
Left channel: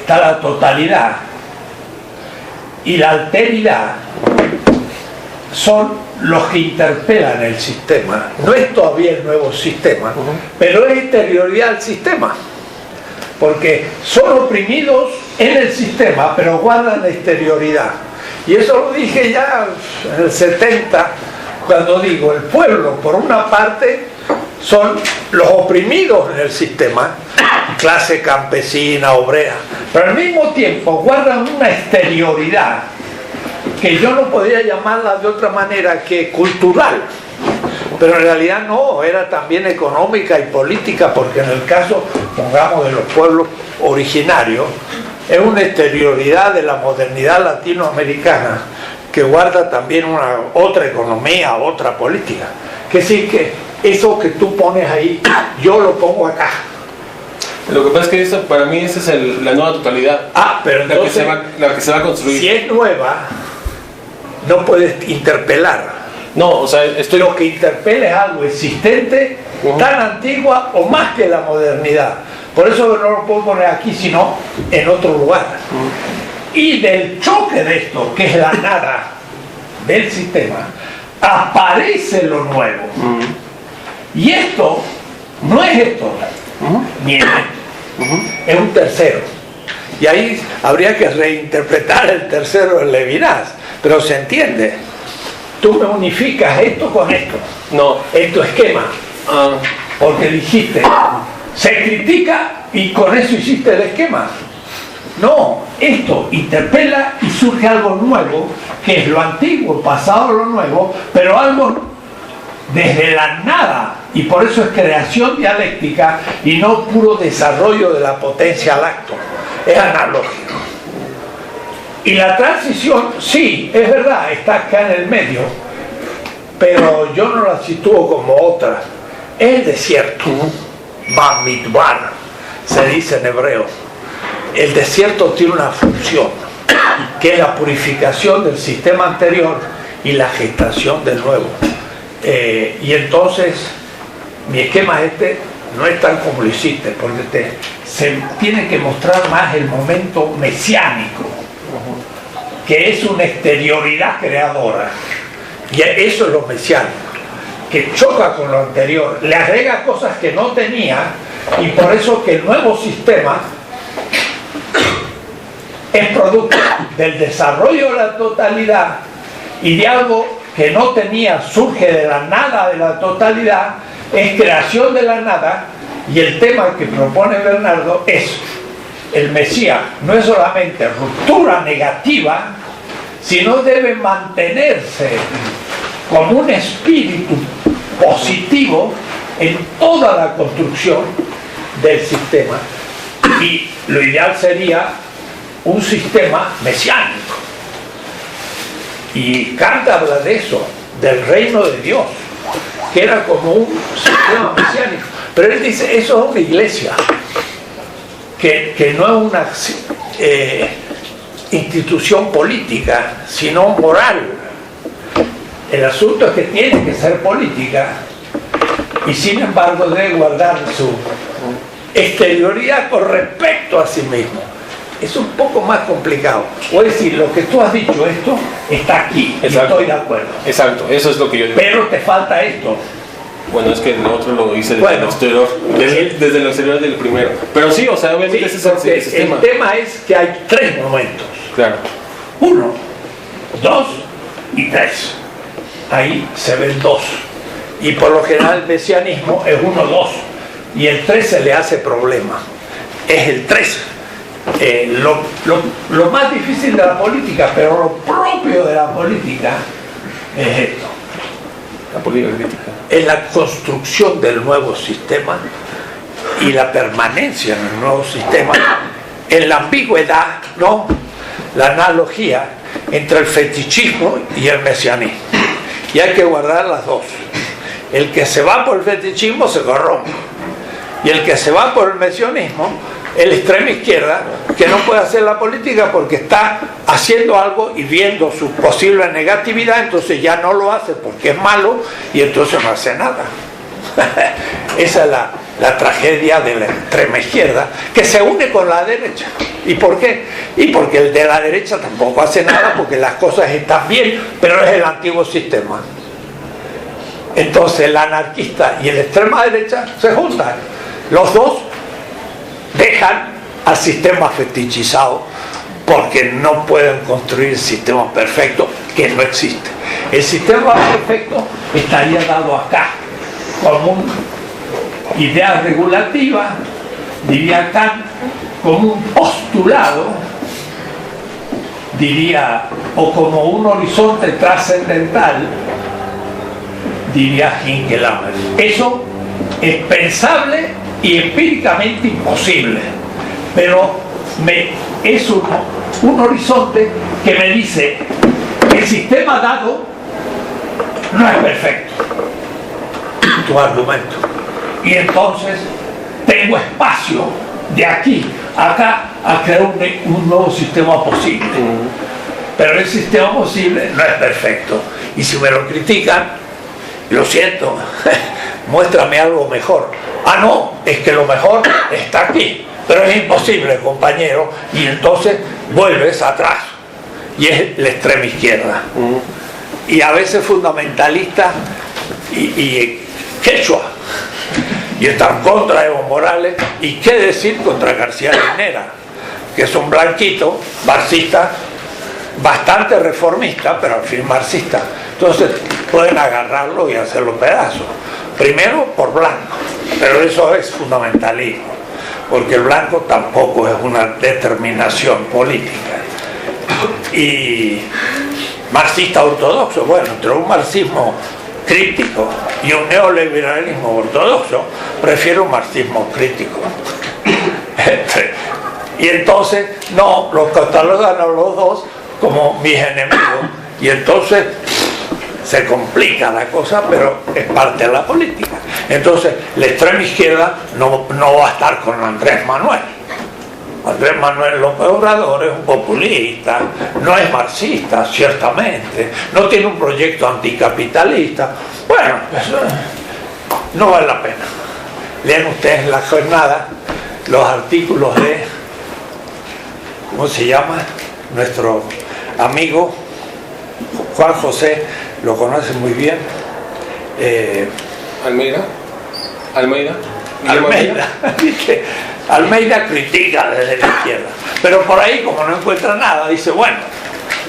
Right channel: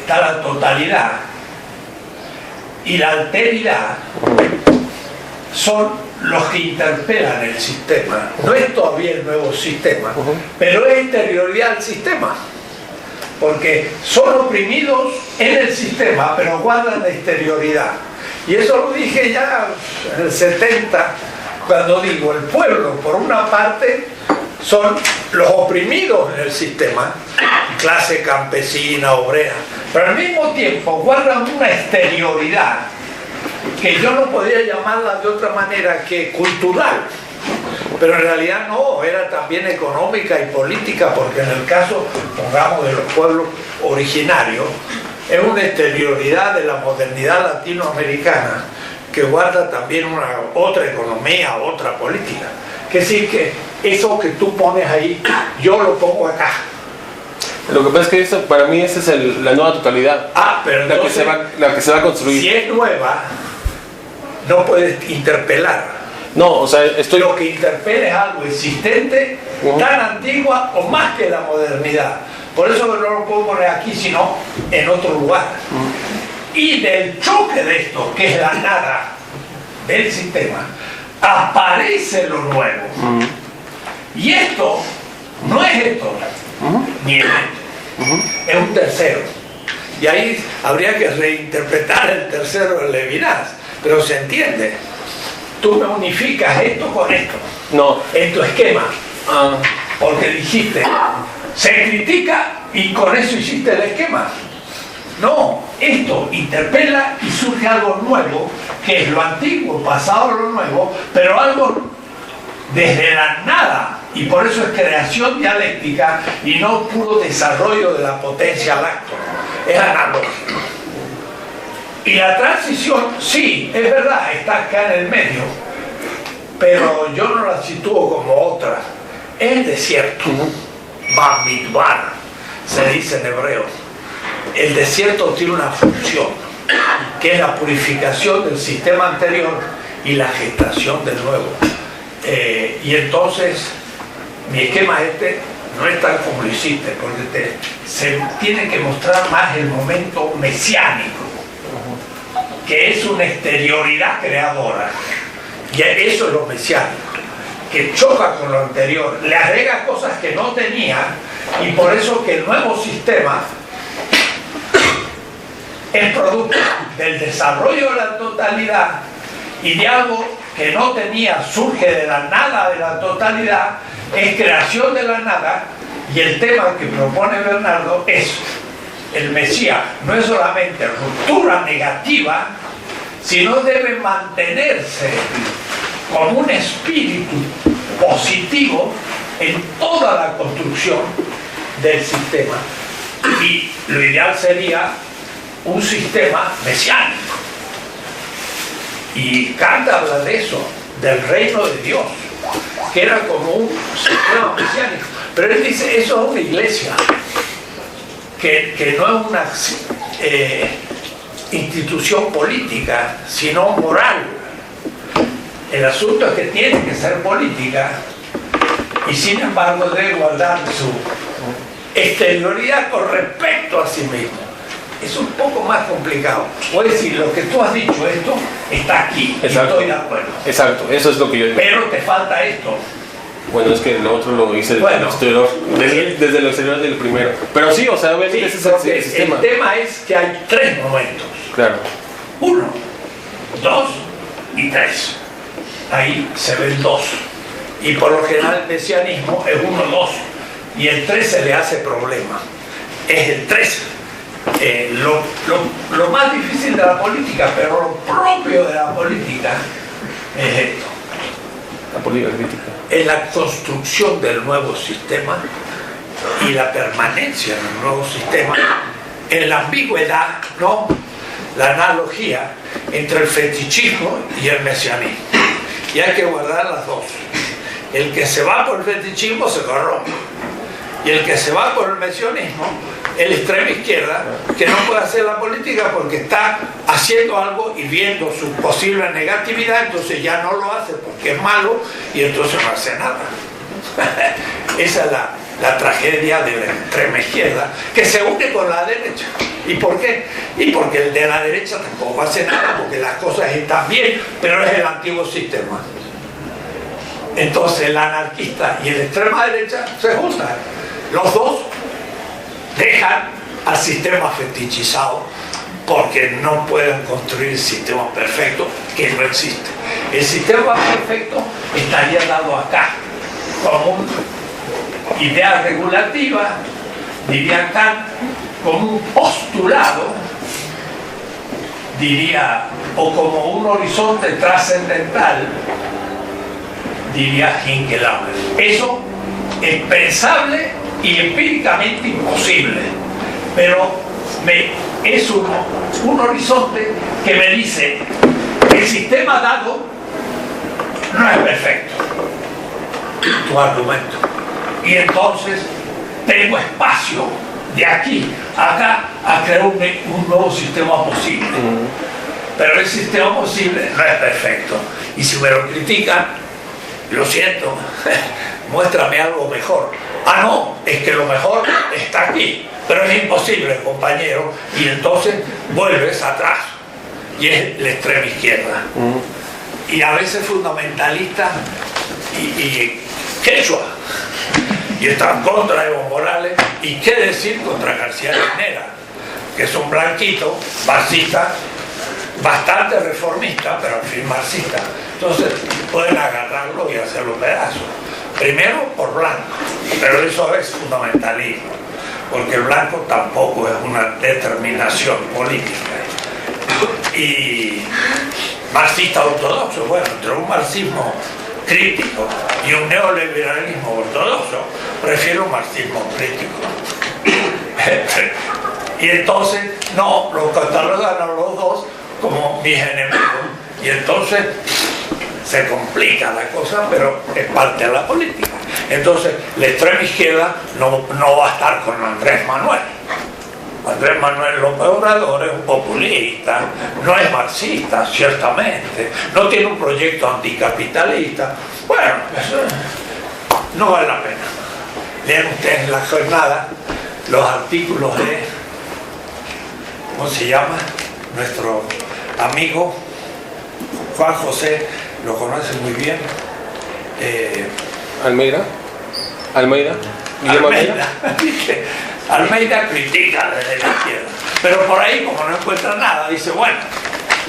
está la totalidad y la alteridad son los que interpelan el sistema. No es todavía el nuevo sistema, pero es exterioridad al sistema, porque son oprimidos en el sistema, pero guardan la exterioridad. Y eso lo dije ya en el 70, cuando digo, el pueblo, por una parte, son los oprimidos en el sistema, clase campesina, obrera, pero al mismo tiempo guardan una exterioridad que yo no podría llamarla de otra manera que cultural, pero en realidad no, era también económica y política, porque en el caso, pongamos, de los pueblos originarios, es una exterioridad de la modernidad latinoamericana que guarda también otra economía, otra política. Que sí, que eso que tú pones ahí, yo lo pongo acá. Lo que pasa es que eso, para mí esa es la nueva totalidad. Pero entonces, la que se va a construir. Si es nueva, no puedes interpelar. No, o sea, Lo que interpela es algo existente, tan antigua o más que la modernidad. Por eso no lo puedo poner aquí, sino en otro lugar. Y del choque de esto, que es la nada del sistema, aparece lo nuevo. Y esto no es esto, ni es esto, es un tercero. Y ahí habría que reinterpretar el tercero de Levinas, pero se entiende. Tú me unificas esto con esto, en tu esquema, porque dijiste, se critica y con eso hiciste el esquema. No, esto interpela y surge algo nuevo, que es lo antiguo, pasado lo nuevo, pero algo desde la nada, y por eso es creación dialéctica y no puro desarrollo de la potencia al acto, es analógico. Y la transición, sí, es verdad, está acá en el medio, pero yo no la sitúo como otra. Es el desierto, Bamidbar, se dice en hebreo. El desierto tiene una función, que es la purificación del sistema anterior y la gestación del nuevo. Y entonces, mi esquema no es tan como lo hiciste, porque se tiene que mostrar más el momento mesiánico, que es una exterioridad creadora. Y eso es lo mesiánico, que choca con lo anterior, le agrega cosas que no tenía, y por eso que el nuevo sistema es producto del desarrollo de la totalidad y de algo que no tenía, surge de la nada de la totalidad, es creación de la nada. Y el tema que propone Bernardo es el Mesías, no es solamente ruptura negativa, sino debe mantenerse como un espíritu positivo en toda la construcción del sistema. Y lo ideal sería un sistema mesiánico. Y Kant habla de eso, del reino de Dios, que era como un sistema mesiánico. Pero él dice, eso es una iglesia, que no es una institución política, sino moral. El asunto es que tiene que ser política, y sin embargo debe guardar su exterioridad con respecto a sí mismo. Es un poco más complicado. O es decir, lo que tú has dicho, esto está aquí. Exacto. Y estoy de acuerdo. Exacto, eso es lo que yo digo. Pero te falta esto. Bueno, es que lo otro lo hice desde el exterior, desde el exterior del primero. Pero sí, o sea, obviamente ese es el sistema. El tema es que hay tres momentos. Claro. 1, 2 y 3. Ahí se ven 2. Y por lo general el mesianismo es 1, 2. Y el 3 se le hace problema. Es el 3. Lo más difícil de la política, pero lo propio de la política es esto. La política crítica. Es la construcción del nuevo sistema y la permanencia en el nuevo sistema, en la ambigüedad, ¿no? la analogía entre el fetichismo y el mesianismo. Y hay que guardar las dos. El que se va por el fetichismo se corrompe. Y el que se va por el mesianismo, el extrema izquierda, que no puede hacer la política porque está haciendo algo y viendo su posible negatividad, entonces ya no lo hace porque es malo y entonces no hace nada. Esa es la tragedia de la extrema izquierda, que se une con la derecha. ¿Y por qué? Y porque el de la derecha tampoco hace nada, porque las cosas están bien, pero es el antiguo sistema. Entonces el anarquista y el extrema derecha se juntan. Los dos dejan al sistema fetichizado porque no pueden construir sistemas perfectos, que no existe. El sistema perfecto estaría dado acá como una idea regulativa, diría Kant, como un postulado, diría, o como un horizonte trascendental, diría Hinkelhammer. Eso es pensable y empíricamente imposible, pero es un horizonte que me dice que el sistema dado no es perfecto, tu argumento, y entonces tengo espacio de aquí a acá a crear un nuevo sistema posible. Pero el sistema posible no es perfecto, y si me lo critican, lo siento, muéstrame algo mejor. Ah, no, es que lo mejor está aquí, pero es imposible, compañero, y entonces vuelves atrás, y es la extrema izquierda. Y a veces fundamentalista y quechua, y están contra Evo Morales, y qué decir contra García Linera, que es un blanquito, marxista, bastante reformista, pero al fin marxista. Entonces pueden agarrarlo y hacerlo pedazos. Primero por blanco, pero eso es fundamentalismo, porque el blanco tampoco es una determinación política. Y marxista ortodoxo, bueno, entre un marxismo crítico y un neoliberalismo ortodoxo, prefiero un marxismo crítico. Y entonces no, los catalogan a los dos como mis enemigos, y entonces se complica la cosa, pero es parte de la política. Entonces la extrema izquierda no va a estar con Andrés Manuel. Andrés Manuel López Obrador es un populista, no es marxista, ciertamente, no tiene un proyecto anticapitalista. Bueno, pues, no vale la pena. Lean ustedes en la jornada los artículos de, ¿cómo se llama? Nuestro amigo Juan José, lo conoce muy bien. Almeida. Almeida critica desde la izquierda, pero por ahí, como no encuentra nada, dice, bueno,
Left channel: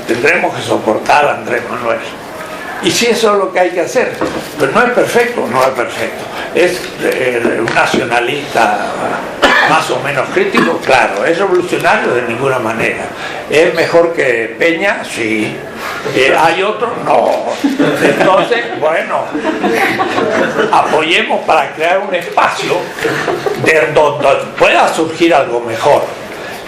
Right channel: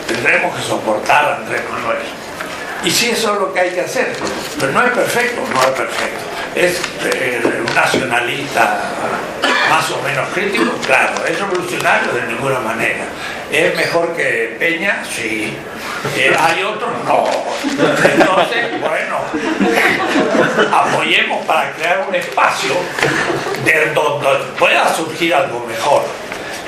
tendremos que soportar a Andrés Manuel. Y si eso es lo que hay que hacer, pero no es perfecto, es un nacionalista más o menos crítico, claro. ¿Es revolucionario? De ninguna manera. ¿Es mejor que Peña? Sí. ¿Hay otro? No. Entonces, bueno, apoyemos para crear un espacio de donde pueda surgir algo mejor.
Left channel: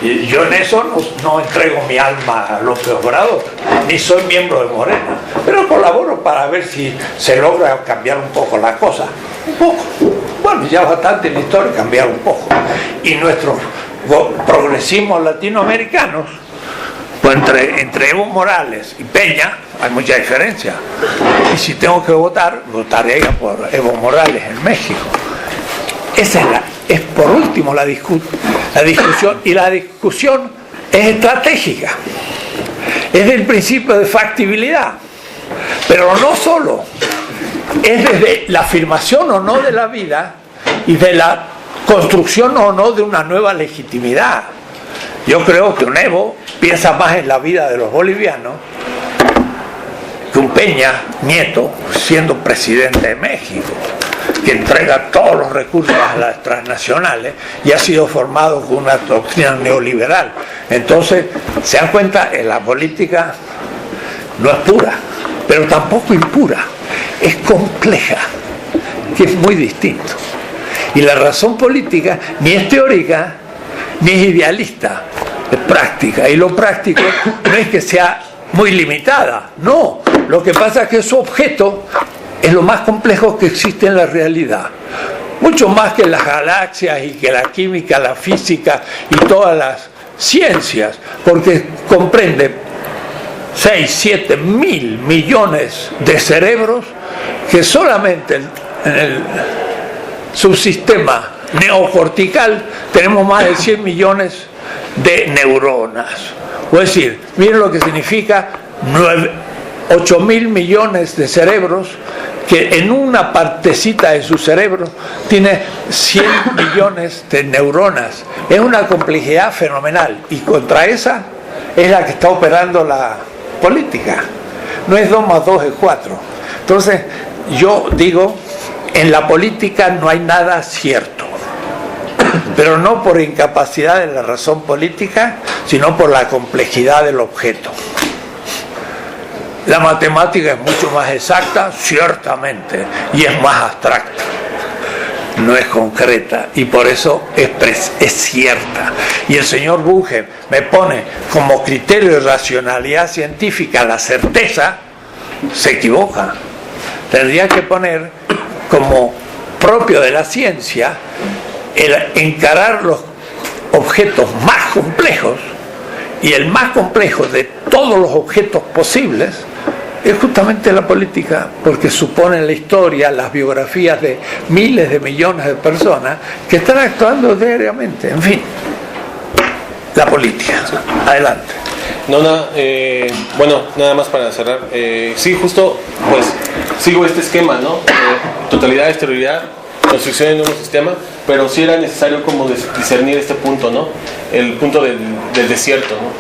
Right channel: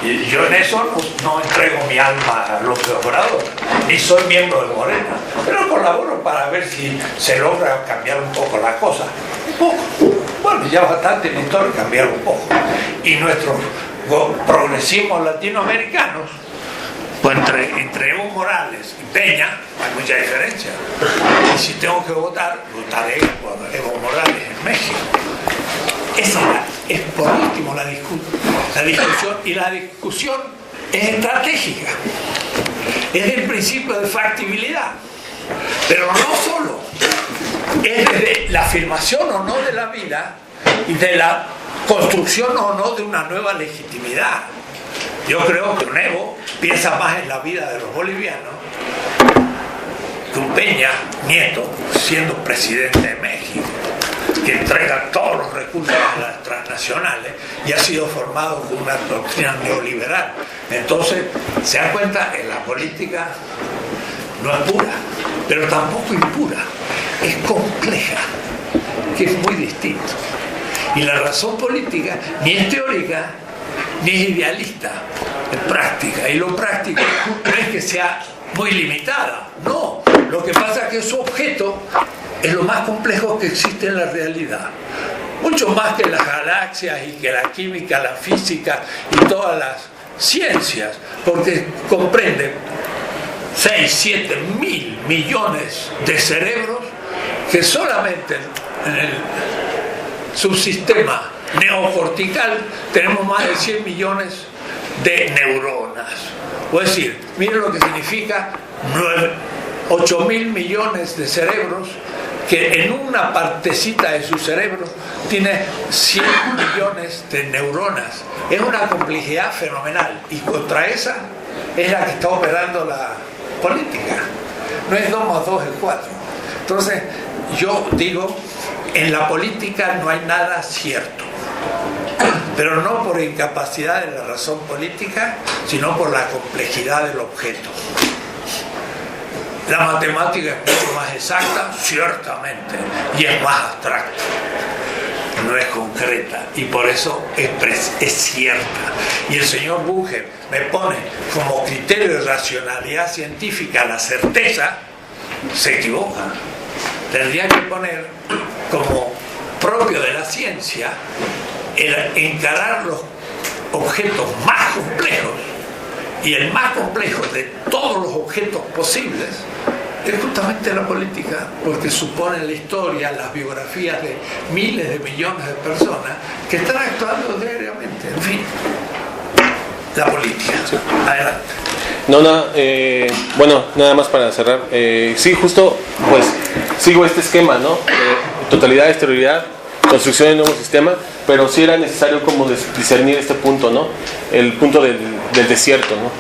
Y yo en eso no entrego mi alma a López Obrador, ni soy miembro de Morena, pero colaboro para ver si se logra cambiar un poco la cosa. Un poco. Bueno, ya bastante en la historia cambiar un poco. Y nuestros progresismos latinoamericanos, pues entre Evo Morales y Peña hay mucha diferencia. Y si tengo que votar, votaré por Evo Morales en México. Esa es por último la discusión, y la discusión es estratégica, es del principio de factibilidad, pero no solo, es desde la afirmación o no de la vida y de la construcción o no de una nueva legitimidad. Yo creo que un Evo piensa más en la vida de los bolivianos que un Peña Nieto siendo presidente de México, que entrega todos los recursos a las transnacionales y ha sido formado con una doctrina neoliberal. Entonces, se dan cuenta, en la política no es pura, pero tampoco impura, es compleja, que es muy distinto. Y la razón política ni es teórica ni es idealista, práctica. Y lo práctico no es que sea muy limitada, no. Lo que pasa es que su objeto es lo más complejo que existe en la realidad. Mucho más que las galaxias y que la química, la física y todas las ciencias, porque comprende 6, 7 mil millones de cerebros que solamente en el subsistema neocortical tenemos más de 100 millones de neuronas. Es decir, miren lo que significa 8 mil millones de cerebros, que en una partecita de su cerebro tiene 100 millones de neuronas. Es una complejidad fenomenal, y contra esa es la que está operando la política. No es 2 más 2 es 4. Entonces, yo digo, en la política no hay nada cierto, pero no por incapacidad de la razón política, sino por la complejidad del objeto. La matemática es mucho más exacta, ciertamente, y es más abstracta, no es concreta, y por eso es cierta. Y el señor Bunge me pone como criterio de racionalidad científica la certeza, se equivoca. Tendría que poner como propio de la ciencia el encarar los objetos más complejos, y el más complejo de todos los objetos posibles es justamente la política, porque supone la historia, las biografías de miles de millones de personas que están actuando diariamente. En fin, la política. Adelante. Bueno, nada más para cerrar. Sí, justo, pues, sigo este esquema, ¿no? Totalidad, exterioridad, construcción de nuevo sistema, pero sí era necesario como discernir este punto, ¿no? El punto del desierto, ¿no?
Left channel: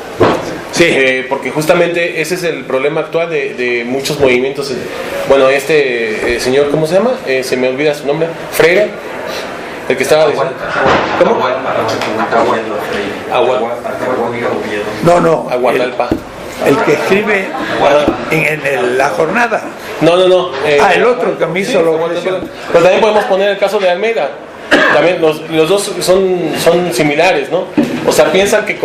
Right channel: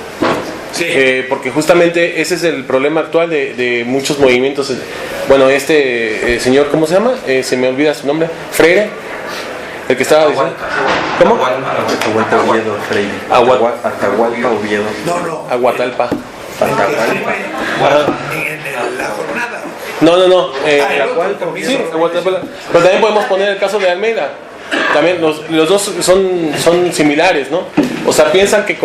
Sí. Porque justamente ese es el problema actual de muchos movimientos. Bueno, señor, ¿cómo se llama? Se me olvida su nombre. Freire, el que estaba diciendo. ¿Cómo? No. Aguatalpa. El que escribe en la jornada. No. El otro que me hizo Pero también podemos poner el caso de Almeida. También los dos son similares, ¿no? O sea, piensan que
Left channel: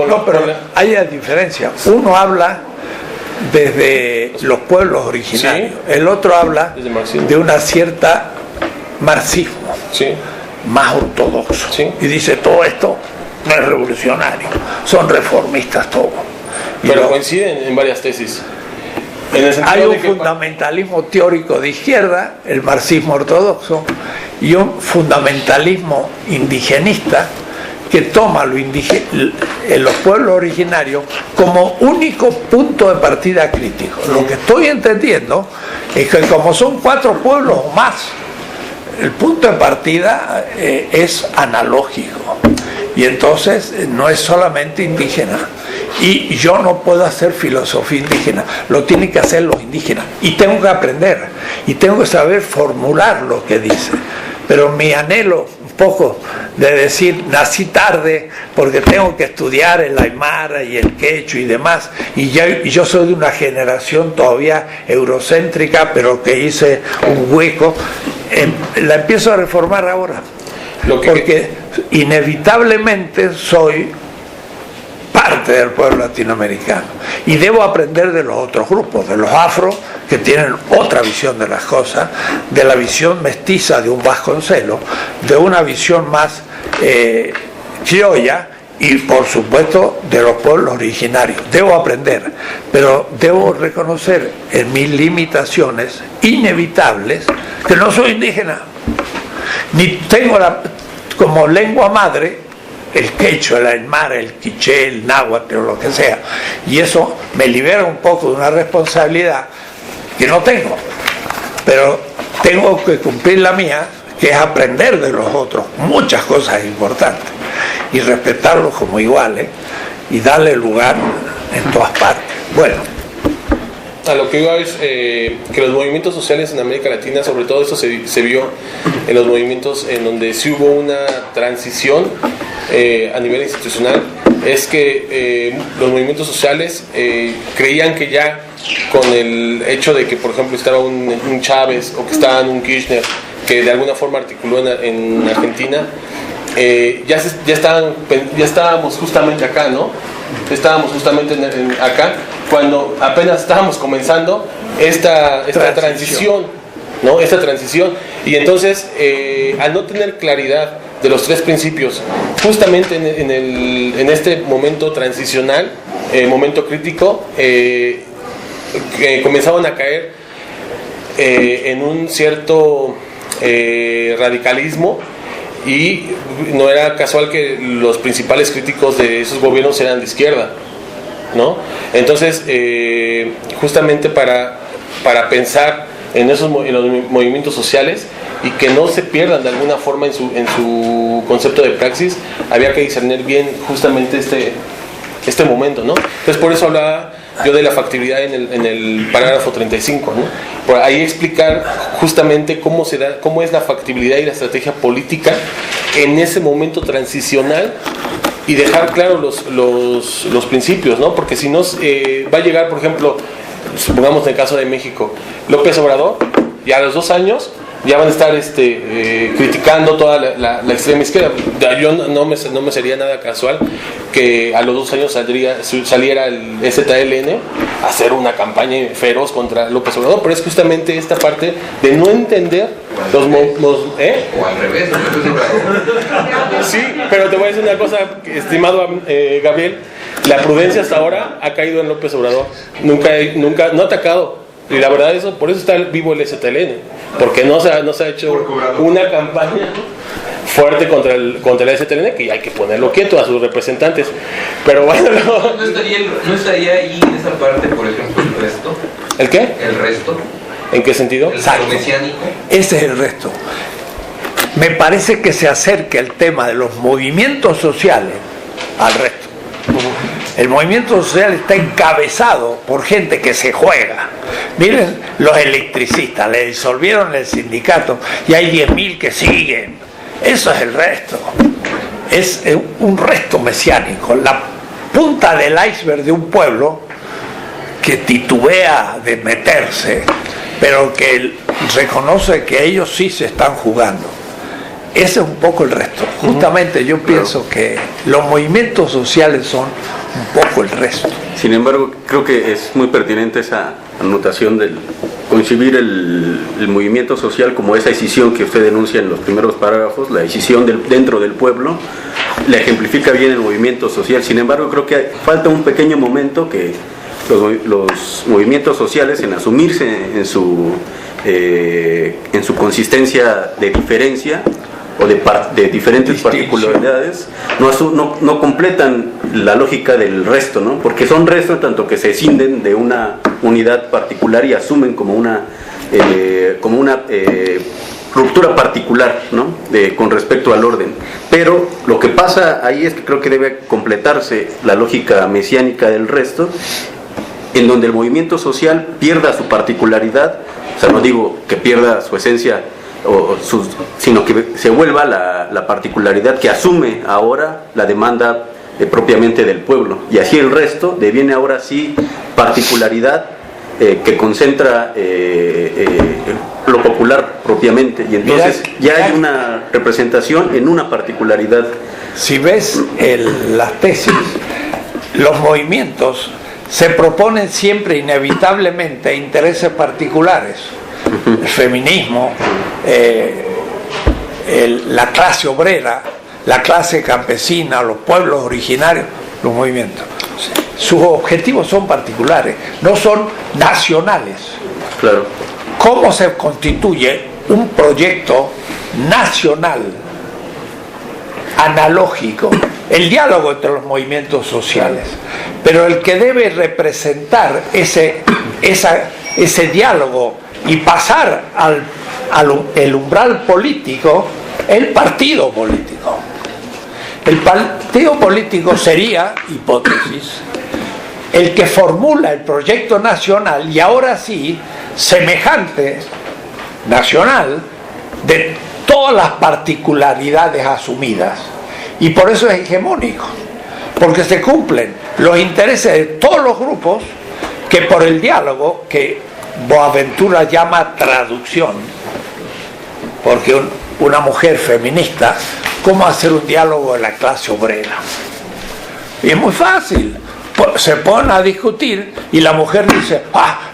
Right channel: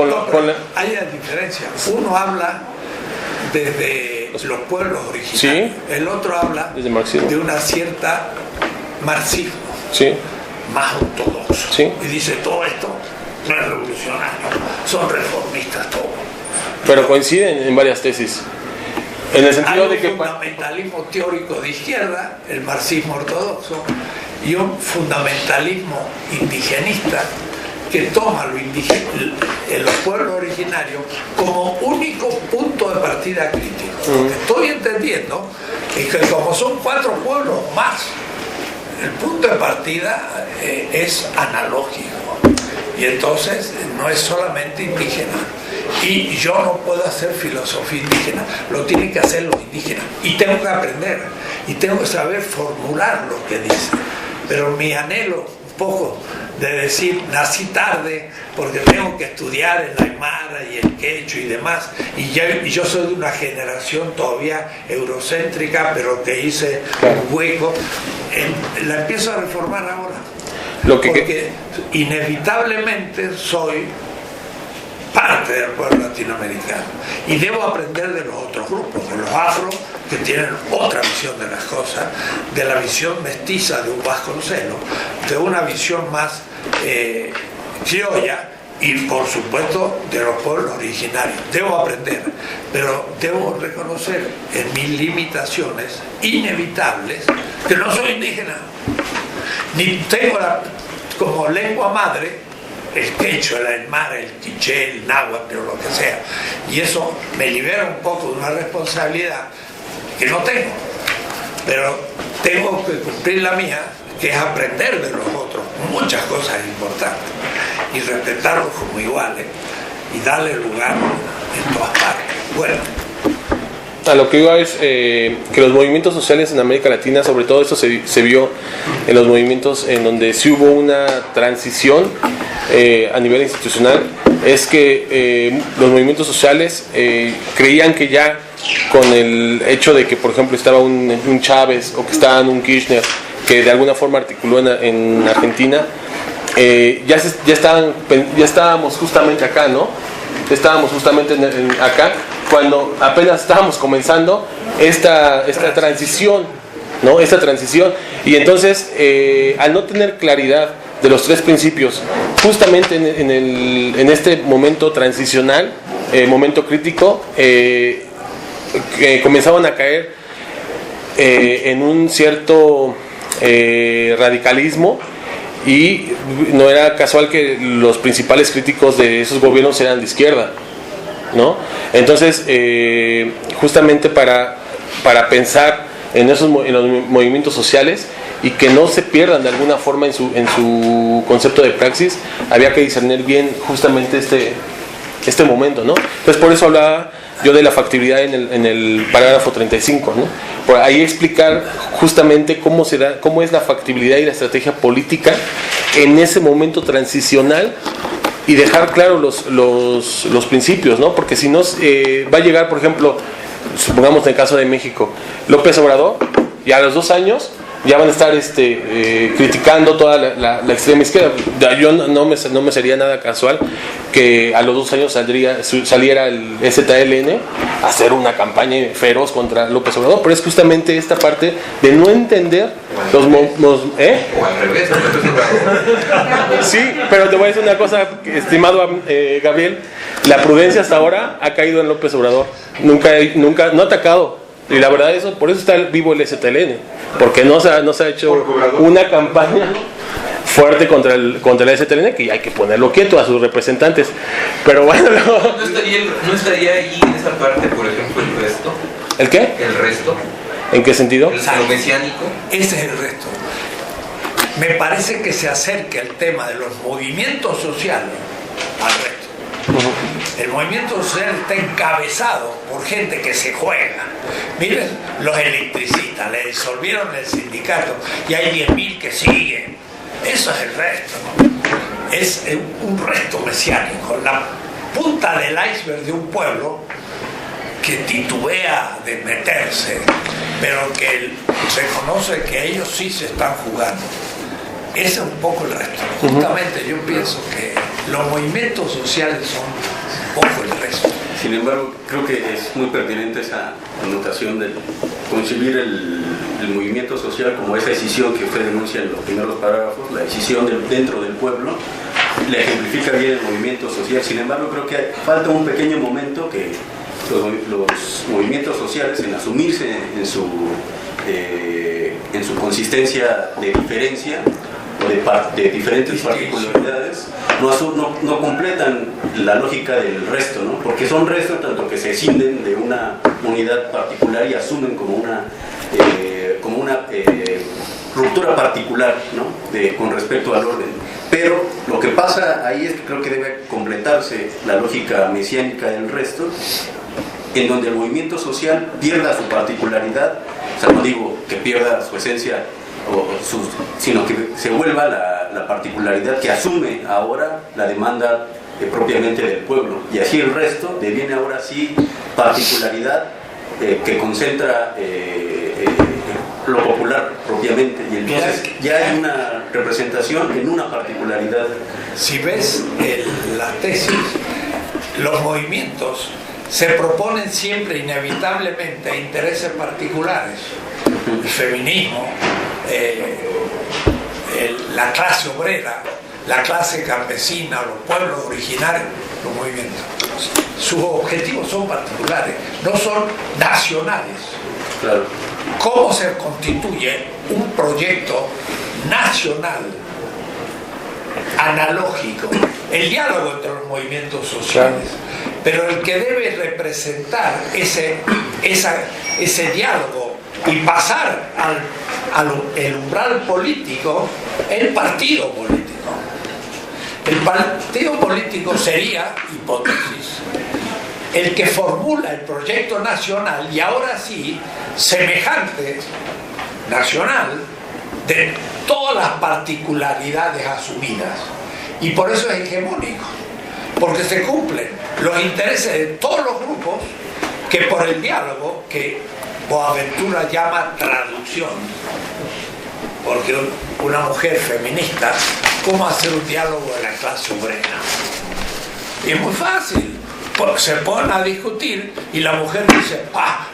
hay una diferencia. Uno habla desde los pueblos originarios, sí, el otro habla desde de una cierta marxismo, sí, más ortodoxo, sí, y dice todo esto no es revolucionario, son reformistas todos. Pero coinciden en varias tesis. En el sentido hay un de que fundamentalismo teórico de izquierda, el marxismo ortodoxo, y un fundamentalismo indigenista que toma los pueblos originarios como único punto de partida crítico. Lo que estoy entendiendo es que como son 4 pueblos o más, el punto de partida es analógico, y entonces no es solamente indígena. Y yo no puedo hacer filosofía indígena, lo tienen que hacer los indígenas, y tengo que aprender, y tengo que saber formular lo que dice. Pero mi anhelo un poco de decir, nací tarde porque tengo que estudiar el aymara y el quechua y demás, y yo soy de una generación todavía eurocéntrica, pero que hice un hueco, la empiezo a reformar ahora, porque inevitablemente soy parte del pueblo latinoamericano y debo aprender de los otros grupos, de los afro, que tienen otra visión de las cosas, de la visión mestiza de un Vasconcelos, de una visión más criolla, y por supuesto de los pueblos originarios. Debo aprender, pero debo reconocer en mis limitaciones inevitables que no soy indígena, ni tengo como lengua madre el quechua, el aymara, el quiché, el náhuatl o lo que sea, y eso me libera un poco de una responsabilidad que no tengo, pero tengo que cumplir la mía, que es aprender de los otros muchas cosas importantes y respetarlos como iguales y darle lugar en todas partes. Bueno, a lo que iba es que los movimientos sociales en América Latina, sobre todo eso se vio en los movimientos en donde sí hubo una transición a nivel institucional, es que los movimientos sociales creían que ya con el hecho de que, por ejemplo, estaba un Chávez o que estaba un Kirchner, que de alguna forma articuló en Argentina, ya estábamos justamente acá, ¿no? Estábamos justamente acá cuando apenas estábamos comenzando esta transición, ¿no? Esta transición. Y entonces, al no tener claridad de los tres principios, justamente en este momento transicional, momento crítico, que comenzaban a caer en un cierto radicalismo, y no era casual que los principales críticos de esos gobiernos eran de izquierda, ¿no? Entonces, justamente para pensar en los movimientos sociales y que no se pierdan de alguna forma en su concepto de praxis, había que discernir bien justamente este momento, ¿no? Entonces, por eso hablaba yo de la factibilidad en el parágrafo 35, ¿no? Por ahí explicar justamente cómo es la factibilidad y la estrategia política en ese momento transicional, y dejar claro los principios, ¿no? Porque si no, va a llegar, por ejemplo, supongamos en el caso de México, López Obrador, y a los 2 años ya van a estar criticando toda la extrema izquierda. Yo no me sería nada casual que a los 2 años saliera el ZLN a hacer una campaña feroz contra López Obrador, pero es justamente esta parte de no entender o al revés, sí, pero te voy a decir una cosa, estimado Gabriel, la prudencia hasta ahora ha caído en López Obrador, nunca no ha atacado. Y la verdad, por eso está vivo el ZLN, porque no se ha hecho una campaña fuerte contra el ZLN, que hay que ponerlo quieto a sus representantes. Pero bueno, ¿No estaría ahí en esa parte, por ejemplo, el resto? ¿El qué? ¿El resto? ¿En qué sentido? ¿El mesiánico? Ese es el resto. Me parece que se acerca el tema de los movimientos sociales al resto. El movimiento social está encabezado por gente que se juega. Miren los electricistas, le disolvieron el sindicato y hay 10.000 que siguen. Eso es el resto. Es un resto mesiánico, la punta del iceberg de un pueblo que titubea de meterse, pero que reconoce que ellos sí se están jugando. Ese es un poco el resto. Justamente yo pienso que los movimientos sociales son un poco el resto. Sin embargo, creo que es muy pertinente esa anotación de concebir el movimiento social como esa decisión que usted denuncia en los primeros párrafos, la decisión dentro del pueblo, la ejemplifica bien el movimiento social. Sin embargo, creo que falta un pequeño momento que los movimientos sociales, en asumirse en su consistencia de diferencia o de diferentes particularidades, no completan la lógica del resto, ¿no? Porque son restos tanto que se escinden de una unidad particular y asumen como una ruptura particular, ¿no? Con respecto al orden. Pero lo que pasa ahí es que creo que debe completarse la lógica mesiánica del resto, en donde el movimiento social pierda su particularidad, o sea, no digo que pierda su esencia, sino que se vuelva la particularidad que asume ahora la demanda propiamente del pueblo, y así el resto deviene ahora sí particularidad que concentra lo popular propiamente, y entonces ya hay una representación en una particularidad. Si ves las tesis, los movimientos se proponen siempre inevitablemente intereses particulares. El feminismo, la clase obrera, la clase campesina, los pueblos originarios, los movimientos. Sus objetivos son particulares, no son nacionales. Claro. ¿Cómo se constituye un proyecto nacional, analógico? El diálogo entre los movimientos sociales, pero el que debe representar ese diálogo y pasar al umbral político, el partido político. El partido político sería, hipótesis, el que formula el proyecto nacional, y ahora sí, semejante nacional, de todas las particularidades asumidas. Y por eso es hegemónico, porque se cumplen los intereses de todos los grupos, que por el diálogo, que Boaventura llama traducción, porque una mujer feminista cómo hacer un diálogo de la clase obrera. Y es muy fácil. Se ponen a discutir y la mujer dice,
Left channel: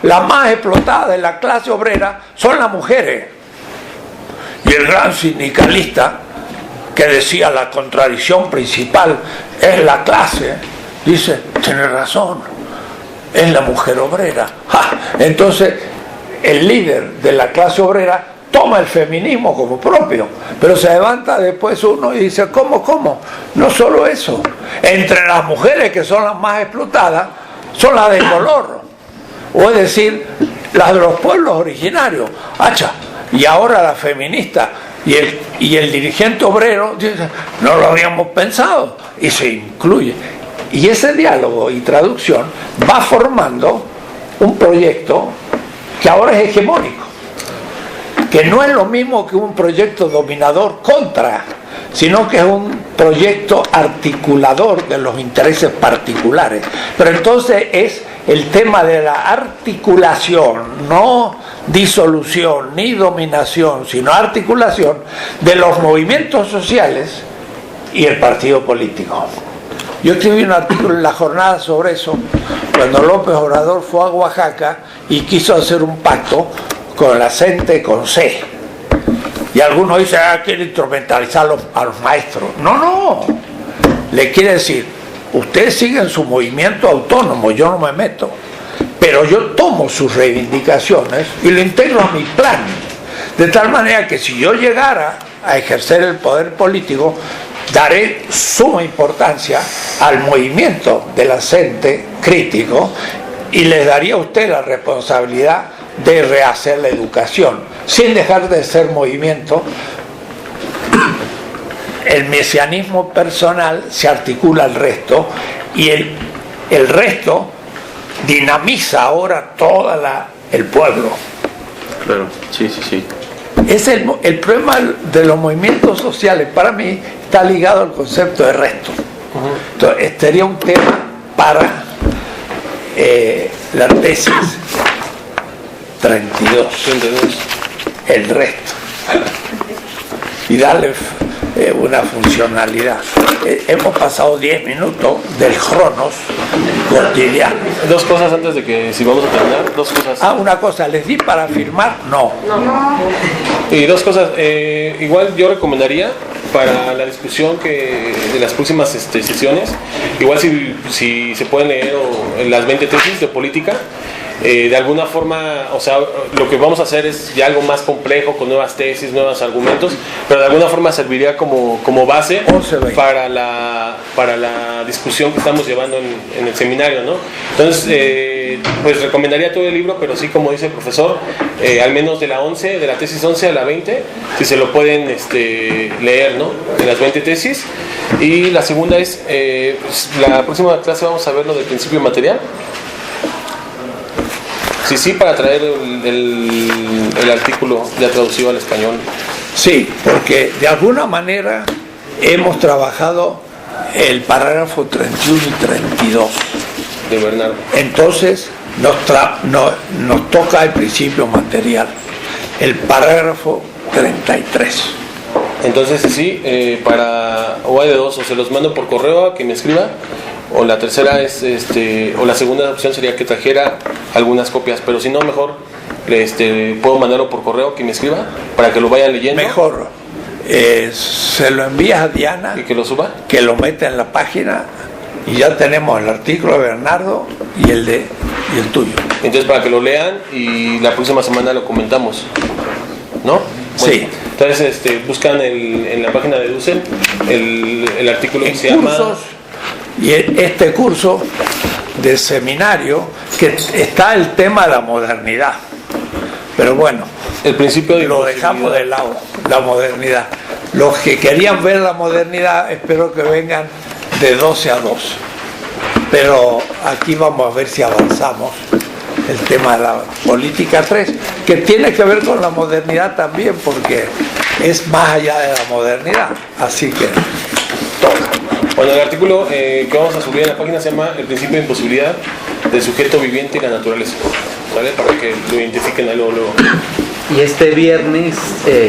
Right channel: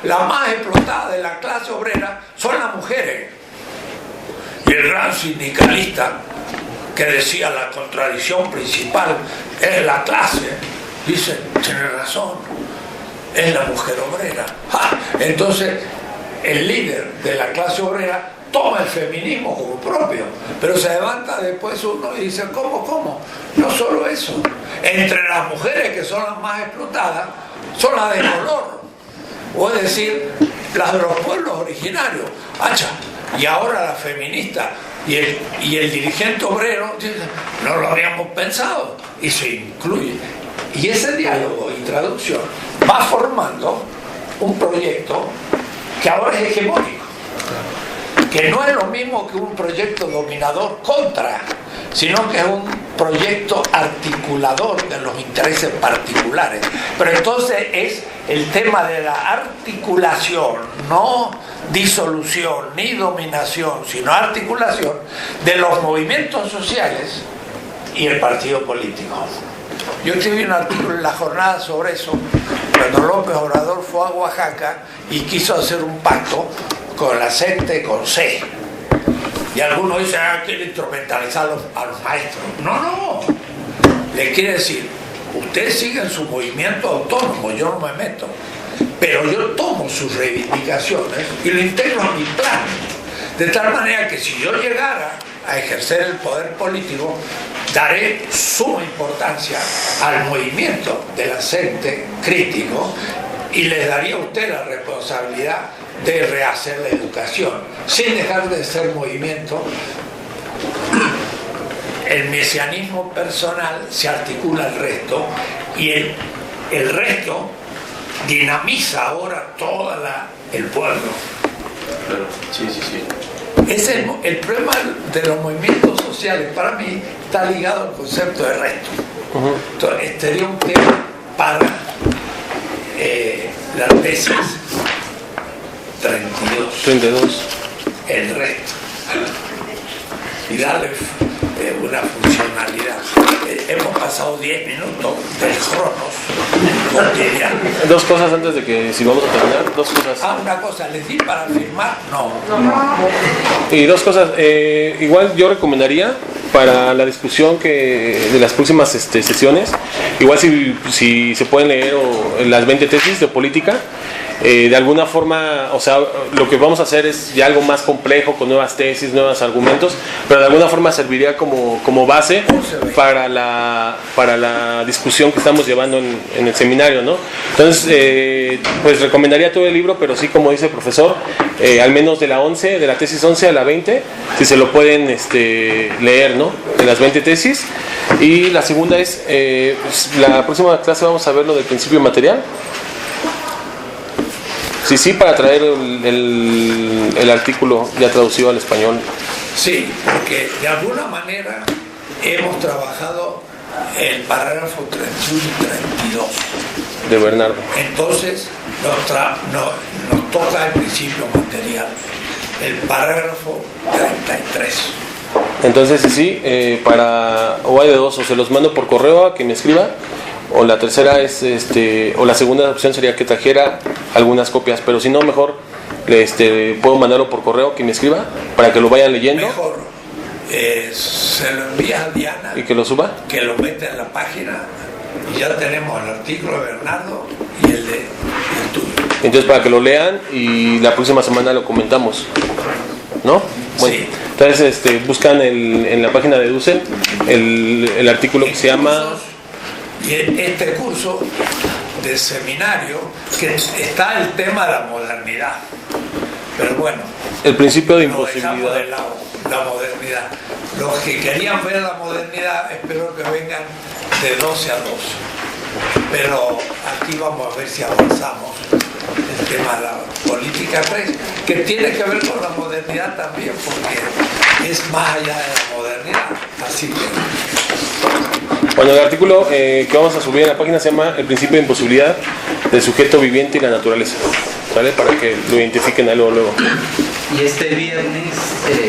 la más explotada de la clase obrera son las mujeres. Y el gran sindicalista, que decía la contradicción principal es la clase, dice, tiene razón, es la mujer obrera. Entonces el líder de la clase obrera toma el feminismo como propio, pero se levanta después uno y dice, ¿cómo? No solo eso, entre las mujeres que son las más explotadas son las de color, o es decir, las de los pueblos originarios. Y ahora la feminista y el dirigente obrero dicen, no lo habíamos pensado, y se incluye. Y ese diálogo y traducción va formando un proyecto que ahora es hegemónico, que no es lo mismo que un proyecto dominador contra, sino que es un proyecto articulador de los intereses particulares. Pero entonces es el tema de la articulación, no disolución ni dominación, sino articulación de los movimientos sociales y el partido político. Yo escribí un artículo en La Jornada sobre eso, cuando López Obrador fue a Oaxaca y quiso hacer un pacto con la CENTE, con C. Y algunos dicen, quiere instrumentalizar a los maestros. No. Le quiere decir, ustedes siguen su movimiento autónomo, yo no me meto. Pero yo tomo sus reivindicaciones y lo integro a mi plan. De tal manera que si yo llegara a ejercer el poder político, daré suma importancia al movimiento de la CENTE crítico y les daría a usted la responsabilidad de rehacer la educación, sin dejar de ser movimiento. El mesianismo personal se articula al resto y el resto dinamiza ahora todo el pueblo. Claro, sí. Es el problema de los movimientos sociales, para mí, está ligado al concepto de resto. Entonces, este sería un tema para la tesis 32, el resto, y darle una funcionalidad. Hemos pasado 10 minutos del cronos cotidiano. Dos cosas antes de que, si vamos a terminar, dos cosas. Una cosa, ¿les di para firmar? No. Y dos cosas, igual yo recomendaría para la discusión de las próximas sesiones, igual si se pueden leer las 20 tesis de política, de alguna forma, o sea, lo que vamos a hacer es ya algo más complejo, con nuevas tesis, nuevos argumentos, pero de alguna forma serviría como base para la discusión que estamos llevando en el seminario, ¿no? Entonces, pues recomendaría todo el libro, pero sí, como dice el profesor, al menos de la tesis 11 a la 20, si se lo pueden leer, ¿no? De las 20 tesis. Y la segunda es, la próxima clase vamos a ver lo del principio material. Sí, para traer el artículo ya traducido al español. Sí, porque de alguna manera hemos trabajado el parágrafo 31 y 32 de Bernardo. Entonces nos toca el principio material, el parágrafo 33. Entonces sí, para o hay de dos, o se los mando por correo a que me escriba, o la tercera es o la segunda opción sería que trajera algunas copias, pero si no, mejor puedo mandarlo por correo, que me escriba para que lo vayan leyendo. Mejor se lo envías a Diana y que lo suba, que lo meta en la página, y ya tenemos el artículo de Bernardo y el tuyo. Entonces, para que lo lean y la próxima semana lo comentamos, ¿no? Bueno, sí. Entonces buscan en la página de Dussel el artículo que se llama... Y este curso de seminario, que está el tema de la modernidad, pero bueno, el principio de lo dejamos de lado, la modernidad. Los que querían ver la modernidad, espero que vengan de 12 a 2, pero aquí vamos a ver si avanzamos el tema de la política 3, que tiene que ver con la modernidad también, porque es más allá de la modernidad, así que bueno, el artículo que vamos a subir en la página se llama El principio de imposibilidad del sujeto viviente y la naturaleza, ¿sale? Para que lo identifiquen ahí luego. Y este viernes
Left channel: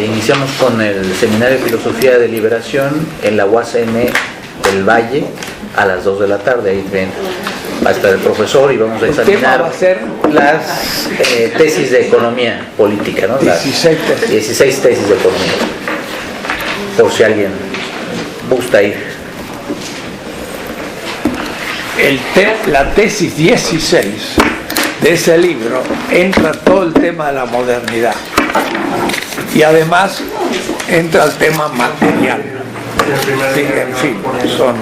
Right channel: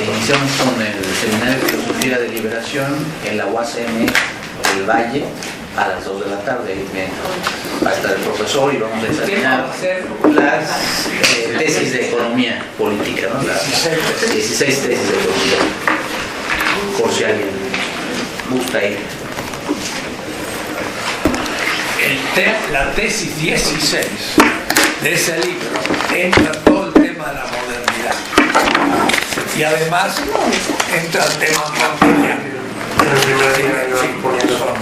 iniciamos con el Seminario de Filosofía de Liberación en la UACM del Valle a las 2 de la tarde. Ahí va a estar el profesor y vamos a examinar va a ser? las tesis de economía política, ¿no? Las 16 tesis. 16 tesis de economía, por si alguien gusta ir. La tesis 16 de ese libro entra todo el tema de la modernidad y además entra el tema material. Sí, en fin, porque son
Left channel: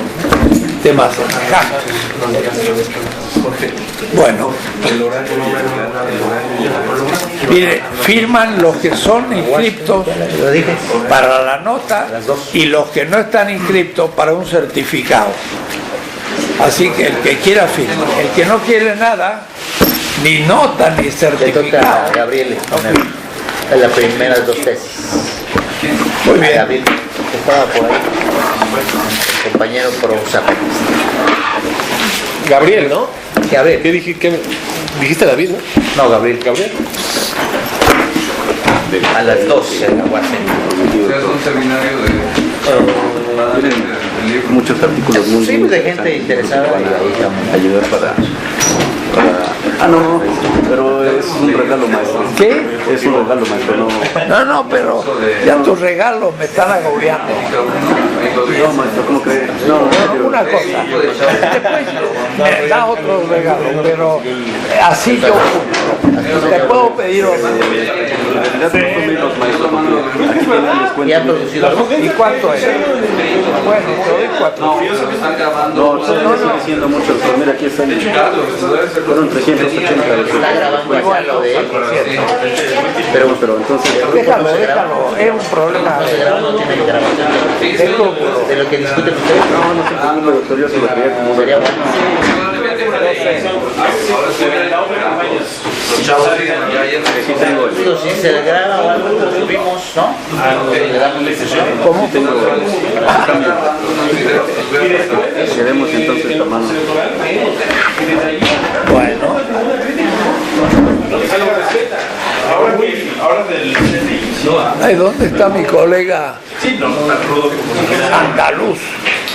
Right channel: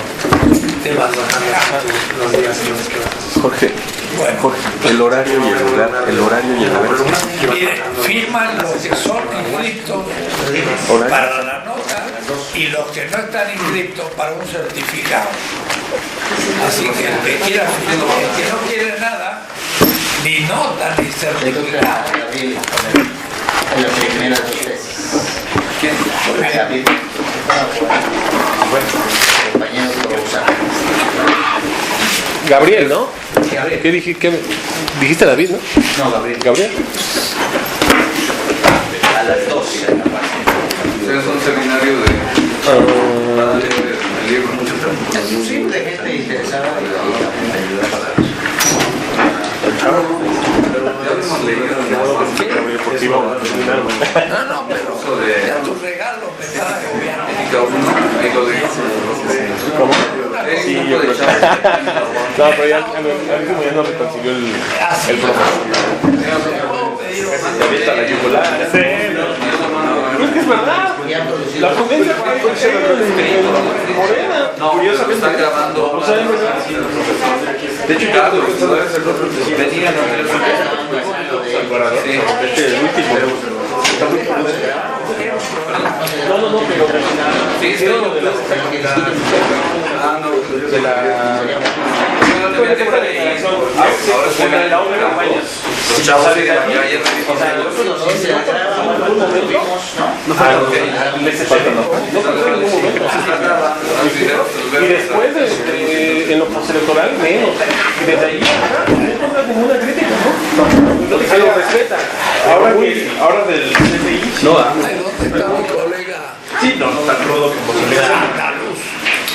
temas Jorge, bueno, El horario y el mire, firman los que son inscriptos para la nota y los que no están inscriptos para un certificado. Así que el que quiera firmar, el que no quiere nada, ni nota ni certificado. Gabriel, a las primeras 2 tesis. Muy bien. Gabriel, estaba por ahí, compañero Prozac. Gabriel, ¿no? Gabriel. ¿Qué dijiste David, no? No, Gabriel. Gabriel. A las 12 en la UACM. Es un seminario de libros, muchos artículos. Sí, de gente interesada y ahí también ayudar para ¿Qué? No, pero ya tus regalos me están agobiando. Una cosa. No, pero ya otro regalo, pero así como te puedo pedir otro. Es que es verdad. La potencia ¿Cuánto es? No, lo están grabando. De hecho, claro, los profesores Déjalo, es un problema. sí, sí, lo que discuten ahora se ve los chavos si se graba, lo vimos, ¿no? Y después en lo postelectoral menos. Y desde ahí no hay ninguna crítica, ¿no? Se lo respeta. Ahora del Ay, ¿dónde está mi colega sí, no tan rudo como andaluz?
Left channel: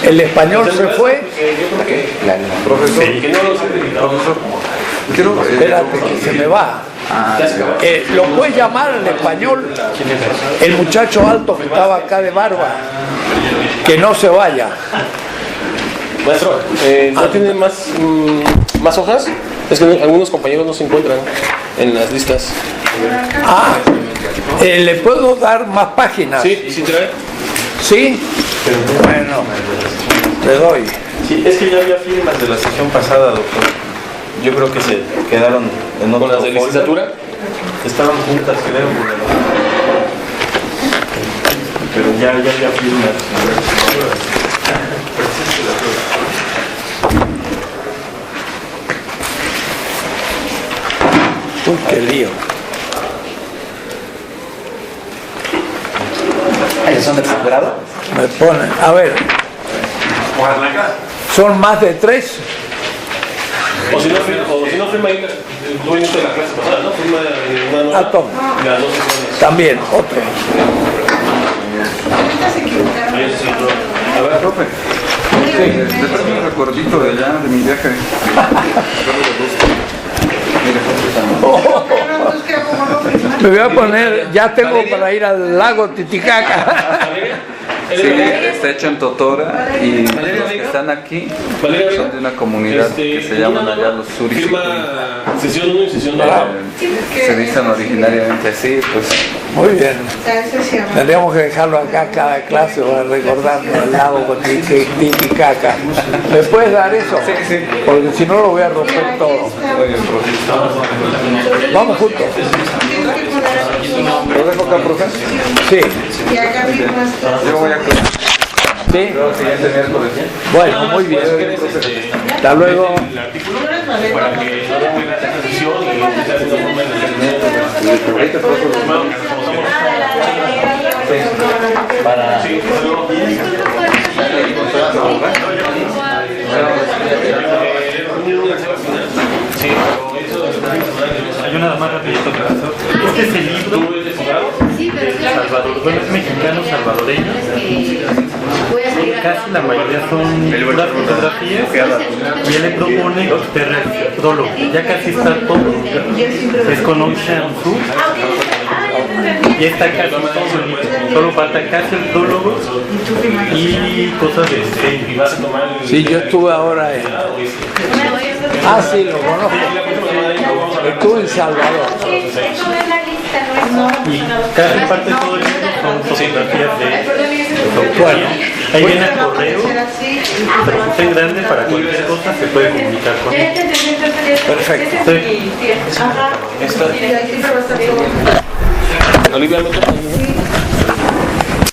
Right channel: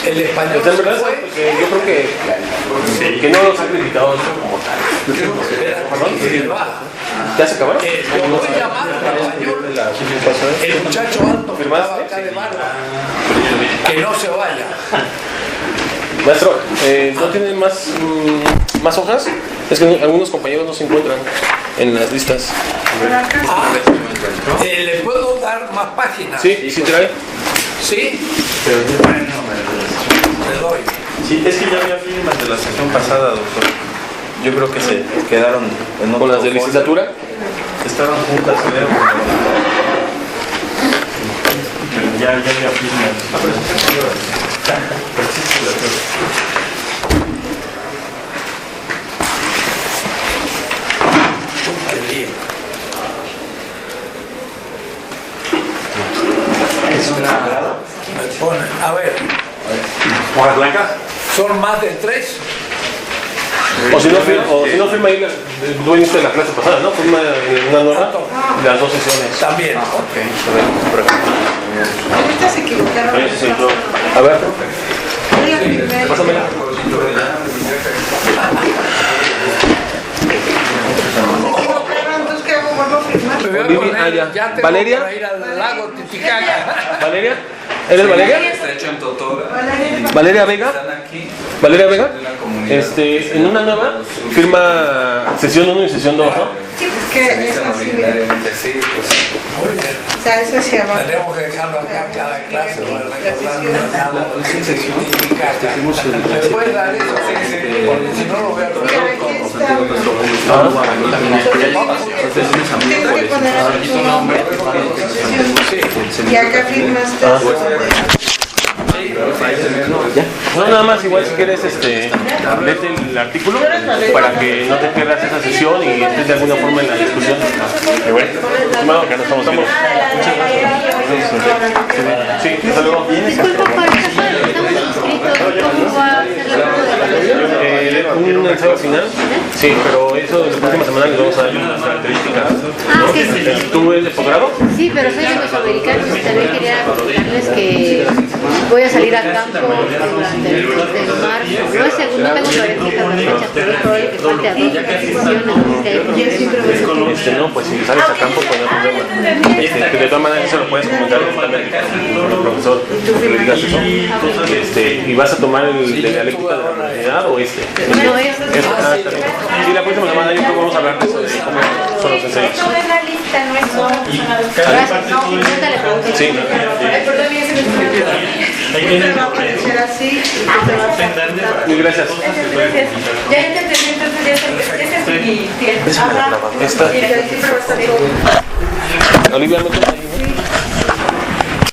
El español se fue. Yo creo que no los ha criticado eso como tal. Espérate, que se me va. ¿Ya se acabó? Lo puedes llamar en español el muchacho alto que estaba acá de barba. Que no se vaya. Maestro, ¿no tienen más hojas? Es que algunos compañeros no se encuentran en las listas. ¿Le puedo dar más páginas? Sí, ¿y si trae? ¿Sí? Bueno, te doy. Sí, es que ya había firmas de la sesión pasada, doctor. Yo creo que se quedaron en otro ¿Con las de folder. licenciatura? Estaban juntas, creo. Pero ya había firmas. Uy, qué lío. Me ponen, a ver, ¿Hojas blancas? son más de 3. O si no firma ahí el dueño de la clase pasada, ¿no? Firma una nota toma. las 2 sesiones. También, ok. Ahorita se equivocaron. A ver, profe. Pásame el recordito de allá, de mi viaje. Entonces, ¿qué hago? ¿Vuelvo a firmar? Me voy a poner, ya tengo ¿Valeria? para ir al lago Titicaca. ¿Valeria? ¿Eres Valeria? Está hecho en Totora. Y ¿Valeria Vega? están aquí. ¿Valeria Vega? De una comunidad. que se En una llama nueva Los Suris. firma sesión 1 y sesión 2. Sí, pues Se que necesitan originariamente así, pues. Muy bien. o sea, eso se llama. Tendríamos que dejarlo acá cada clase para recordar el lago con Titicaca. ¿Me puedes dar eso? Porque si no lo voy a romper Aquí todo. está. Vamos juntos. Tengo que poner aquí tu nombre. Sí. Y acá firmaste. Sí. Bueno, nada más igual si quieres Hasta luego. vete el artículo para que no te pierdas esta sesión y entres de alguna forma en la discusión. Bueno, que nos conozcamos. Sí, hasta luego. Un ensayo final. Sí, pero eso en la próxima semana les vamos a dar unas características. Tú eres de la mayoría son las fotografías y él propone todólogo. Ya casi está todo. Es con un No, pues si sabes acá, pues no hay problema. y esta Que de todas maneras eso lo puedes comentar. solo falta casi el todólogo y cosas ¿Y vas a tomar el Sí, yo de la estuve ahora o este? Ah, sí, lo conozco. Y la próxima semana ahí vamos a ver. Tú en Salvador. Son los ensayos. y casi parte todo el Sí. ahí viene el Va a correo aparecer así. en grande para que las cosas se pueden comunicar con él. Esta. Y ahí sí se va a estar todo. Olivia, ¿no?